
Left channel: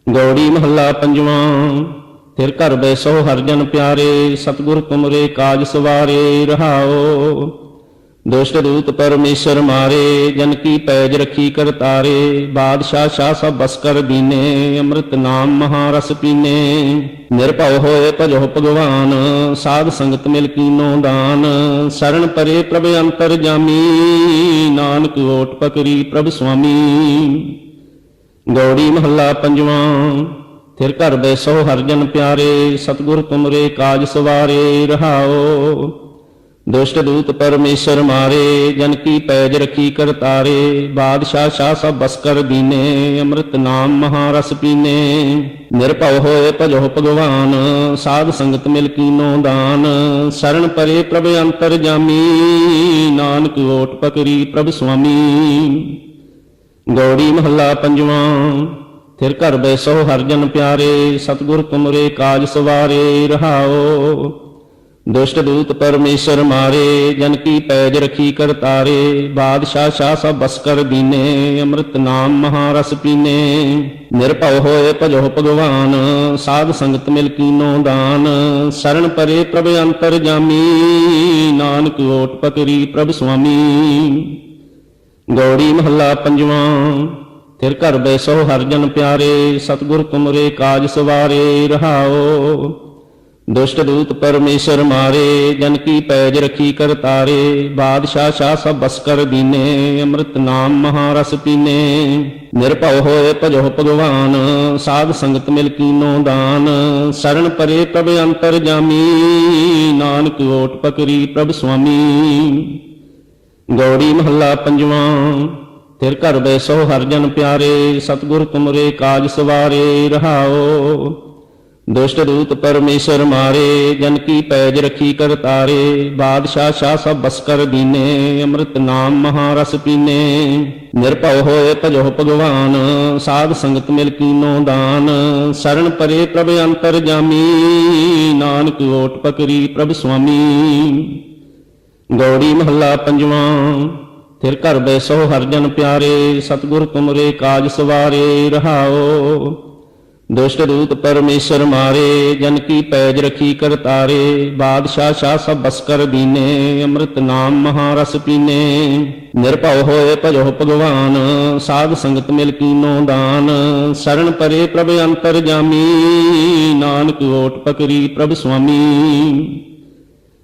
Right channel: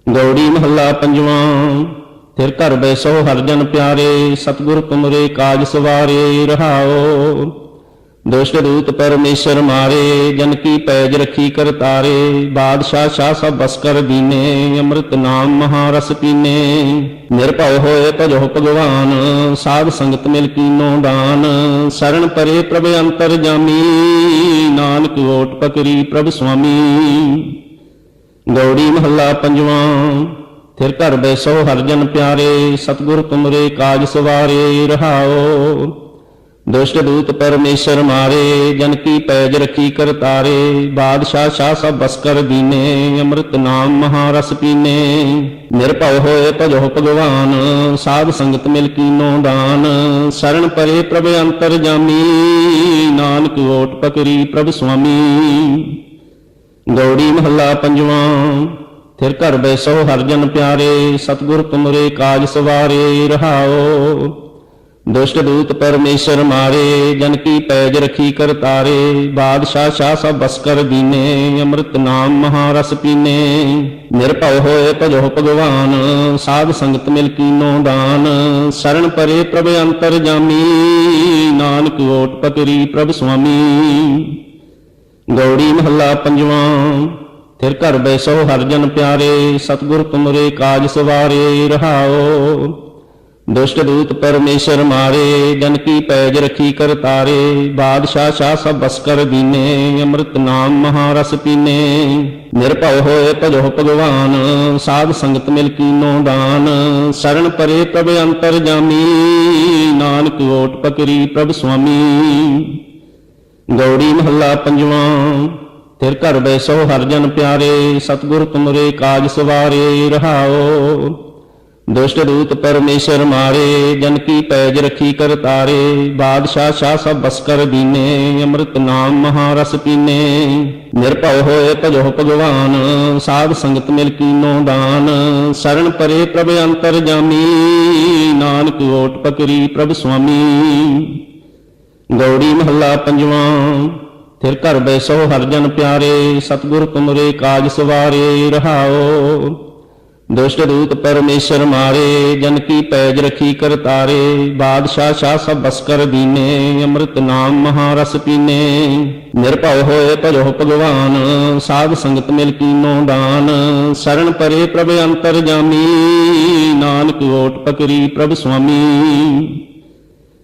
ਗੌੜੀ ਮਹੱਲਾ ਪੰਜਵਾਂ। ਫਿਰ ਘਰ ਬੈਸੋ ਹਰਿ ਜਨ ਪਿਆਰੇ, ਸਤਿਗੁਰ ਤੁਮਰੇ ਕਾਜ ਸਵਾਰੇ। ਰਹਾਉ ਦੁਸ਼ਟ ਦੂਤ ਪਰਮੇਸ਼ਰ ਮਾਰੇ, ਜਨ ਕੀ ਪੈਜ ਰਖੀ ਕਰ ਤਾਰੇ। ਬਾਦਸ਼ਾਹ ਸ਼ਾਹ ਸਭ ਬਸ ਕਰ ਦੀਨੇ, ਅੰਮ੍ਰਿਤ ਨਾਮ ਮਹਾਰਸ ਪੀਨੇ। ਨਿਰਭਉ ਹੋਏ ਭਜੋ ਭਗਵਾਨ, ਸਾਧ ਸੰਗਤ ਮਿਲ ਕੀਨੋ ਦਾਨ। ਸਰਣ ਪਰੇ ਪ੍ਰਭ ਅੰਤਰ ਜਾਮੀ, ਨਾਨਕ ਓਟ ਪਕਰੀ ਪ੍ਰਭ ਸੁਆਮੀ। ਗੌੜੀ ਮਹੱਲਾ ਪੰਜਵਾਂ। ਫਿਰ ਘਰ ਬੈਸੋ ਹਰਿ ਜਨ ਪਿਆਰੇ, ਸਤਿਗੁਰ ਤੁਮਰੇ ਕਾਜ ਸਵਾਰੇ। ਰਹਾਉ ਦੁਸ਼ਟ ਦੂਤ ਪਰਮੇਸ਼ਰ ਮਾਰੇ, ਜਨ ਕੀ ਪੈਜ ਰਖੀ ਕਰ ਤਾਰੇ। ਬਾਦਸ਼ਾਹ ਸ਼ਾਹ ਸਭ ਬਸ ਕਰ ਦੀਨੇ, ਅੰਮ੍ਰਿਤ ਨਾਮ ਮਹਾਰਸ ਪੀਨੇ। ਨਿਰਭਉ ਹੋਏ ਭਜੋ ਭਗਵਾਨ, ਸਾਧ ਸੰਗਤ ਮਿਲ ਕੀਨੋ ਦਾਨ। ਸਰਣ ਪਰੇ ਪ੍ਰਭ ਅੰਤਰ ਜਾਮੀ, ਨਾਨਕ ਓਟ ਪਕਰੀ ਪ੍ਰਭ ਸੁਆਮੀ। ਗੌੜੀ ਮਹੱਲਾ ਪੰਜਵਾਂ। ਫਿਰ ਘਰ ਬੈਸੋ ਹਰਿ ਜਨ ਪਿਆਰੇ, ਸਤਿਗੁਰ ਤੁਮਰੇ ਕਾਜ ਸਵਾਰੇ। ਰਹਾਉ ਦੁਸ਼ਟ ਦੂਤ ਪਰਮੇਸ਼ਰ ਮਾਰੇ, ਜਨ ਕੀ ਪੈਜ ਰਖੀ ਕਰ ਤਾਰੇ। ਬਾਦਸ਼ਾਹ ਸ਼ਾਹ ਸਭ ਬਸ ਕਰ ਦੀਨੇ, ਅੰਮ੍ਰਿਤ ਨਾਮ ਮਹਾਰਸ ਪੀਨੇ। ਨਿਰਭਉ ਹੋਏ ਭਜੋ ਭਗਵਾਨ, ਸਾਧ ਸੰਗਤ ਮਿਲ ਕੀਨੋ ਦਾਨ। ਸਰਣ ਪਰੇ ਪ੍ਰਭ ਅੰਤਰ ਜਾਮੀ, ਨਾਨਕ ਓਟ ਪਕਰੀ ਪ੍ਰਭ ਸੁਆਮੀ। ਗੌੜੀ ਮਹੱਲਾ ਪੰਜਵਾਂ। ਫਿਰ ਘਰ ਬੈਸੋ ਹਰਿ ਜਨ ਪਿਆਰੇ, ਸਤਿਗੁਰ ਤੁਮਰੇ ਕਾਜ ਸਵਾਰੇ। ਰਹਾਉ ਦੁਸ਼ਟ ਦੂਤ ਪਰਮੇਸ਼ਰ ਮਾਰੇ, ਜਨ ਕੀ ਪੈਜ ਰਖੀ ਕਰ ਤਾਰੇ। ਬਾਦਸ਼ਾਹ ਸ਼ਾਹ ਸਭ ਬਸ ਕਰ ਦੀਨੇ, ਅੰਮ੍ਰਿਤ ਨਾਮ ਮਹਾਰਸ ਪੀਨੇ। ਨਿਰਭਉ ਹੋਏ ਭਜੋ ਭਗਵਾਨ, ਸਾਧ ਸੰਗਤ ਮਿਲ ਕੀਨੋ ਦਾਨ। ਸਰਣ ਪਰੇ ਪ੍ਰਭ ਅੰਤਰ ਜਾਮੀ, ਨਾਨਕ ਓਟ ਪਕਰੀ ਪ੍ਰਭ ਸੁਆਮੀ। ਗੌੜੀ ਮਹੱਲਾ ਪੰਜਵਾਂ। ਫਿਰ ਘਰ ਬੈਸੋ ਹਰਿ ਜਨ ਪਿਆਰੇ, ਸਤਿਗੁਰ ਤੁਮਰੇ ਕਾਜ ਸਵਾਰੇ। ਰਹਾਉ ਦੁਸ਼ਟ ਦੂਤ ਪਰਮੇਸ਼ਰ ਮਾਰੇ, ਜਨ ਕੀ ਪੈਜ ਰਖੀ ਕਰ ਤਾਰੇ। ਬਾਦਸ਼ਾਹ ਸ਼ਾਹ ਸਭ ਬਸ ਕਰ ਦੀਨੇ, ਅੰਮ੍ਰਿਤ ਨਾਮ ਮਹਾਰਸ ਪੀਨੇ। ਨਿਰਭਉ ਹੋਏ ਭਜੋ ਭਗਵਾਨ, ਸਾਧ ਸੰਗਤ ਮਿਲ ਕੀਨੋ ਦਾਨ। ਸਰਣ ਪਰੇ ਪ੍ਰਭ ਅੰਤਰ ਜਾਮੀ, ਨਾਨਕ ਓਟ ਪਕਰੀ ਪ੍ਰਭ ਸੁਆਮੀ। ਗੌੜੀ ਮਹੱਲਾ ਪੰਜਵਾਂ। ਫਿਰ ਘਰ ਬੈਸੋ ਹਰਿ ਜਨ ਪਿਆਰੇ, ਸਤਿਗੁਰ ਤੁਮਰੇ ਕਾਜ ਸਵਾਰੇ। ਰਹਾਉ ਦੁਸ਼ਟ ਦੂਤ ਪਰਮੇਸ਼ਰ ਮਾਰੇ, ਜਨ ਕੀ ਪੈਜ ਰਖੀ ਕਰ ਤਾਰੇ। ਬਾਦਸ਼ਾਹ ਸ਼ਾਹ ਸਭ ਬਸ ਕਰ ਦੀਨੇ, ਅੰਮ੍ਰਿਤ ਨਾਮ ਮਹਾਰਸ ਪੀਨੇ। ਨਿਰਭਉ ਹੋਏ ਭਜੋ ਭਗਵਾਨ, ਸਾਧ ਸੰਗਤ ਮਿਲ ਕੀਨੋ ਦਾਨ। ਸਰਣ ਪਰੇ ਪ੍ਰਭ ਅੰਤਰ ਜਾਮੀ, ਨਾਨਕ ਓਟ ਪਕਰੀ ਪ੍ਰਭ ਸੁਆਮੀ।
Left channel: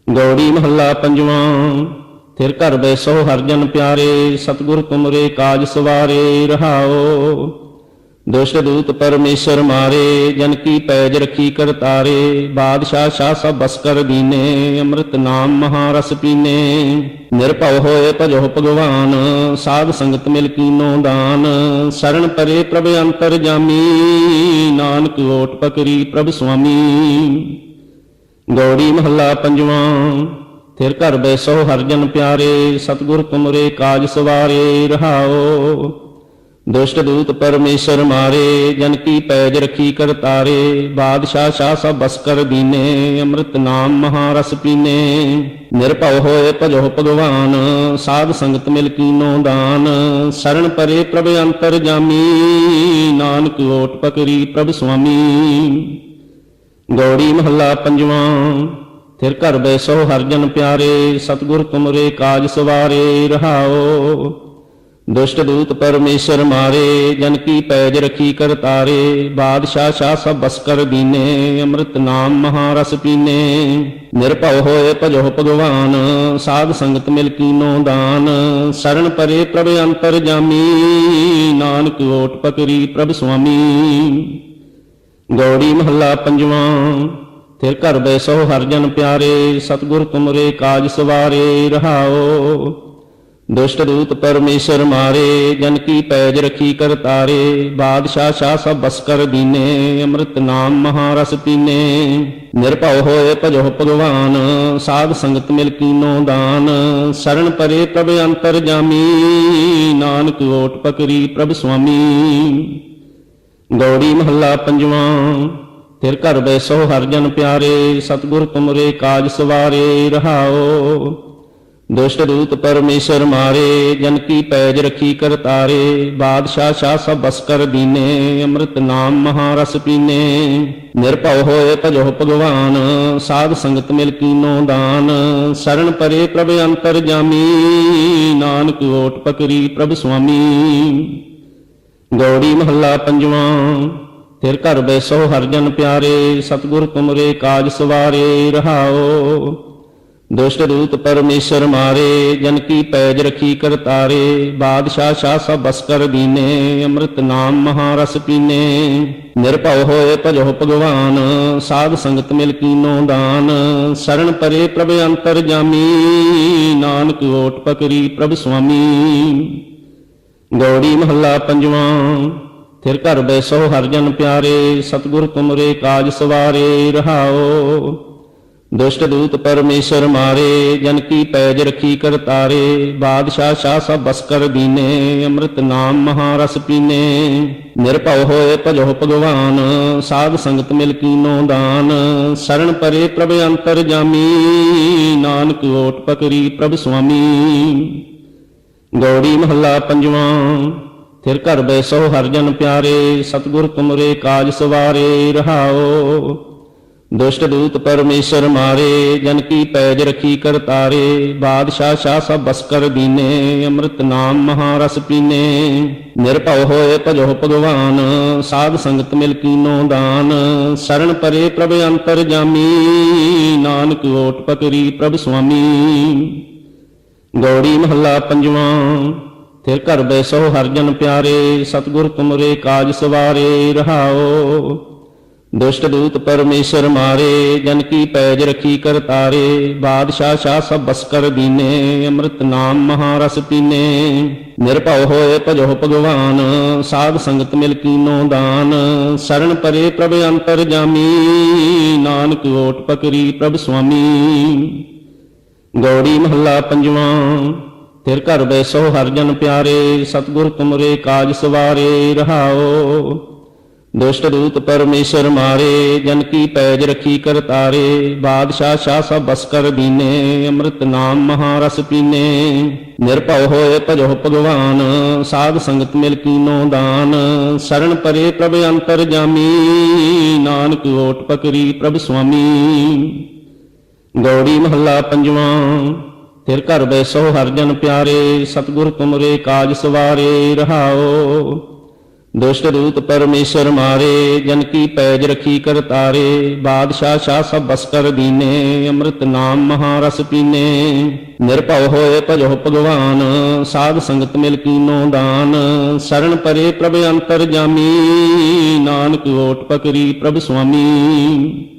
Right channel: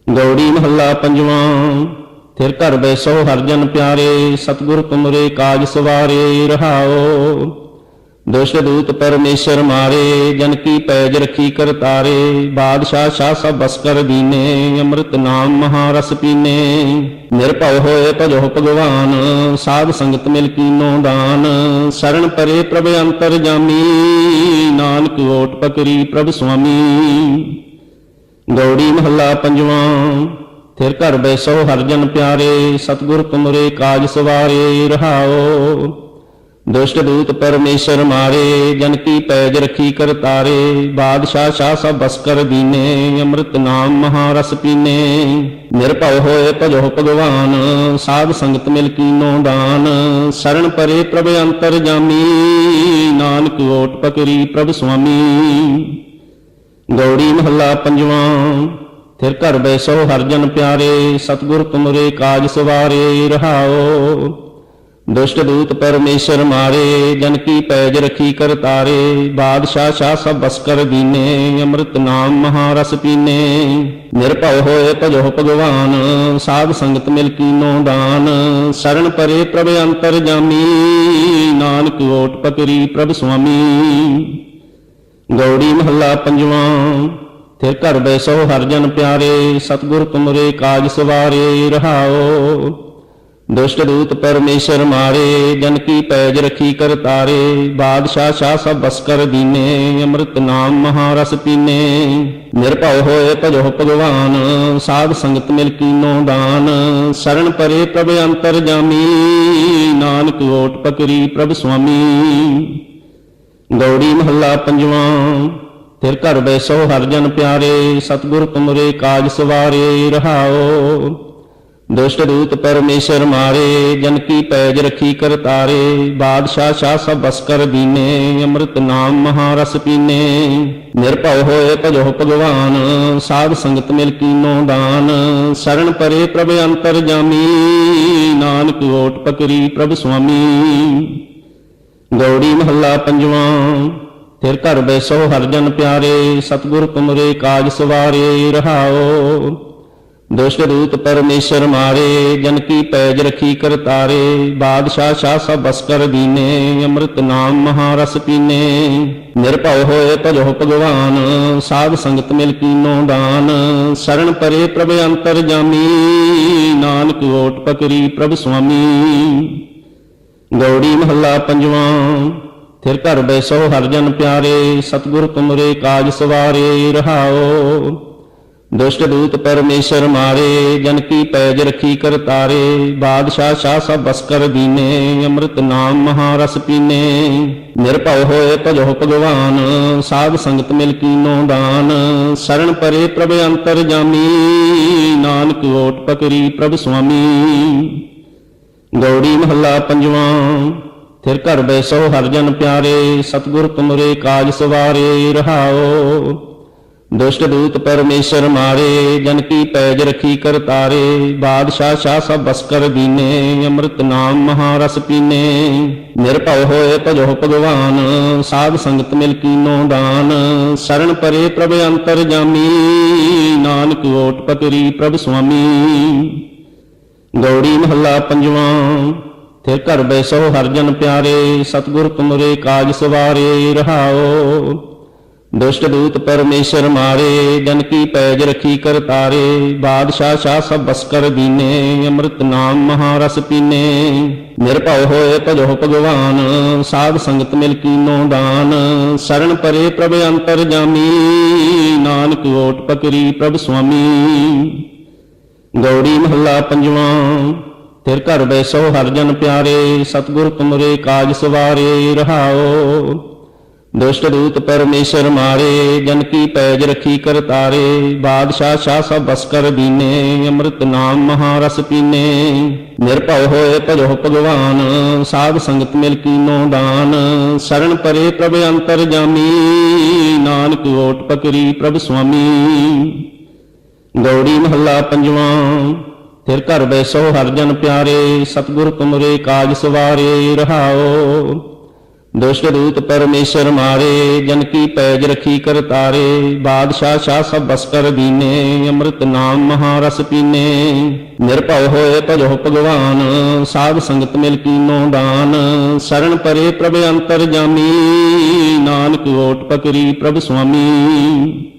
ਗੌੜੀ ਮਹੱਲਾ ਪੰਜਵਾਂ। ਫਿਰ ਘਰ ਬੈਸੋ ਹਰਿ ਜਨ ਪਿਆਰੇ, ਸਤਿਗੁਰ ਤੁਮਰੇ ਕਾਜ ਸਵਾਰੇ। ਰਹਾਉ ਦੁਸ਼ਟ ਦੂਤ ਪਰਮੇਸ਼ਰ ਮਾਰੇ, ਜਨ ਕੀ ਪੈਜ ਰਖੀ ਕਰ ਤਾਰੇ। ਬਾਦਸ਼ਾਹ ਸ਼ਾਹ ਸਭ ਬਸ ਕਰ ਦੀਨੇ, ਅੰਮ੍ਰਿਤ ਨਾਮ ਮਹਾਰਸ ਪੀਨੇ। ਨਿਰਭਉ ਹੋਏ ਭਜੋ ਭਗਵਾਨ, ਸਾਧ ਸੰਗਤ ਮਿਲ ਕੀਨੋ ਦਾਨ। ਸਰਣ ਪਰੇ ਪ੍ਰਭ ਅੰਤਰ ਜਾਮੀ, ਨਾਨਕ ਓਟ ਪਕਰੀ ਪ੍ਰਭ ਸੁਆਮੀ। ਗੌੜੀ ਮਹੱਲਾ ਪੰਜਵਾਂ। ਫਿਰ ਘਰ ਬੈਸੋ ਹਰਿ ਜਨ ਪਿਆਰੇ, ਸਤਿਗੁਰ ਤੁਮਰੇ ਕਾਜ ਸਵਾਰੇ। ਰਹਾਉ ਦੁਸ਼ਟ ਦੂਤ ਪਰਮੇਸ਼ਰ ਮਾਰੇ, ਜਨ ਕੀ ਪੈਜ ਰਖੀ ਕਰ ਤਾਰੇ। ਬਾਦਸ਼ਾਹ ਸ਼ਾਹ ਸਭ ਬਸ ਕਰ ਦੀਨੇ, ਅੰਮ੍ਰਿਤ ਨਾਮ ਮਹਾਰਸ ਪੀਨੇ। ਨਿਰਭਉ ਹੋਏ ਭਜੋ ਭਗਵਾਨ, ਸਾਧ ਸੰਗਤ ਮਿਲ ਕੀਨੋ ਦਾਨ। ਸਰਣ ਪਰੇ ਪ੍ਰਭ ਅੰਤਰ ਜਾਮੀ, ਨਾਨਕ ਓਟ ਪਕਰੀ ਪ੍ਰਭ ਸੁਆਮੀ। ਗੌੜੀ ਮਹੱਲਾ ਪੰਜਵਾਂ। ਫਿਰ ਘਰ ਬੈਸੋ ਹਰਿ ਜਨ ਪਿਆਰੇ, ਸਤਿਗੁਰ ਤੁਮਰੇ ਕਾਜ ਸਵਾਰੇ। ਰਹਾਉ ਦੁਸ਼ਟ ਦੂਤ ਪਰਮੇਸ਼ਰ ਮਾਰੇ, ਜਨ ਕੀ ਪੈਜ ਰਖੀ ਕਰ ਤਾਰੇ। ਬਾਦਸ਼ਾਹ ਸ਼ਾਹ ਸਭ ਬਸ ਕਰ ਦੀਨੇ, ਅੰਮ੍ਰਿਤ ਨਾਮ ਮਹਾਰਸ ਪੀਨੇ। ਨਿਰਭਉ ਹੋਏ ਭਜੋ ਭਗਵਾਨ, ਸਾਧ ਸੰਗਤ ਮਿਲ ਕੀਨੋ ਦਾਨ। ਸਰਣ ਪਰੇ ਪ੍ਰਭ ਅੰਤਰ ਜਾਮੀ, ਨਾਨਕ ਓਟ ਪਕਰੀ ਪ੍ਰਭ ਸੁਆਮੀ। ਗੌੜੀ ਮਹੱਲਾ ਪੰਜਵਾਂ। ਫਿਰ ਘਰ ਬੈਸੋ ਹਰਿ ਜਨ ਪਿਆਰੇ, ਸਤਿਗੁਰ ਤੁਮਰੇ ਕਾਜ ਸਵਾਰੇ। ਰਹਾਉ ਦੁਸ਼ਟ ਦੂਤ ਪਰਮੇਸ਼ਰ ਮਾਰੇ, ਜਨ ਕੀ ਪੈਜ ਰਖੀ ਕਰ ਤਾਰੇ। ਬਾਦਸ਼ਾਹ ਸ਼ਾਹ ਸਭ ਬਸ ਕਰ ਦੀਨੇ, ਅੰਮ੍ਰਿਤ ਨਾਮ ਮਹਾਰਸ ਪੀਨੇ। ਨਿਰਭਉ ਹੋਏ ਭਜੋ ਭਗਵਾਨ, ਸਾਧ ਸੰਗਤ ਮਿਲ ਕੀਨੋ ਦਾਨ। ਸਰਣ ਪਰੇ ਪ੍ਰਭ ਅੰਤਰ ਜਾਮੀ, ਨਾਨਕ ਓਟ ਪਕਰੀ ਪ੍ਰਭ ਸੁਆਮੀ। ਗੌੜੀ ਮਹੱਲਾ ਪੰਜਵਾਂ। ਫਿਰ ਘਰ ਬੈਸੋ ਹਰਿ ਜਨ ਪਿਆਰੇ, ਸਤਿਗੁਰ ਤੁਮਰੇ ਕਾਜ ਸਵਾਰੇ। ਰਹਾਉ ਦੁਸ਼ਟ ਦੂਤ ਪਰਮੇਸ਼ਰ ਮਾਰੇ, ਜਨ ਕੀ ਪੈਜ ਰਖੀ ਕਰ ਤਾਰੇ। ਬਾਦਸ਼ਾਹ ਸ਼ਾਹ ਸਭ ਬਸ ਕਰ ਦੀਨੇ, ਅੰਮ੍ਰਿਤ ਨਾਮ ਮਹਾਰਸ ਪੀਨੇ। ਨਿਰਭਉ ਹੋਏ ਭਜੋ ਭਗਵਾਨ, ਸਾਧ ਸੰਗਤ ਮਿਲ ਕੀਨੋ ਦਾਨ। ਸਰਣ ਪਰੇ ਪ੍ਰਭ ਅੰਤਰ ਜਾਮੀ, ਨਾਨਕ ਓਟ ਪਕਰੀ ਪ੍ਰਭ ਸੁਆਮੀ। ਗੌੜੀ ਮਹੱਲਾ ਪੰਜਵਾਂ। ਫਿਰ ਘਰ ਬੈਸੋ ਹਰਿ ਜਨ ਪਿਆਰੇ, ਸਤਿਗੁਰ ਤੁਮਰੇ ਕਾਜ ਸਵਾਰੇ। ਰਹਾਉ ਦੁਸ਼ਟ ਦੂਤ ਪਰਮੇਸ਼ਰ ਮਾਰੇ, ਜਨ ਕੀ ਪੈਜ ਰਖੀ ਕਰ ਤਾਰੇ। ਬਾਦਸ਼ਾਹ ਸ਼ਾਹ ਸਭ ਬਸ ਕਰ ਦੀਨੇ, ਅੰਮ੍ਰਿਤ ਨਾਮ ਮਹਾਰਸ ਪੀਨੇ। ਨਿਰਭਉ ਹੋਏ ਭਜੋ ਭਗਵਾਨ, ਸਾਧ ਸੰਗਤ ਮਿਲ ਕੀਨੋ ਦਾਨ। ਸਰਣ ਪਰੇ ਪ੍ਰਭ ਅੰਤਰ ਜਾਮੀ, ਨਾਨਕ ਓਟ ਪਕਰੀ ਪ੍ਰਭ ਸੁਆਮੀ। ਗੌੜੀ ਮਹੱਲਾ ਪੰਜਵਾਂ। ਫਿਰ ਘਰ ਬੈਸੋ ਹਰਿ ਜਨ ਪਿਆਰੇ, ਸਤਿਗੁਰ ਤੁਮਰੇ ਕਾਜ ਸਵਾਰੇ। ਰਹਾਉ ਦੁਸ਼ਟ ਦੂਤ ਪਰਮੇਸ਼ਰ ਮਾਰੇ, ਜਨ ਕੀ ਪੈਜ ਰਖੀ ਕਰ ਤਾਰੇ। ਬਾਦਸ਼ਾਹ ਸ਼ਾਹ ਸਭ ਬਸ ਕਰ ਦੀਨੇ, ਅੰਮ੍ਰਿਤ ਨਾਮ ਮਹਾਰਸ ਪੀਨੇ। ਨਿਰਭਉ ਹੋਏ ਭਜੋ ਭਗਵਾਨ, ਸਾਧ ਸੰਗਤ ਮਿਲ ਕੀਨੋ ਦਾਨ। ਸਰਣ ਪਰੇ ਪ੍ਰਭ ਅੰਤਰ ਜਾਮੀ, ਨਾਨਕ ਓਟ ਪਕਰੀ ਪ੍ਰਭ ਸੁਆਮੀ। ਗੌੜੀ ਮਹੱਲਾ ਪੰਜਵਾਂ। ਫਿਰ ਘਰ ਬੈਸੋ ਹਰਿ ਜਨ ਪਿਆਰੇ, ਸਤਿਗੁਰ ਤੁਮਰੇ ਕਾਜ ਸਵਾਰੇ। ਰਹਾਉ ਦੁਸ਼ਟ ਦੂਤ ਪਰਮੇਸ਼ਰ ਮਾਰੇ, ਜਨ ਕੀ ਪੈਜ ਰਖੀ ਕਰ ਤਾਰੇ। ਬਾਦਸ਼ਾਹ ਸ਼ਾਹ ਸਭ ਬਸ ਕਰ ਦੀਨੇ, ਅੰਮ੍ਰਿਤ ਨਾਮ ਮਹਾਰਸ ਪੀਨੇ। ਨਿਰਭਉ ਹੋਏ ਭਜੋ ਭਗਵਾਨ, ਸਾਧ ਸੰਗਤ ਮਿਲ ਕੀਨੋ ਦਾਨ। ਸਰਣ ਪਰੇ ਪ੍ਰਭ ਅੰਤਰ ਜਾਮੀ, ਨਾਨਕ ਓਟ ਪਕਰੀ ਪ੍ਰਭ ਸੁਆਮੀ। ਗੌੜੀ ਮਹੱਲਾ ਪੰਜਵਾਂ। ਫਿਰ ਘਰ ਬੈਸੋ ਹਰਿ ਜਨ ਪਿਆਰੇ, ਸਤਿਗੁਰ ਤੁਮਰੇ ਕਾਜ ਸਵਾਰੇ। ਰਹਾਉ ਦੁਸ਼ਟ ਦੂਤ ਪਰਮੇਸ਼ਰ ਮਾਰੇ, ਜਨ ਕੀ ਪੈਜ ਰਖੀ ਕਰ ਤਾਰੇ। ਬਾਦਸ਼ਾਹ ਸ਼ਾਹ ਸਭ ਬਸ ਕਰ ਦੀਨੇ, ਅੰਮ੍ਰਿਤ ਨਾਮ ਮਹਾਰਸ ਪੀਨੇ। ਨਿਰਭਉ ਹੋਏ ਭਜੋ ਭਗਵਾਨ, ਸਾਧ ਸੰਗਤ ਮਿਲ ਕੀਨੋ ਦਾਨ। ਸਰਣ ਪਰੇ ਪ੍ਰਭ ਅੰਤਰ ਜਾਮੀ, ਨਾਨਕ ਓਟ ਪਕਰੀ ਪ੍ਰਭ ਸੁਆਮੀ। ਗੌੜੀ ਮਹੱਲਾ ਪੰਜਵਾਂ। ਫਿਰ ਘਰ ਬੈਸੋ ਹਰਿ ਜਨ ਪਿਆਰੇ, ਸਤਿਗੁਰ ਤੁਮਰੇ ਕਾਜ ਸਵਾਰੇ। ਰਹਾਉ ਦੁਸ਼ਟ ਦੂਤ ਪਰਮੇਸ਼ਰ ਮਾਰੇ, ਜਨ ਕੀ ਪੈਜ ਰਖੀ ਕਰ ਤਾਰੇ। ਬਾਦਸ਼ਾਹ ਸ਼ਾਹ ਸਭ ਬਸ ਕਰ ਦੀਨੇ, ਅੰਮ੍ਰਿਤ ਨਾਮ ਮਹਾਰਸ ਪੀਨੇ। ਨਿਰਭਉ ਹੋਏ ਭਜੋ ਭਗਵਾਨ, ਸਾਧ ਸੰਗਤ ਮਿਲ ਕੀਨੋ ਦਾਨ। ਸਰਣ ਪਰੇ ਪ੍ਰਭ ਅੰਤਰ ਜਾਮੀ, ਨਾਨਕ ਓਟ ਪਕਰੀ ਪ੍ਰਭ ਸੁਆਮੀ। ਗੌੜੀ ਮਹੱਲਾ ਪੰਜਵਾਂ। ਫਿਰ ਘਰ ਬੈਸੋ ਹਰਿ ਜਨ ਪਿਆਰੇ, ਸਤਿਗੁਰ ਤੁਮਰੇ ਕਾਜ ਸਵਾਰੇ। ਰਹਾਉ ਦੁਸ਼ਟ ਦੂਤ ਪਰਮੇਸ਼ਰ ਮਾਰੇ, ਜਨ ਕੀ ਪੈਜ ਰਖੀ ਕਰ ਤਾਰੇ। ਬਾਦਸ਼ਾਹ ਸ਼ਾਹ ਸਭ ਬਸ ਕਰ ਦੀਨੇ, ਅੰਮ੍ਰਿਤ ਨਾਮ ਮਹਾਰਸ ਪੀਨੇ। ਨਿਰਭਉ ਹੋਏ ਭਜੋ ਭਗਵਾਨ, ਸਾਧ ਸੰਗਤ ਮਿਲ ਕੀਨੋ ਦਾਨ। ਸਰਣ ਪਰੇ ਪ੍ਰਭ ਅੰਤਰ ਜਾਮੀ, ਨਾਨਕ ਓਟ ਪਕਰੀ ਪ੍ਰਭ ਸੁਆਮੀ।